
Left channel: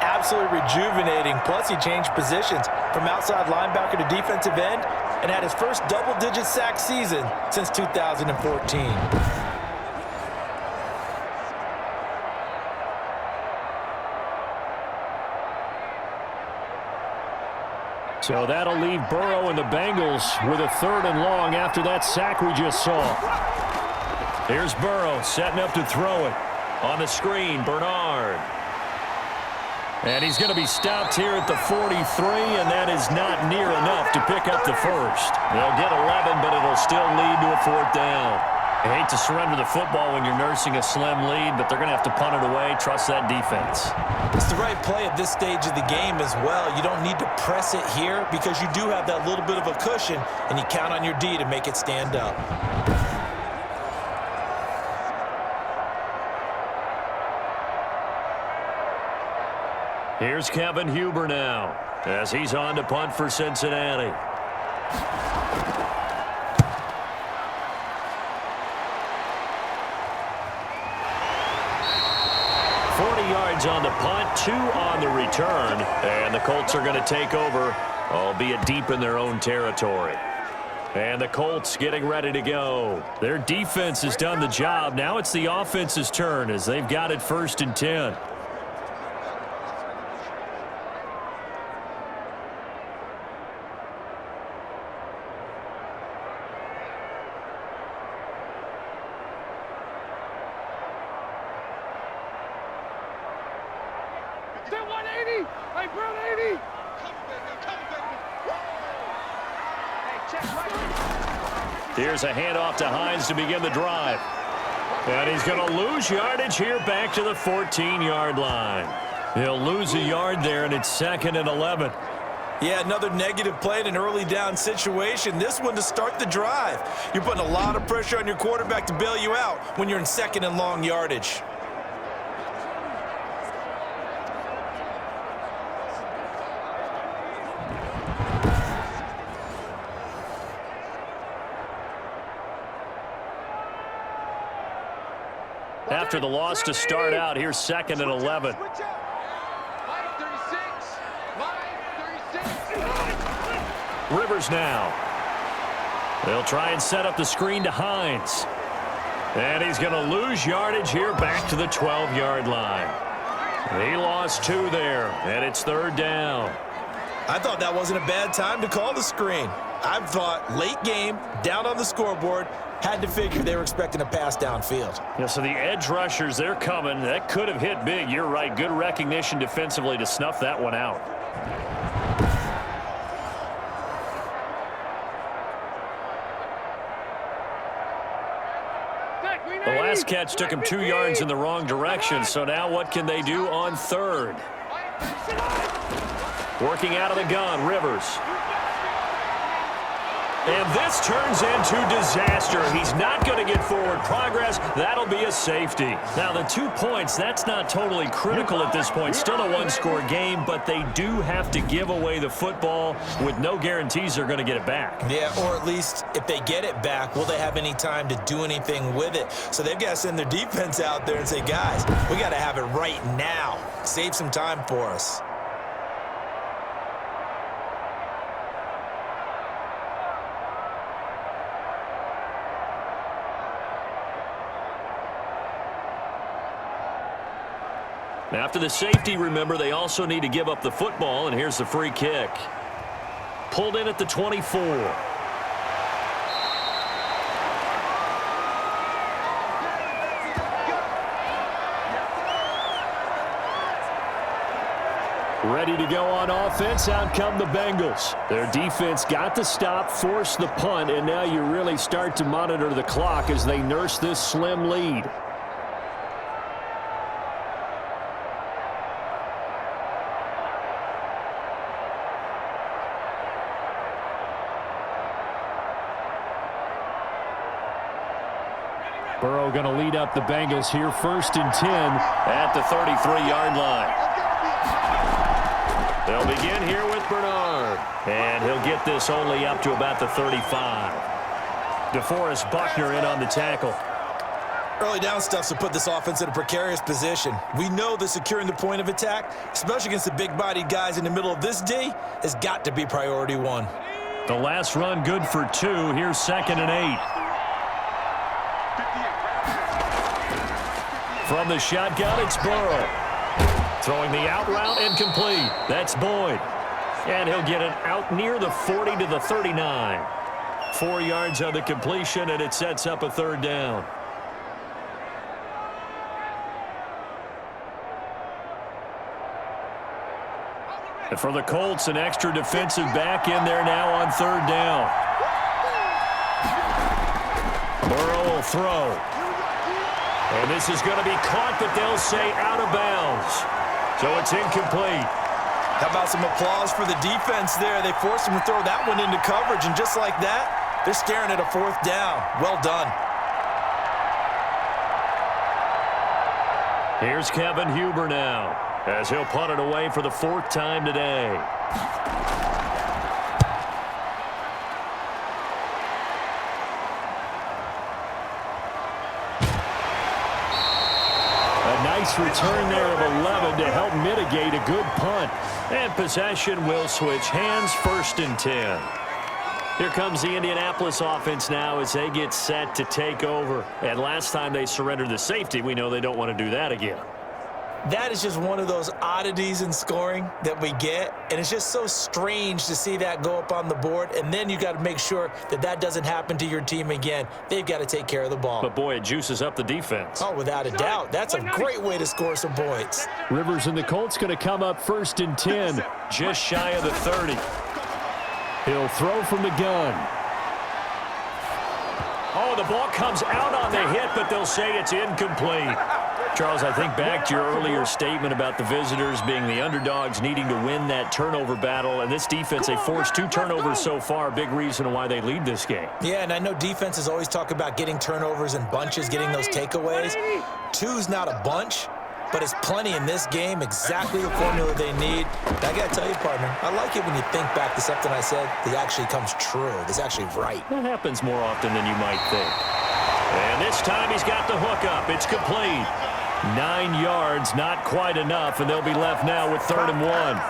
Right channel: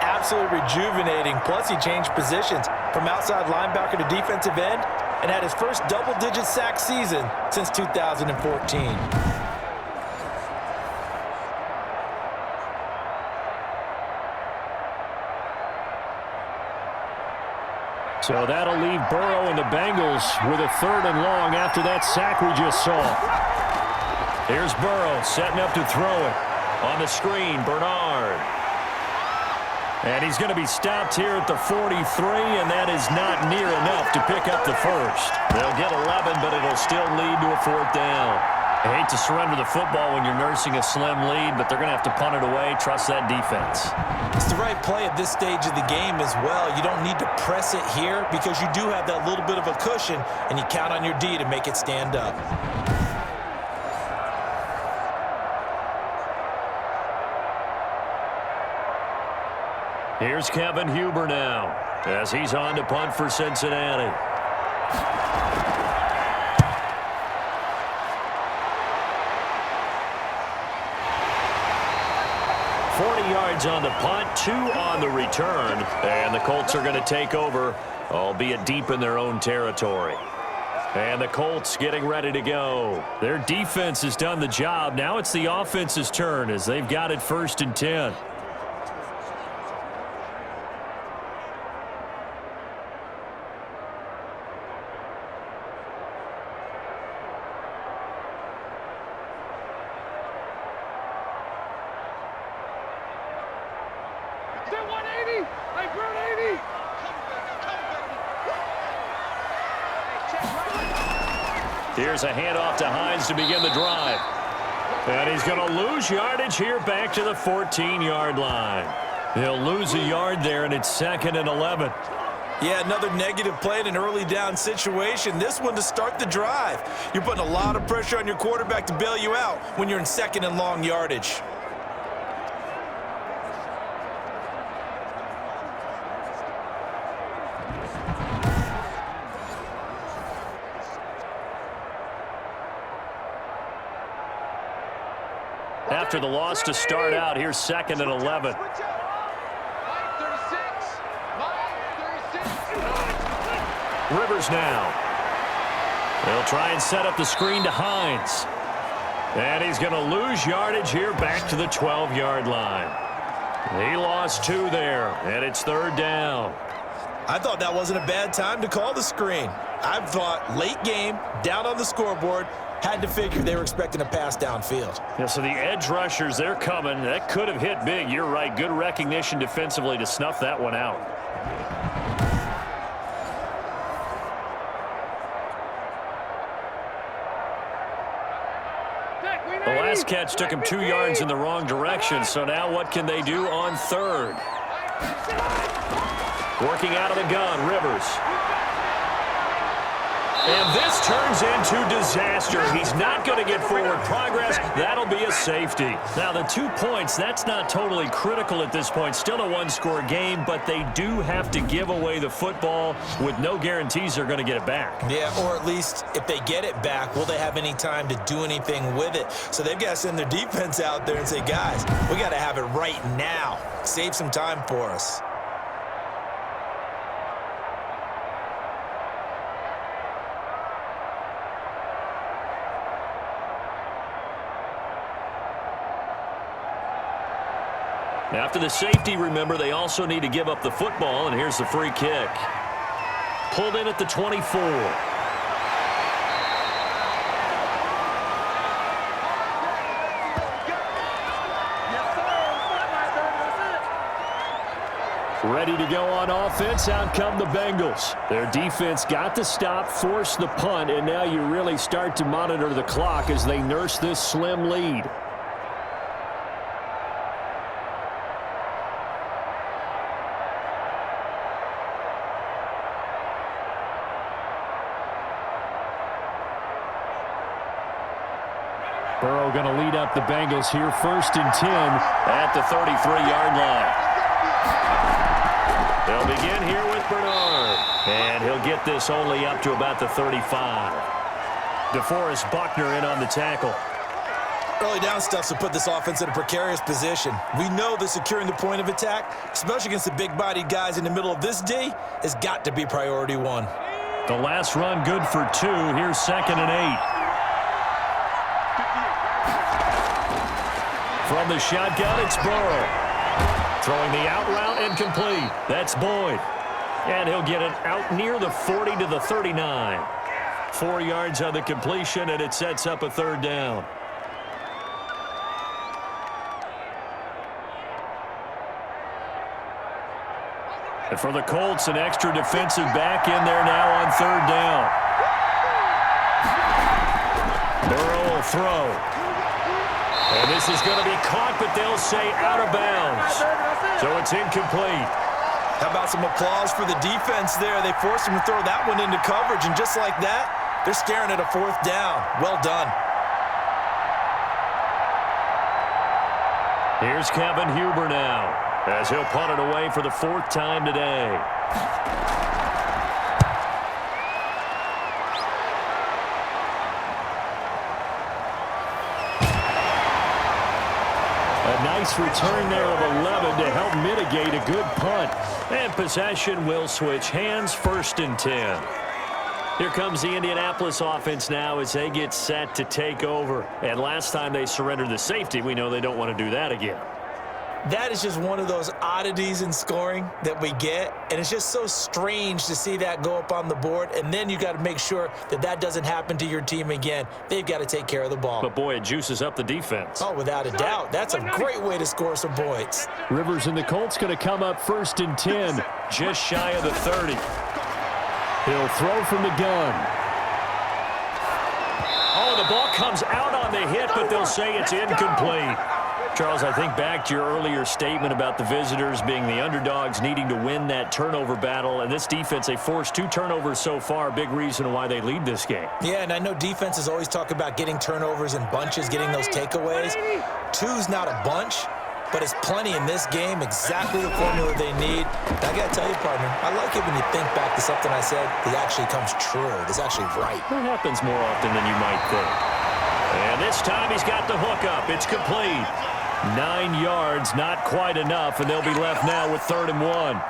absolutely rejuvenating. Plus, he changed positions from outside linebacker to defensive end and had his first double-digit sack season since 2014. So that'll leave Burrow and the Bengals with a 3rd and long after that sack we just saw. Here's Burrow setting up to throw it. On the screen, Bernard. And he's going to be stopped here at the 43, and that is not near enough to pick up the first. They'll get 11, but it'll still lead to a 4th down. I hate to surrender the football when you're nursing a slim lead, but they're going to have to punt it away. Trust that defense. It's the right play at this stage of the game as well. You don't need to press it here because you do have that little bit of a cushion, and you count on your D to make it stand up. Here's Kevin Huber now as he's on to punt for Cincinnati. Yards on the punt, 2 on the return, and the Colts are going to take over, albeit deep in their own territory. And the Colts getting ready to go. Their defense has done the job. Now it's the offense's turn as they've got it 1st and 10. Here's a handoff to Hines to begin the drive. And he's going to lose yardage here back to the 14-yard line. He'll lose a yard there, and it's 2nd and 11. Yeah, another negative play in an early down situation. This one to start the drive. You're putting a lot of pressure on your quarterback to bail you out when you're in 2nd and long yardage. After the loss to start out, here's 2nd and 11. Rivers now. They'll try and set up the screen to Hines. And he's going to lose yardage here back to the 12-yard line. He lost 2 there, and it's 3rd down. I thought that wasn't a bad time to call the screen. I thought late game, down on the scoreboard, had to figure they were expecting a pass downfield. Yeah, so the edge rushers, they're coming. That could have hit big. You're right. Good recognition defensively to snuff that one out. The last catch took him 2 yards in the wrong direction, so now what can they do on 3rd? Working out of the gun, Rivers. And this turns into disaster. He's not going to get forward progress. That'll be a safety. Now, the 2 points, that's not totally critical at this point. Still a one-score game, but they do have to give away the football with no guarantees they're going to get it back. Yeah, or at least if they get it back, will they have any time to do anything with it? So they've got to send their defense out there and say, guys, we got to have it right now. Save some time for us. After the safety, remember, they also need to give up the football, and here's the free kick. Pulled in at the 24. Ready to go on offense, out come the Bengals. Their defense got the stop, forced the punt, and now you really start to monitor the clock as they nurse this slim lead. Burrow going to lead up the Bengals here, 1st and 10 at the 33-yard line. They'll begin here with Bernard, and he'll get this only up to about the 35. DeForest Buckner in on the tackle. Early down stuff to put this offense in a precarious position. We know that securing the point of attack, especially against the big-bodied guys in the middle of this D, has got to be priority one. The last run good for 2. Here's 2nd and 8. From the shotgun, it's Burrow. Throwing the out route incomplete. That's Boyd. And he'll get it out near the 40 to the 39. 4 yards on the completion, and it sets up a 3rd down. And for the Colts, an extra defensive back in there now on 3rd down. Burrow will throw. And this is going to be caught, but they'll say out of bounds. So it's incomplete. How about some applause for the defense there? They forced him to throw that one into coverage, and just like that, they're staring at a 4th down. Well done. Here's Kevin Huber now, as he'll punt it away for the 4th time today. A nice return there of 11 to help mitigate a good punt. And possession will switch hands, 1st and 10. Here comes the Indianapolis offense now as they get set to take over. And last time they surrendered the safety, we know they don't want to do that again. That is just one of those oddities in scoring that we get, and it's just so strange to see that go up on the board, and then you got to make sure that that doesn't happen to your team again. They've got to take care of the ball. But, boy, it juices up the defense. Oh, without a doubt. That's a great way to score some points. Rivers and the Colts going to come up 1st and 10, just shy of the 30. He'll throw from the gun. Oh, the ball comes out on the hit, but they'll say it's incomplete. Charles, I think back to your earlier statement about the visitors being the underdogs needing to win that turnover battle. And this defense, they forced 2 turnovers so far. Big reason why they lead this game. Yeah, and I know defenses always talk about getting turnovers in bunches, getting those takeaways. 2's not a bunch, but it's plenty in this game, exactly the formula they need. And I got to tell you, partner, I like it when you think back to something I said that actually comes true, that's actually right. That happens more often than you might think. And this time he's got the hook up. It's complete. 9 yards, not quite enough, and they'll be left now with 3rd and 1.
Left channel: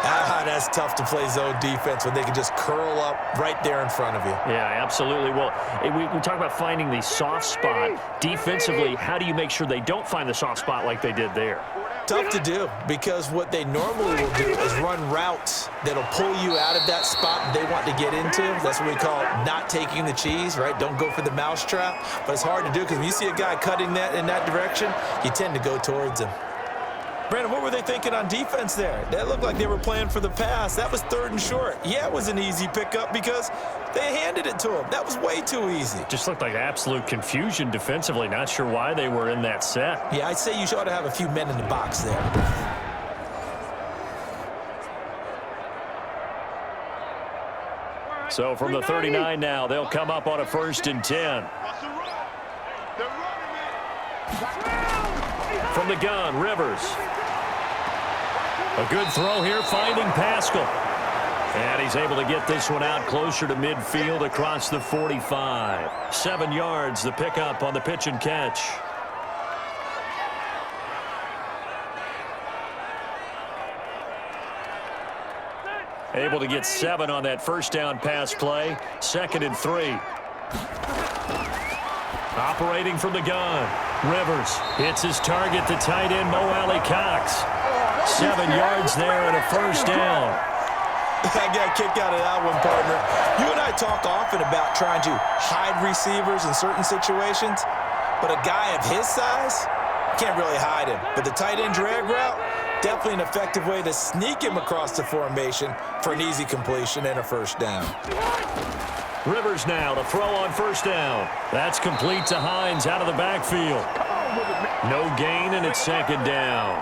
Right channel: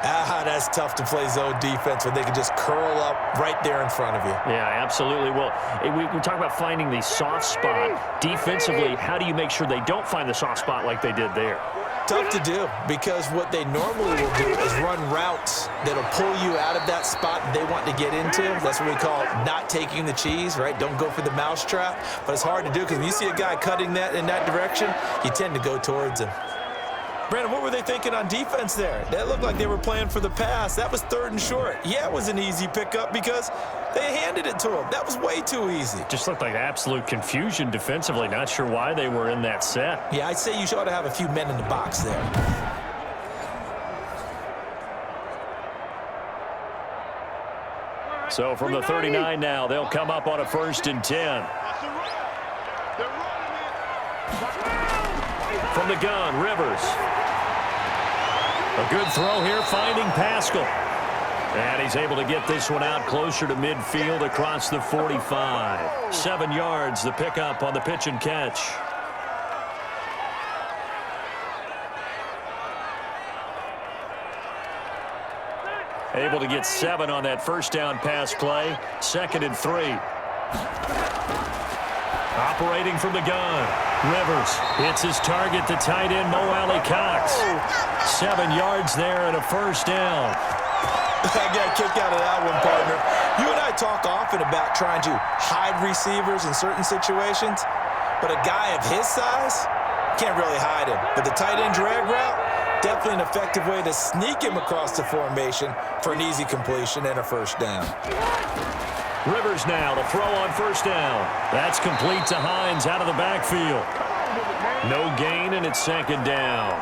That's tough to play zone defense when they can just curl up right there in front of you. Yeah, absolutely. Well, we talk about finding the soft spot. Defensively, how do you make sure they don't find the soft spot like they did there? Tough to do, because what they normally will do is run routes that'll pull you out of that spot they want to get into. That's what we call not taking the cheese, right? Don't go for the mousetrap. But it's hard to do because when you see a guy cutting that in that direction, you tend to go towards him. Brandon, what were they thinking on defense there? That looked like they were playing for the pass. That was 3rd and short. Yeah, it was an easy pickup because they handed it to him. That was way too easy. Just looked like absolute confusion defensively. Not sure why they were in that set. Yeah, I'd say you ought to have a few men in the box there. So from the 39 now, they'll come up on a 1st and 10. From the gun, Rivers. A good throw here, finding Pascal. And he's able to get this one out closer to midfield across the 45. 7 yards, the pickup on the pitch and catch. Able to get 7 on that first down pass play. 2nd and 3. Operating from the gun. Rivers hits his target, the tight end, Mo Alley Cox. 7 yards there and a 1st down. I got a kick out of that one, partner. You and I talk often about trying to hide receivers in certain situations, but a guy of his size can't really hide him. But the tight end drag route, definitely an effective way to sneak him across the formation for an easy completion and a 1st down. Rivers now to throw on 1st down. That's complete to Hines out of the backfield. No gain, and it's 2nd down.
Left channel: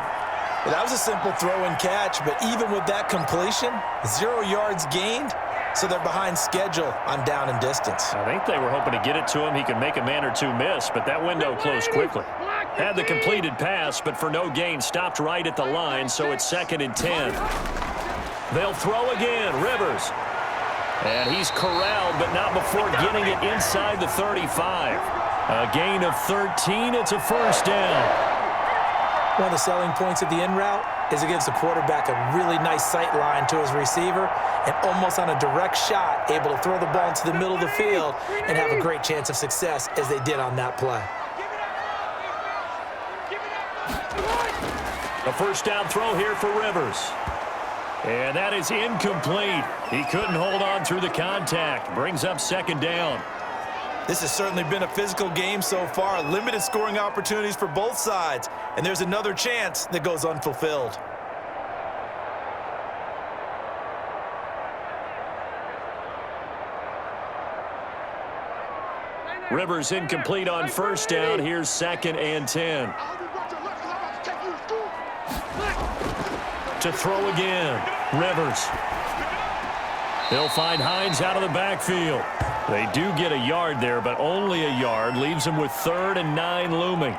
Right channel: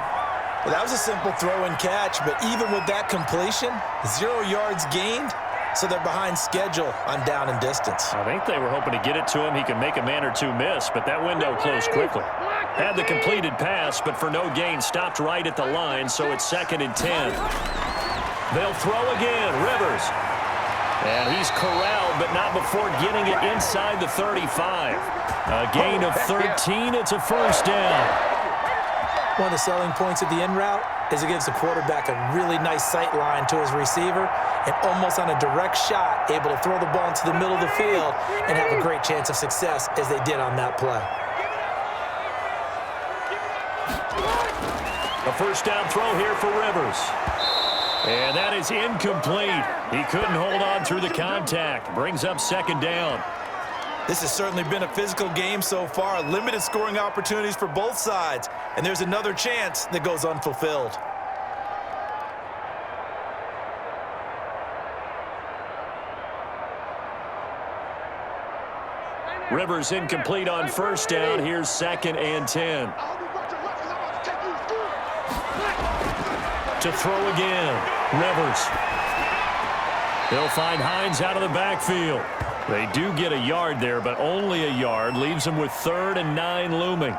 Well, that was a simple throw and catch, but even with that completion, 0 yards gained, so they're behind schedule on down and distance. I think they were hoping to get it to him. He could make a man or two miss, but that window closed quickly. Had the completed pass, but for no gain, stopped right at the line, so it's 2nd and 10. They'll throw again, Rivers. And he's corralled, but not before getting it inside the 35. A gain of 13, it's a 1st down. One of the selling points of the in route is it gives the quarterback a really nice sight line to his receiver and almost on a direct shot able to throw the ball into the middle of the field and have a great chance of success as they did on that play. A 1st down throw here for Rivers. And that is incomplete. He couldn't hold on through the contact. Brings up 2nd down. This has certainly been a physical game so far. Limited scoring opportunities for both sides. And there's another chance that goes unfulfilled. Rivers incomplete on 1st down. Here's 2nd and 10. To throw again. Rivers. He'll find Hines out of the backfield. They do get a yard there, but only a yard. Leaves them with 3rd and 9 looming.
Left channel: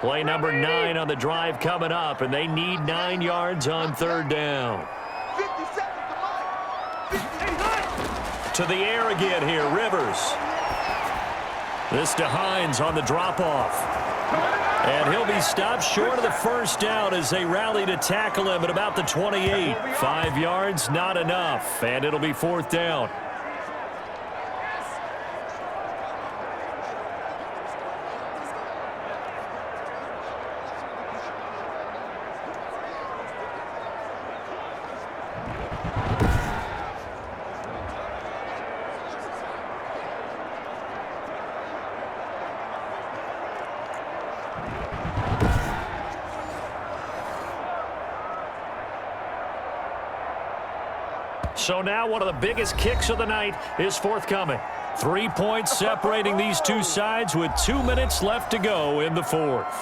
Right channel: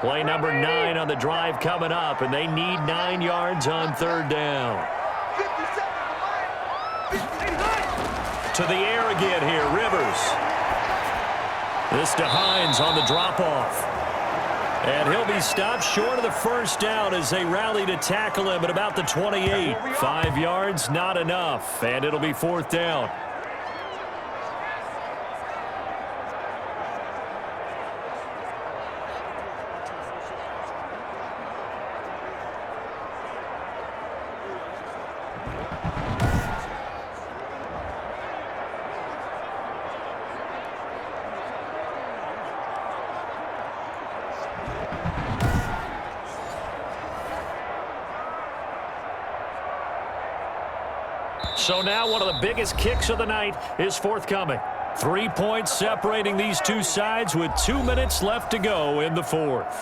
Play number 9 on the drive coming up, and they need 9 yards on 3rd down. To the air again here, Rivers. This to Hines on the drop-off. And he'll be stopped short of the 1st down as they rally to tackle him at about the 28. 5 yards, not enough, and it'll be 4th down. So now one of the biggest kicks of the night is forthcoming. 3 points separating these two sides with 2 minutes left to go in the 4th.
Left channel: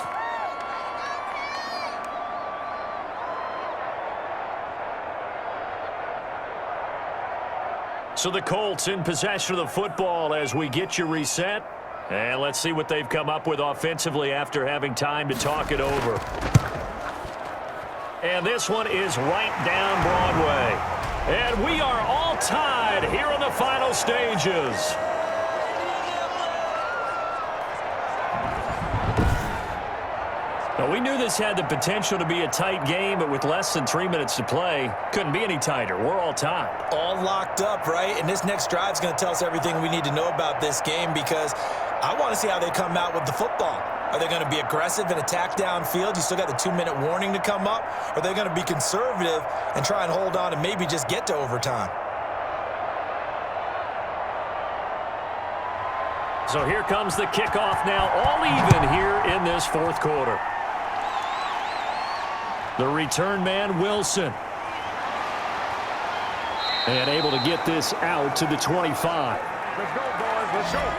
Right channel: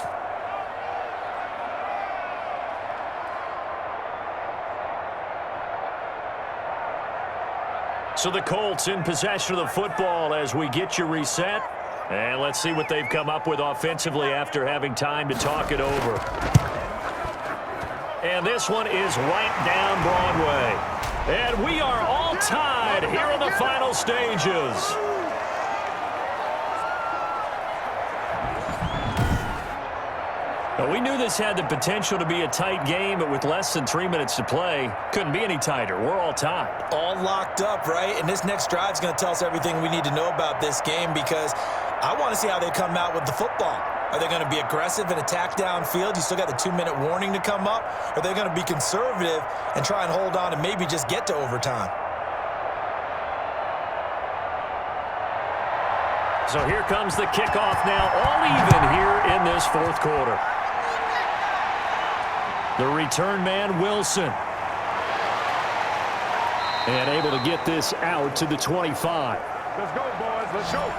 So the Colts in possession of the football as we get you reset. And let's see what they've come up with offensively after having time to talk it over. And this one is right down Broadway. And we are all tied here in the final stages. Now, we knew this had the potential to be a tight game, but with less than 3 minutes to play, couldn't be any tighter. We're all tied. All locked up, right? And this next drive is going to tell us everything we need to know about this game because I want to see how they come out with the football. Are they going to be aggressive and attack downfield? You still got the 2-minute warning to come up? Or are they going to be conservative and try and hold on and maybe just get to overtime? So here comes the kickoff now, all even here in this 4th quarter. The return man, Wilson. And able to get this out to the 25. Let's go, boys. Let's go.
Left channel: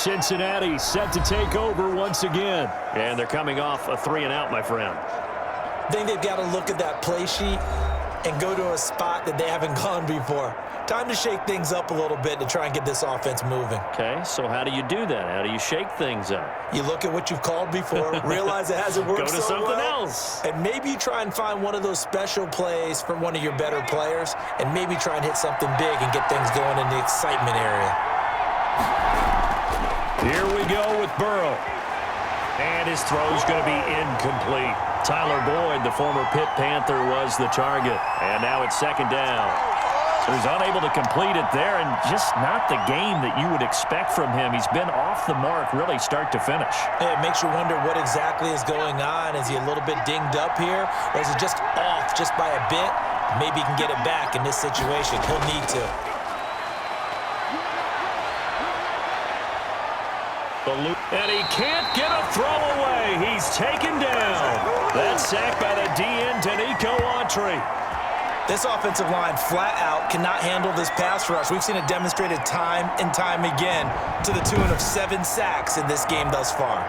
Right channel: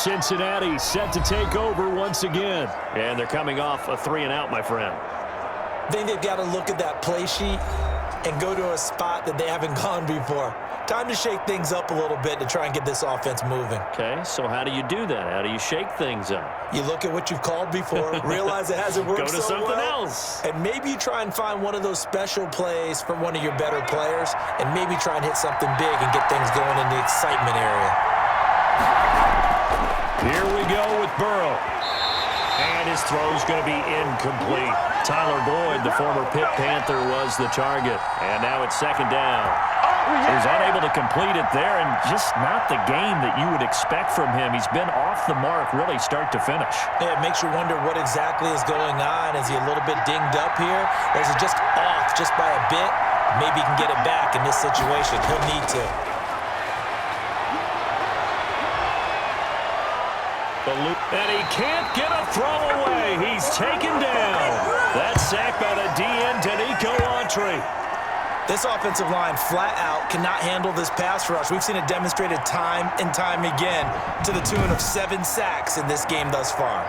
Cincinnati set to take over once again. And they're coming off a 3-and-out, my friend. I think they've got to look at that play sheet and go to a spot that they haven't gone before. Time to shake things up a little bit to try and get this offense moving. Okay, so how do you do that? How do you shake things up? You look at what you've called before, realize it hasn't worked Go to so something well, else. and maybe you try and find one of those special plays from one of your better players, and maybe try and hit something big and get things going in the excitement area. Here we go with Burrow. And his throw's going to be incomplete. Tyler Boyd, the former Pitt Panther, was the target. And now it's second down. So he's unable to complete it there, and just not the game that you would expect from him. He's been off the mark really start to finish. Yeah, it makes you wonder what exactly is going on. Is he a little bit dinged up here, or is he just off just by a bit? Maybe he can get it back in this situation. He'll need to. And he can't get a throw away. He's taken down. That's sacked by the DN, Danico Autry. This offensive line flat out cannot handle this pass rush. We've seen it demonstrated time and time again to the tune of 7 sacks in this game thus far.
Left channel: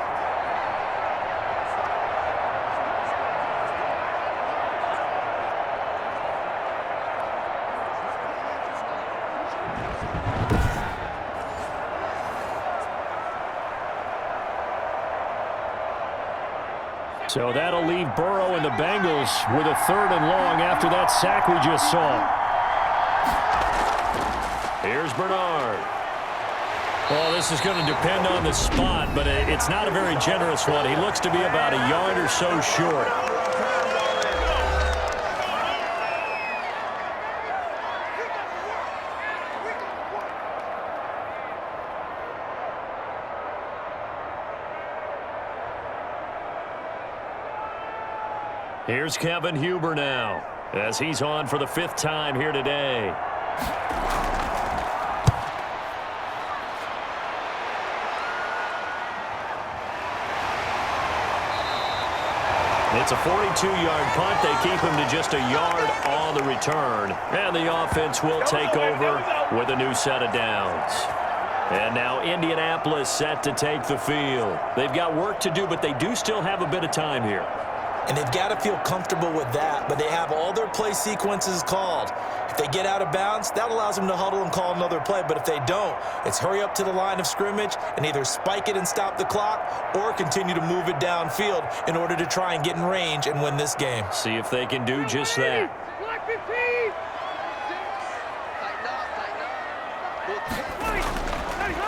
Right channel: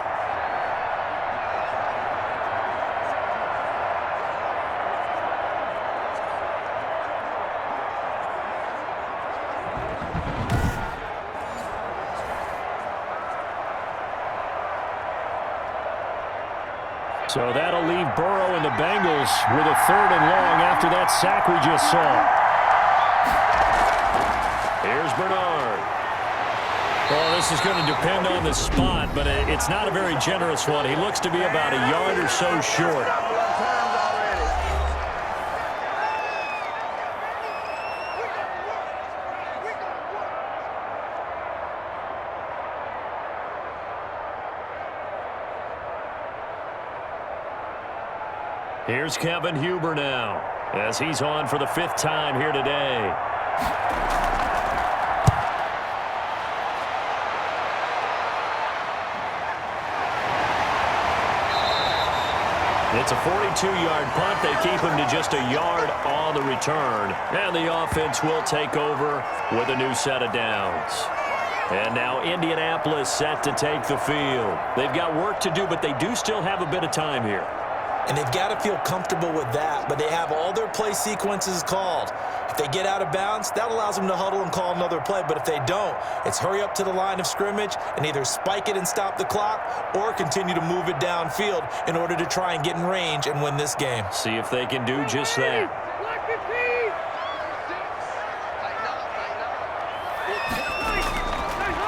So that'll leave Burrow and the Bengals with a 3rd and long after that sack we just saw. Here's Bernard. Well, this is going to depend on the spot, but it's not a very generous one. He looks to be about a yard or so short. Here's Kevin Huber now, as he's on for the 5th time here today. It's a 42-yard punt. They keep him to just a yard on the return. And the offense will take over with a new set of downs. And now Indianapolis set to take the field. They've got work to do, but they do still have a bit of time here. And they've got to feel comfortable with that, but they have all their play sequences called. If they get out of bounds, that allows them to huddle and call another play. But if they don't, it's hurry up to the line of scrimmage and either spike it and stop the clock or continue to move it downfield in order to try and get in range and win this game. See if they can do just that. Black 15.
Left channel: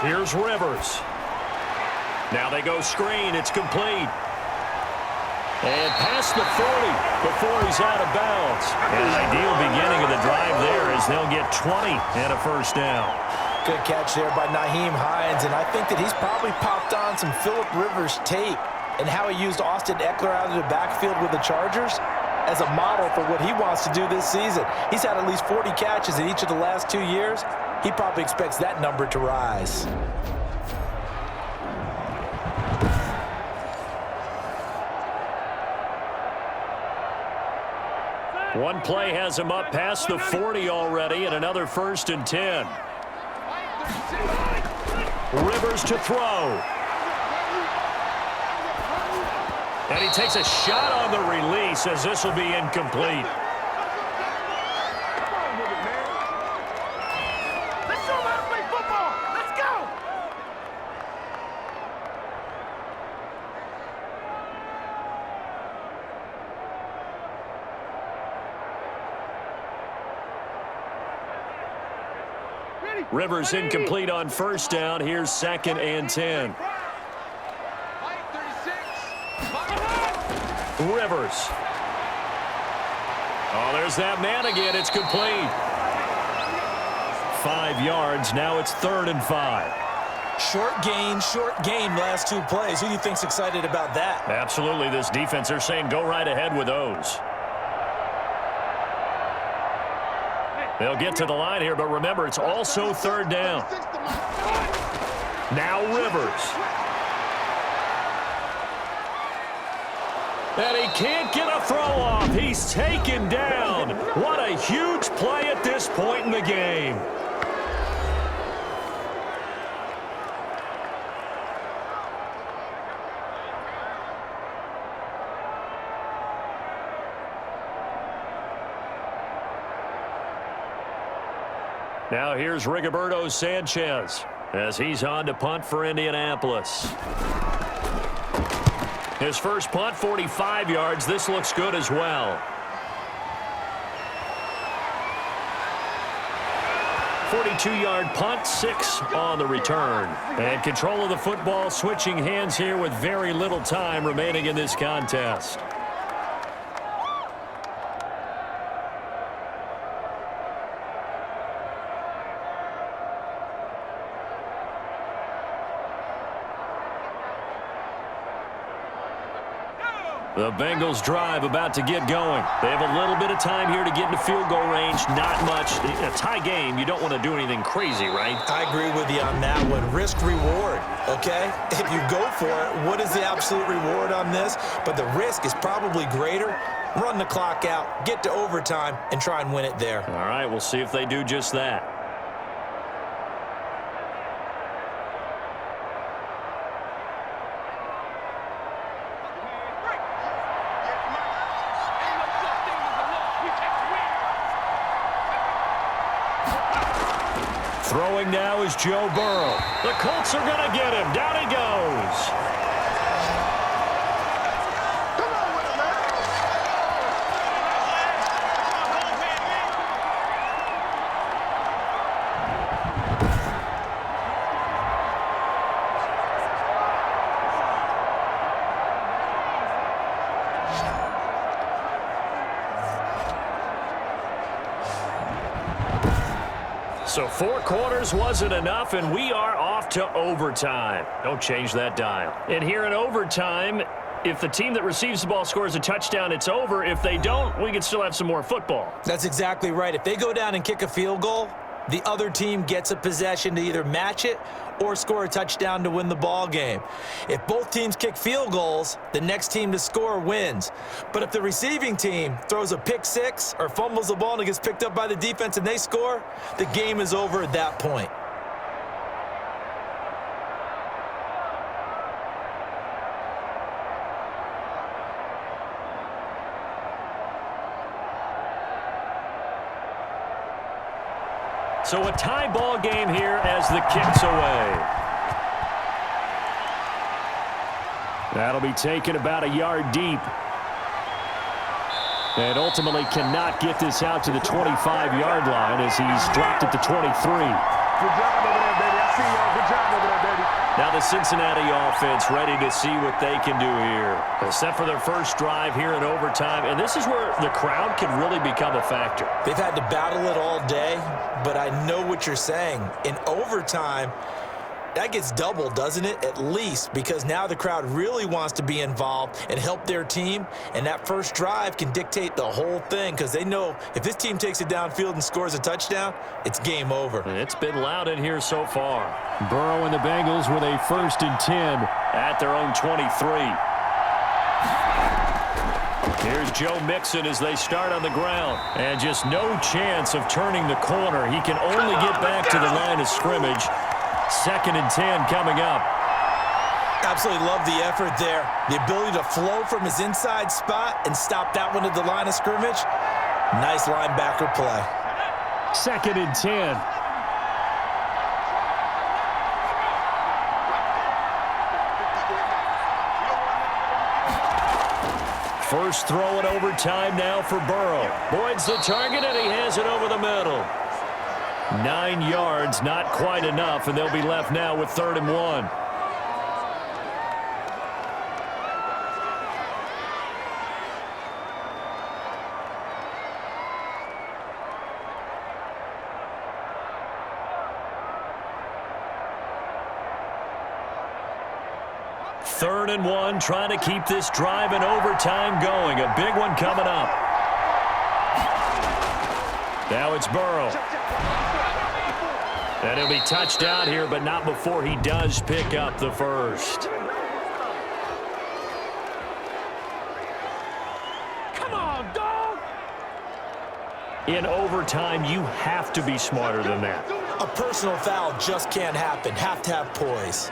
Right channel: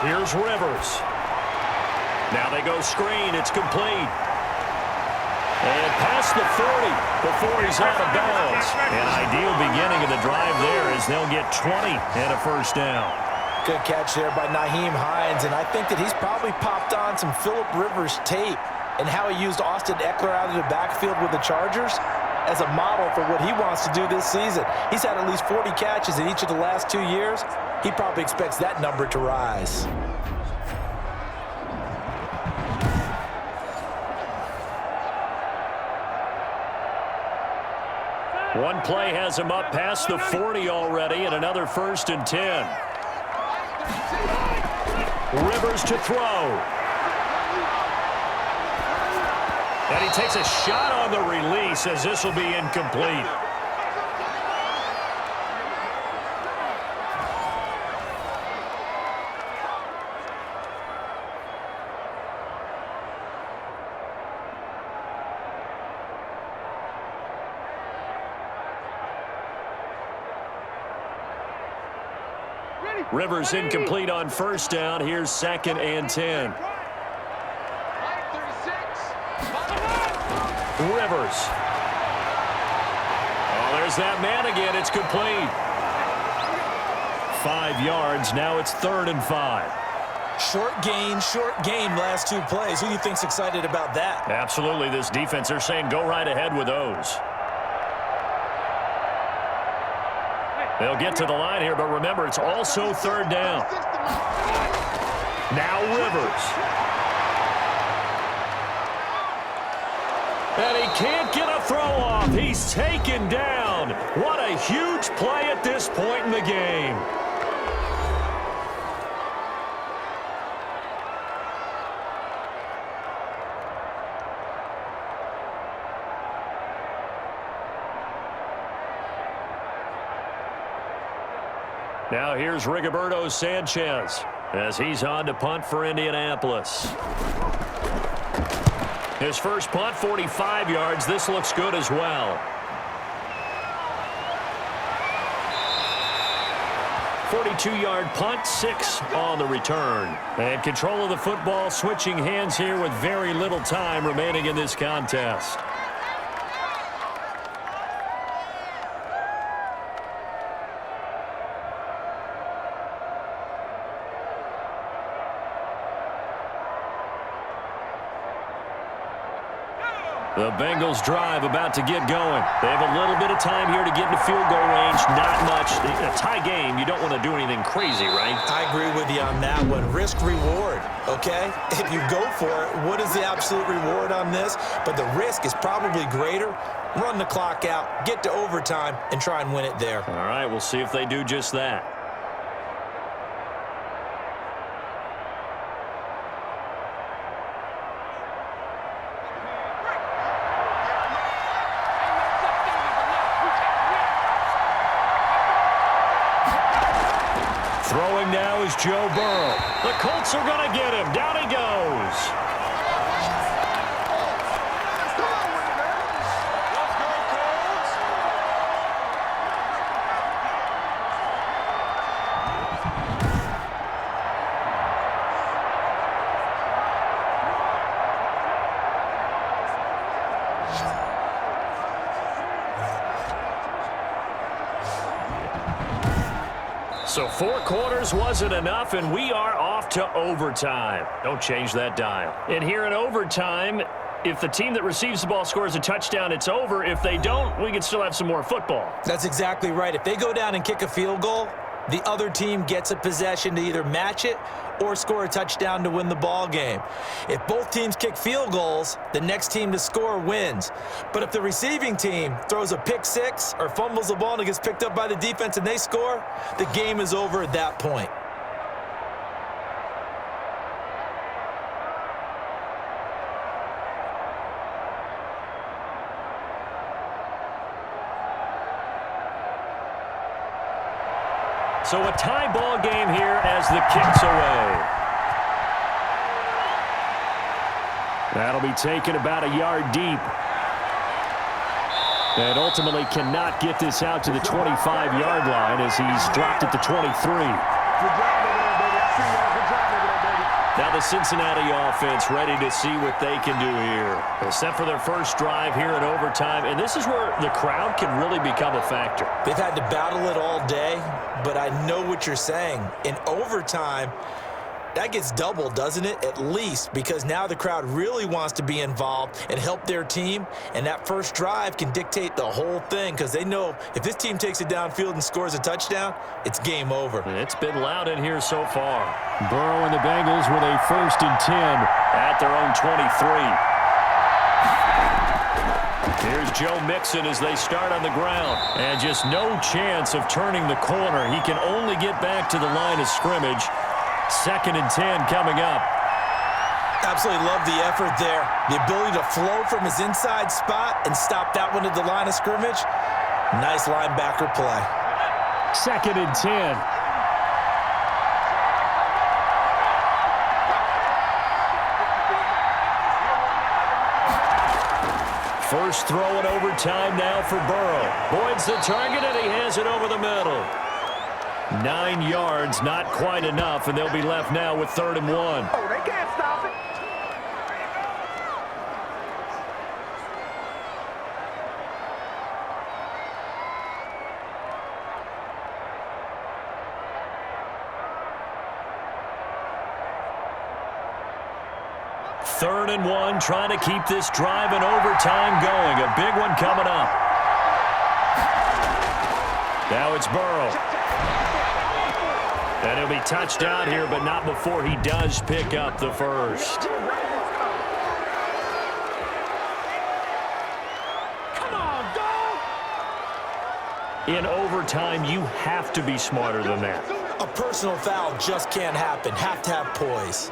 Here's Rivers. Now they go screen. It's complete. And past the 40 before he's out of bounds. An ideal beginning of the drive there as they'll get 20 and a 1st down. Good catch there by Nyheim Hines, and I think that he's probably popped on some Phillip Rivers tape and how he used Austin Eckler out of the backfield with the Chargers as a model for what he wants to do this season. He's had at least 40 catches in each of the last 2 years. He probably expects that number to rise. One play has him up past the 40 already, and another 1st and 10. Rivers to throw. And he takes a shot on the release as this will be incomplete. Let's show them how to play football. Let's go. Rivers incomplete on 1st down. Here's 2nd and 10. Rivers. Oh, there's that man again. It's complete. 5 yards. Now it's 3rd and 5. Short gain last 2 plays. Who do you think's excited about that? Absolutely. This defense, they're saying go right ahead with those. They'll get to the line here, but remember, it's also 3rd down. Now Rivers. And he can't get a throw off. He's taken down. What a huge play at this point in the game. Now here's Rigoberto Sanchez as he's on to punt for Indianapolis. His first punt, 45 yards. This looks good as well. 42-yard punt, 6 on the return. And control of the football, switching hands here with very little time remaining in this contest. The Bengals drive about to get going. They have a little bit of time here to get into field goal range. Not much. A tie game, you don't want to do anything crazy, right? I agree with you on that one. Risk-reward, okay? If you go for it, what is the absolute reward on this? But the risk is probably greater. Run the clock out, get to overtime, and try and win it there. All right, we'll see if they do just that. Throwing now is Joe Burrow. The Colts are going to get him. Down he goes. Come on with it, man. So 4 quarters wasn't enough, and we are off to overtime. Don't change that dial. And here in overtime, if the team that receives the ball scores a touchdown, it's over. If they don't, we can still have some more football. That's exactly right. If they go down and kick a field goal, the other team gets a possession to either match it or score a touchdown to win the ball game. If both teams kick field goals, the next team to score wins. But if the receiving team throws a pick six or fumbles the ball and it gets picked up by the defense and they score, the game is over at that point. So a tie ball game here as the kick's away. That'll be taken about a yard deep. And ultimately cannot get this out to the 25-yard line as he's dropped it to 23. Good job over there, baby. I see y'all. Good job over there, baby. Now the Cincinnati offense ready to see what they can do here. They're set for their first drive here in overtime, and this is where the crowd can really become a factor. They've had to battle it all day, but I know what you're saying. In overtime, that gets doubled, doesn't it? At least, because now the crowd really wants to be involved and help their team, and that first drive can dictate the whole thing because they know if this team takes it downfield and scores a touchdown, it's game over. And it's been loud in here so far. Burrow and the Bengals with a 1st and 10 at their own 23. Here's Joe Mixon as they start on the ground. And just no chance of turning the corner. He can only get back to the line of scrimmage. 2nd and 10 coming up. Absolutely love the effort there. The ability to flow from his inside spot and stop that one at the line of scrimmage. Nice linebacker play. 2nd and 10. First throw in overtime now for Burrow. Boyd's the target, and he has it over the middle. 9 yards, not quite enough, and they'll be left now with 3rd and 1. Third and 1, trying to keep this drive in overtime going. A big one coming up. Now it's Burrow. And he'll be touched down here, but not before he does pick up the first. Come on, dog. In overtime, you have to be smarter than that. A personal foul just can't happen. Have to have poise.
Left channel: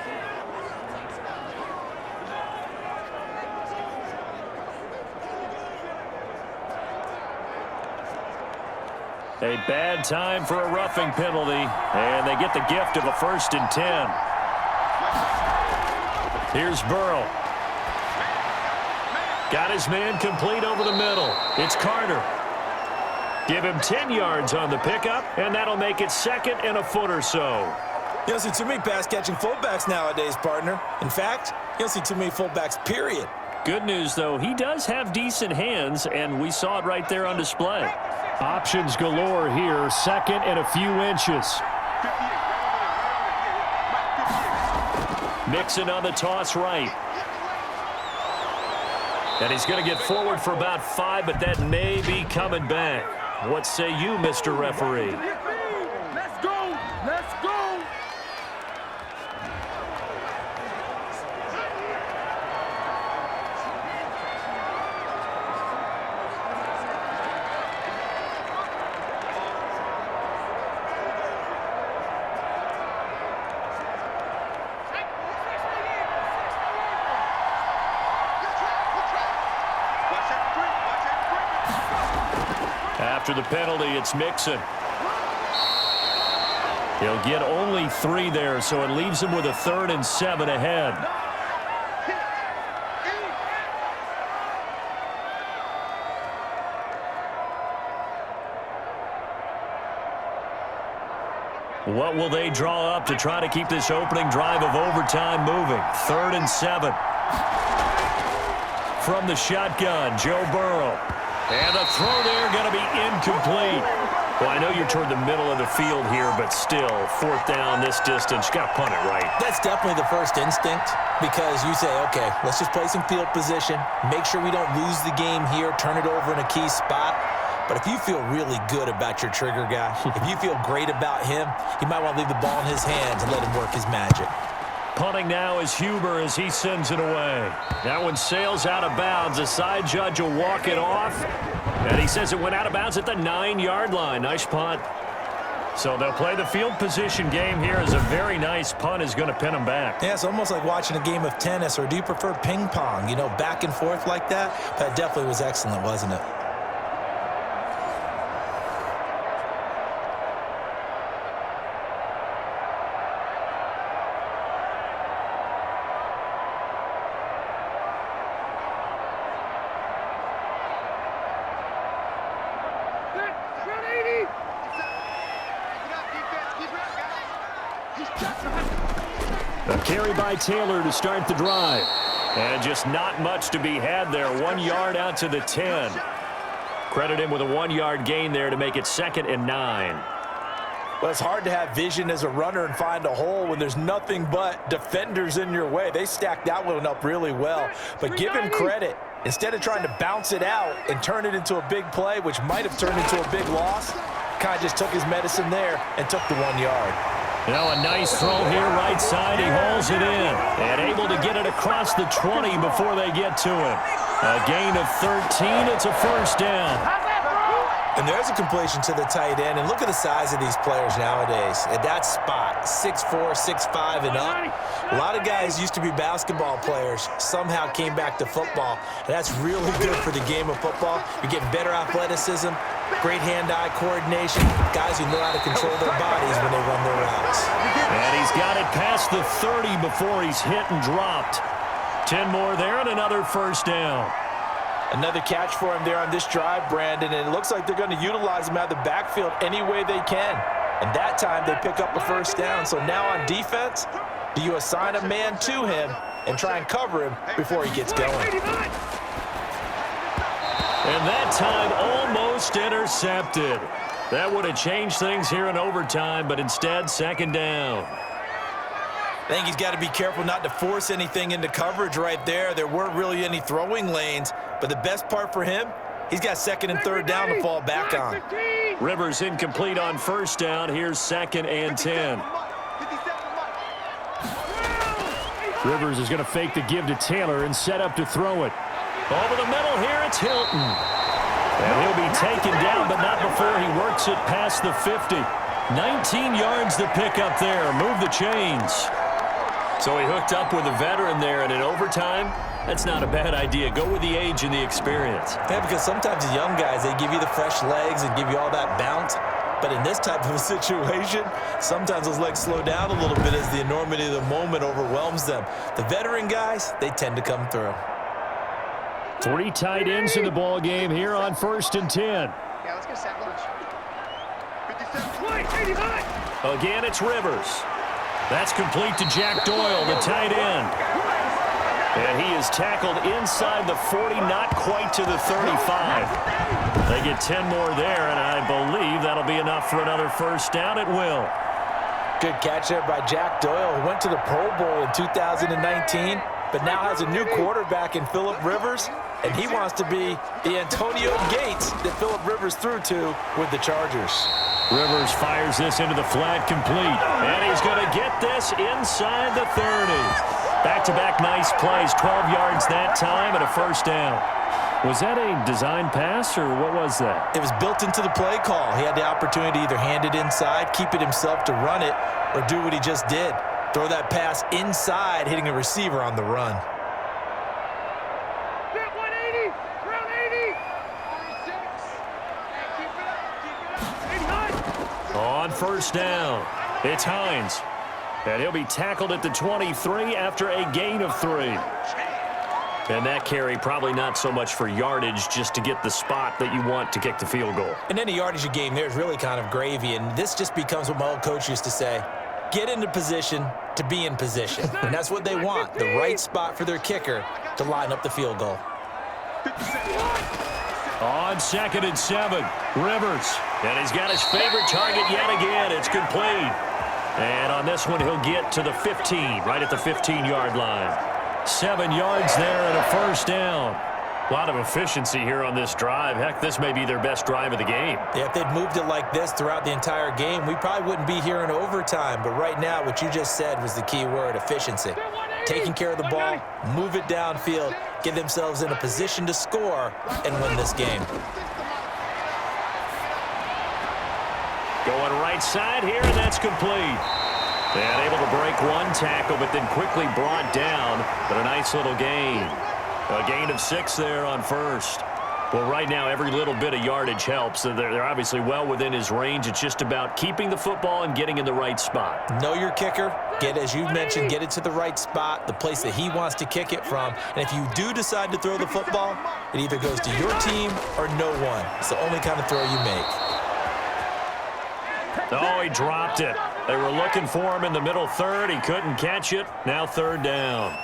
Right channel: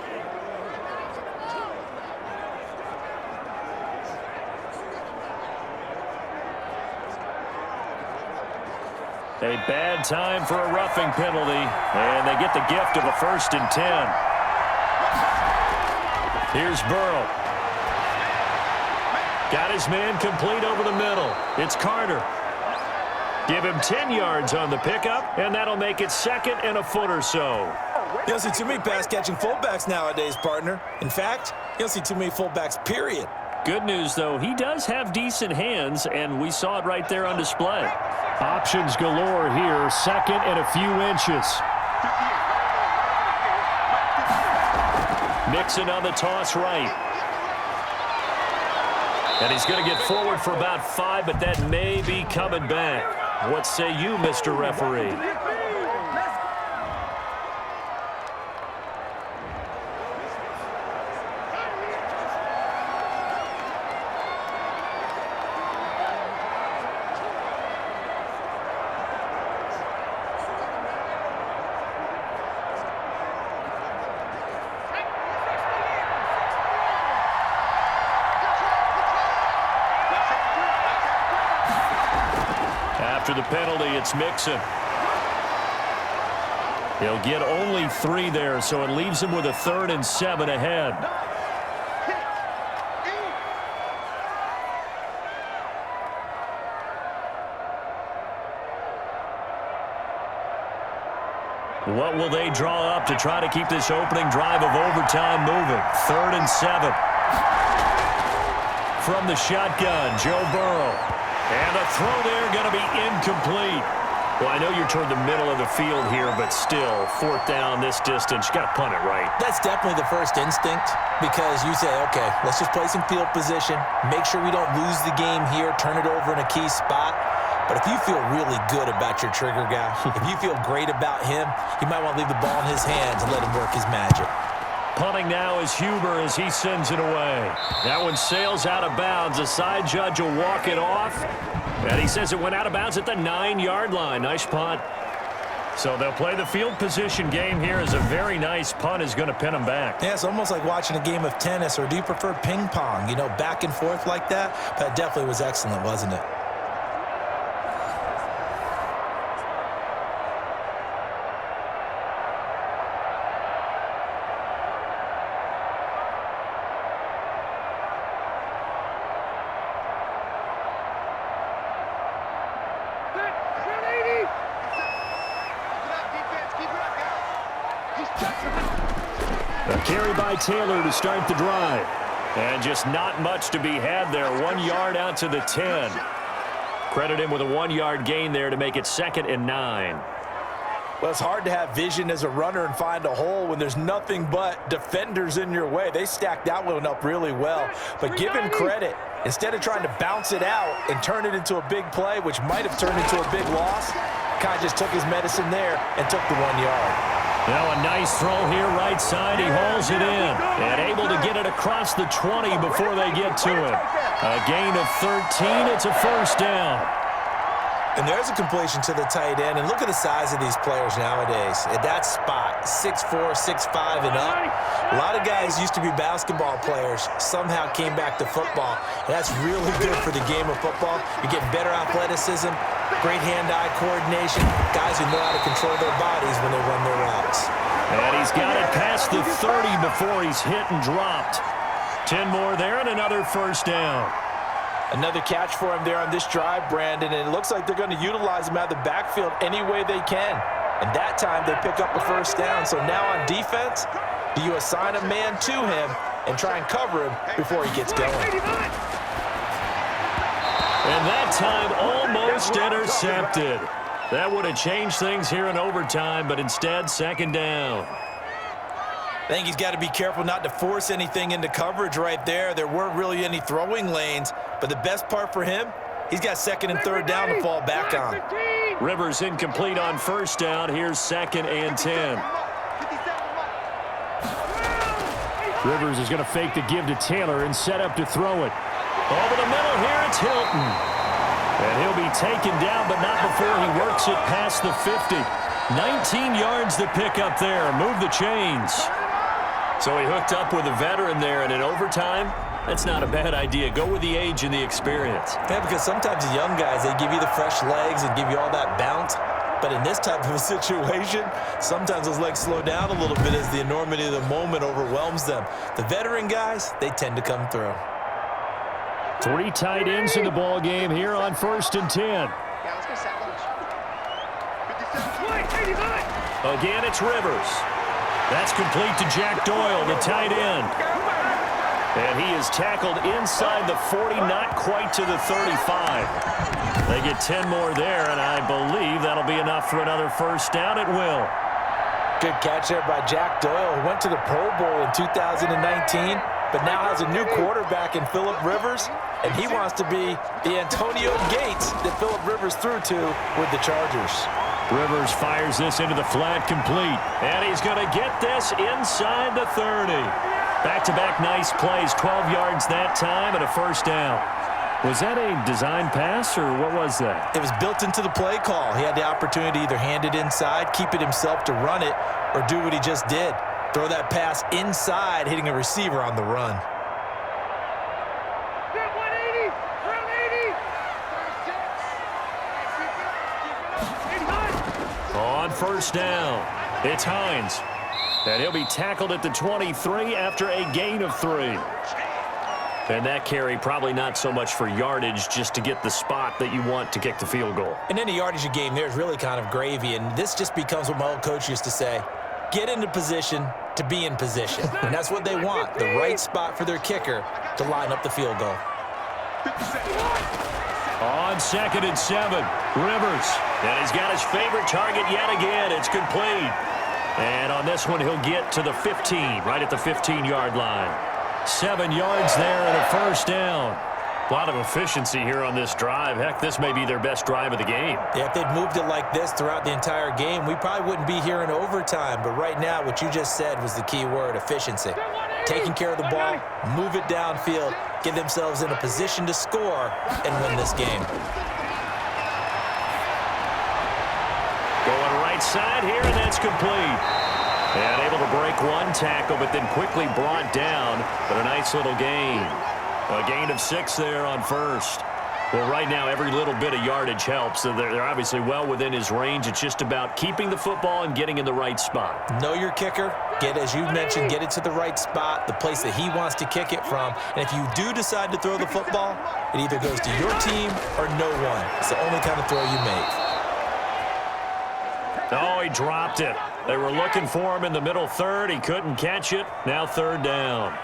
A bad time for a roughing penalty, and they get the gift of a 1st and 10. Here's Burrow. Got his man complete over the middle. It's Carter. Give him 10 yards on the pickup, and that'll make it 2nd and a foot or so. You don't see too many pass-catching fullbacks nowadays, partner. In fact, you don't see too many fullbacks, period. Good news, though, he does have decent hands, and we saw it right there on display. Options galore here, 2nd and a few inches. Mixon on the toss right. And he's going to get forward for about 5, but that may be coming back. What say you, Mr. Referee? Let's go. Let's go. After the penalty, it's Mixon. He'll get only 3 there, so it leaves him with a 3rd and 7 ahead. What will they draw up to try to keep this opening drive of overtime moving? 3rd and 7. From the shotgun, Joe Burrow. And the throw there going to be incomplete. Well, I know you're toward the middle of the field here, but still, 4th down this distance, you got to punt it right. That's definitely the first instinct because you say, okay, let's just play some field position, make sure we don't lose the game here, turn it over in a key spot. But if you feel really good about your trigger guy, if you feel great about him, you might want to leave the ball in his hands and let him work his magic. Punting now is Huber as he sends it away. That one sails out of bounds. The side judge will walk it off. And he says it went out of bounds at the 9-yard line. Nice punt. So they'll play the field position game here as a very nice punt is going to pin them back. Yeah, it's almost like watching a game of tennis, or do you prefer ping pong? You know, back and forth like that? But it definitely was excellent, wasn't it? A carry by Taylor to start the drive. And just not much to be had there. 1 yard out to the 10. Credit him with a 1-yard gain there to make it 2nd and 9. Well, it's hard to have vision as a runner and find a hole when there's nothing but defenders in your way. They stacked that one up really well. But give him credit. Instead of trying to bounce it out and turn it into a big play, which might have turned into a big loss, kind of just took his medicine there and took the 1 yard. Now a nice throw here right side. He hauls it in and able to get it across the 20 before they get to him. A gain of 13. It's a 1st down. And there's a completion to the tight end. And look at the size of these players nowadays. At that spot, 6'4", 6'5", and up. A lot of guys used to be basketball players, somehow came back to football. And that's really good for the game of football. You're getting better athleticism, great hand-eye coordination, guys who know how to control their bodies when they run their routes. And he's got it past the 30 before he's hit and dropped. 10 more there and another 1st down. Another catch for him there on this drive, Brandon, and it looks like they're going to utilize him out of the backfield any way they can. And that time they pick up a 1st down. So now on defense, do you assign a man to him and try and cover him before he gets going? And that time almost intercepted. That would have changed things here in overtime, but instead 2nd down. I think he's got to be careful not to force anything into coverage right there. There weren't really any throwing lanes, but the best part for him, he's got 2nd and 3rd down to fall back on. Rivers incomplete on 1st down. Here's 2nd and 10. Rivers is going to fake the give to Taylor and set up to throw it. Over the middle here, it's Hilton. And he'll be taken down, but not before he works it past the 50. 19 yards to pick up there. Move the chains. So he hooked up with a veteran there, and in overtime, that's not a bad idea. Go with the age and the experience. Yeah, because sometimes the young guys, they give you the fresh legs and give you all that bounce. But in this type of a situation, sometimes those legs slow down a little bit as the enormity of the moment overwhelms them. The veteran guys, they tend to come through. 3 tight ends in the ball game here on 1st and 10. Yeah, let's go sack lunch. 57. Again, it's Rivers. That's complete to Jack Doyle, the tight end. And he is tackled inside the 40, not quite to the 35. They get 10 more there, and I believe that'll be enough for another first down. It will. Good catch there by Jack Doyle, who went to the Pro Bowl in 2019, but now has a new quarterback in Phillip Rivers, and he wants to be the Antonio Gates that Phillip Rivers threw to with the Chargers. Rivers fires this into the flat, complete. And he's going to get this inside the 30. Back-to-back nice plays, 12 yards that time and a first down. Was that a design pass, or what was that? It was built into the play call. He had the opportunity to either hand it inside, keep it himself to run it, or do what he just did. Throw that pass inside, hitting a receiver on the run. Step 180, round 80. 36. Hey, keep it up, 89. On first down, it's Hines. And he'll be tackled at the 23 after a gain of 3. And that carry probably not so much for yardage, just to get the spot that you want to kick the field goal. And any yardage you gain there is really kind of gravy, and this just becomes what my old coach used to say: get into position to be in position. And that's what they want, the right spot for their kicker to line up the field goal. On 2nd and 7, Rivers. And he's got his favorite target yet again. It's complete. And on this one, he'll get to the 15, right at the 15-yard line. 7 yards there and a first down. A lot of efficiency here on this drive. Heck, this may be their best drive of the game. Yeah, if they'd moved it like this throughout the entire game, we probably wouldn't be here in overtime. But right now, what you just said was the key word: efficiency. Taking care of the ball, move it downfield, get themselves in a position to score, and win this game. Going right side here, and that's complete. And able to break one tackle, but then quickly brought down. But a nice little gain. A gain of 6 there on first. Well, right now, every little bit of yardage helps. So they're obviously well within his range. It's just about keeping the football and getting in the right spot. Know your kicker. Get, as you mentioned, get it to the right spot, the place that he wants to kick it from. And if you do decide to throw the football, it either goes to your team or no one. It's the only kind of throw you make. Oh, he dropped it. They were looking for him in the middle third. He couldn't catch it. Now 3rd down.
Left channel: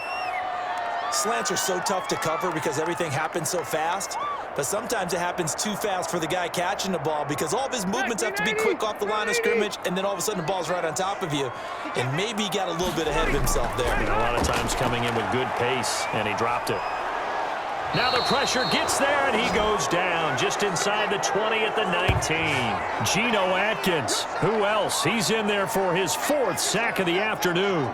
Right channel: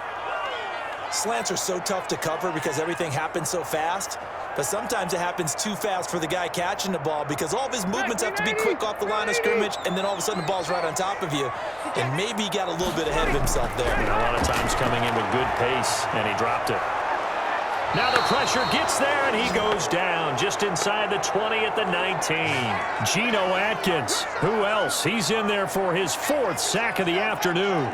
Slants are so tough to cover because everything happens so fast. But sometimes it happens too fast for the guy catching the ball because all of his movements have to be quick off the line of scrimmage, and then all of a sudden the ball's right on top of you. And maybe he got a little bit ahead of himself there. And a lot of times coming in with good pace, and he dropped it. Now the pressure gets there, and he goes down just inside the 20 at the 19. Geno Atkins, who else? He's in there for his 4th sack of the afternoon.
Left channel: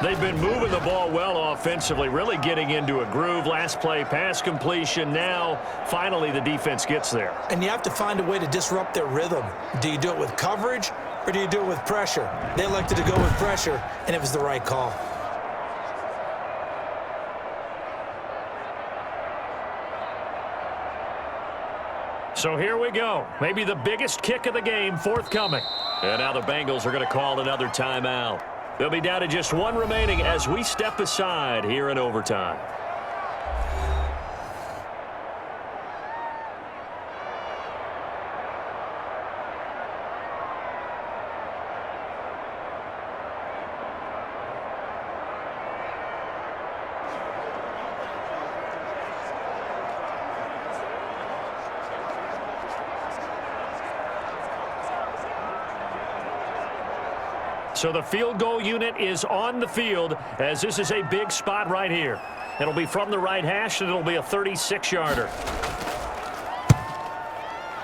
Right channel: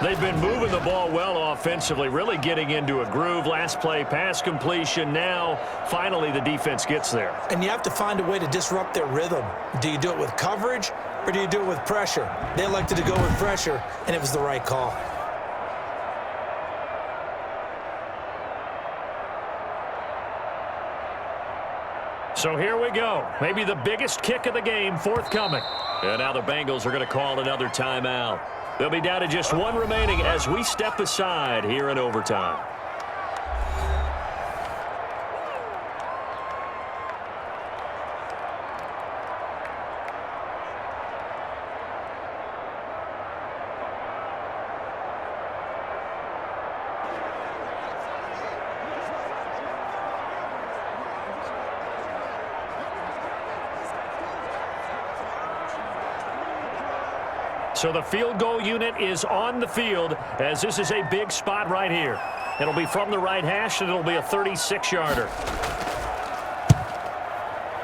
They've been moving the ball well offensively, really getting into a groove. Last play, pass completion. Now, finally, the defense gets there. And you have to find a way to disrupt their rhythm. Do you do it with coverage, or do you do it with pressure? They elected to go with pressure, and it was the right call. So here we go. Maybe the biggest kick of the game forthcoming. And now the Bengals are going to call another timeout. They'll be down to just 1 remaining as we step aside here in overtime. So the field goal unit is on the field as this is a big spot right here. It'll be from the right hash, and it'll be a 36-yarder.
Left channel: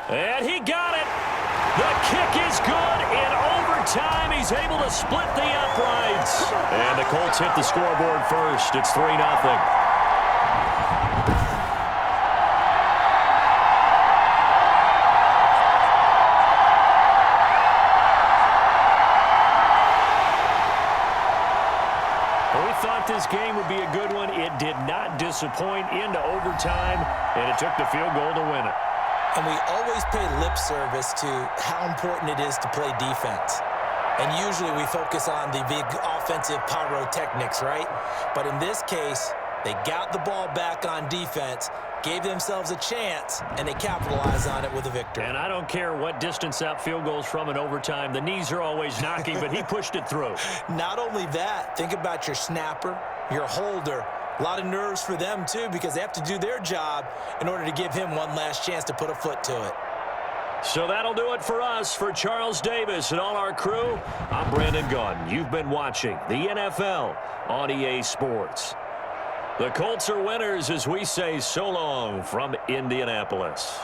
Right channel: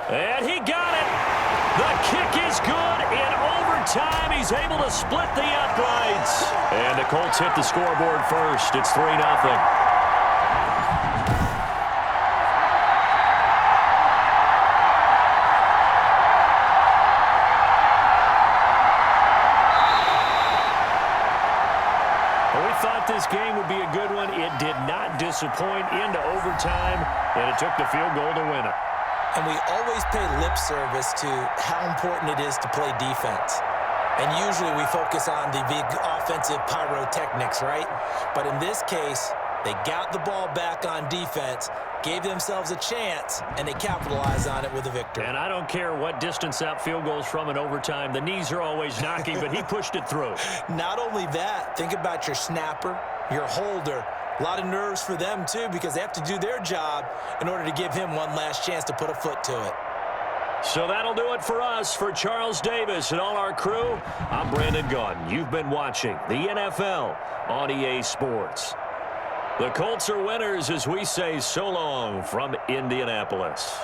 And he got it. The kick is good. In overtime, he's able to split the uprights. And the Colts hit the scoreboard first. It's 3-0. Thought this game would be a good one. It did not disappoint into overtime, and it took the field goal to win it. And we always pay lip service to how important it is to play defense. And usually we focus on the big offensive pyrotechnics, right? But in this case, they got the ball back on defense, gave themselves a chance, and they capitalized on it with a victory. And I don't care what distance that field goes from in overtime. The knees are always knocking, but he pushed it through. Not only that, think about your snapper, your holder. A lot of nerves for them, too, because they have to do their job in order to give him one last chance to put a foot to it. So that'll do it for us. For Charles Davis and all our crew, I'm Brandon Gaudin. You've been watching the NFL on EA Sports. The Colts are winners as we say so long from Indianapolis.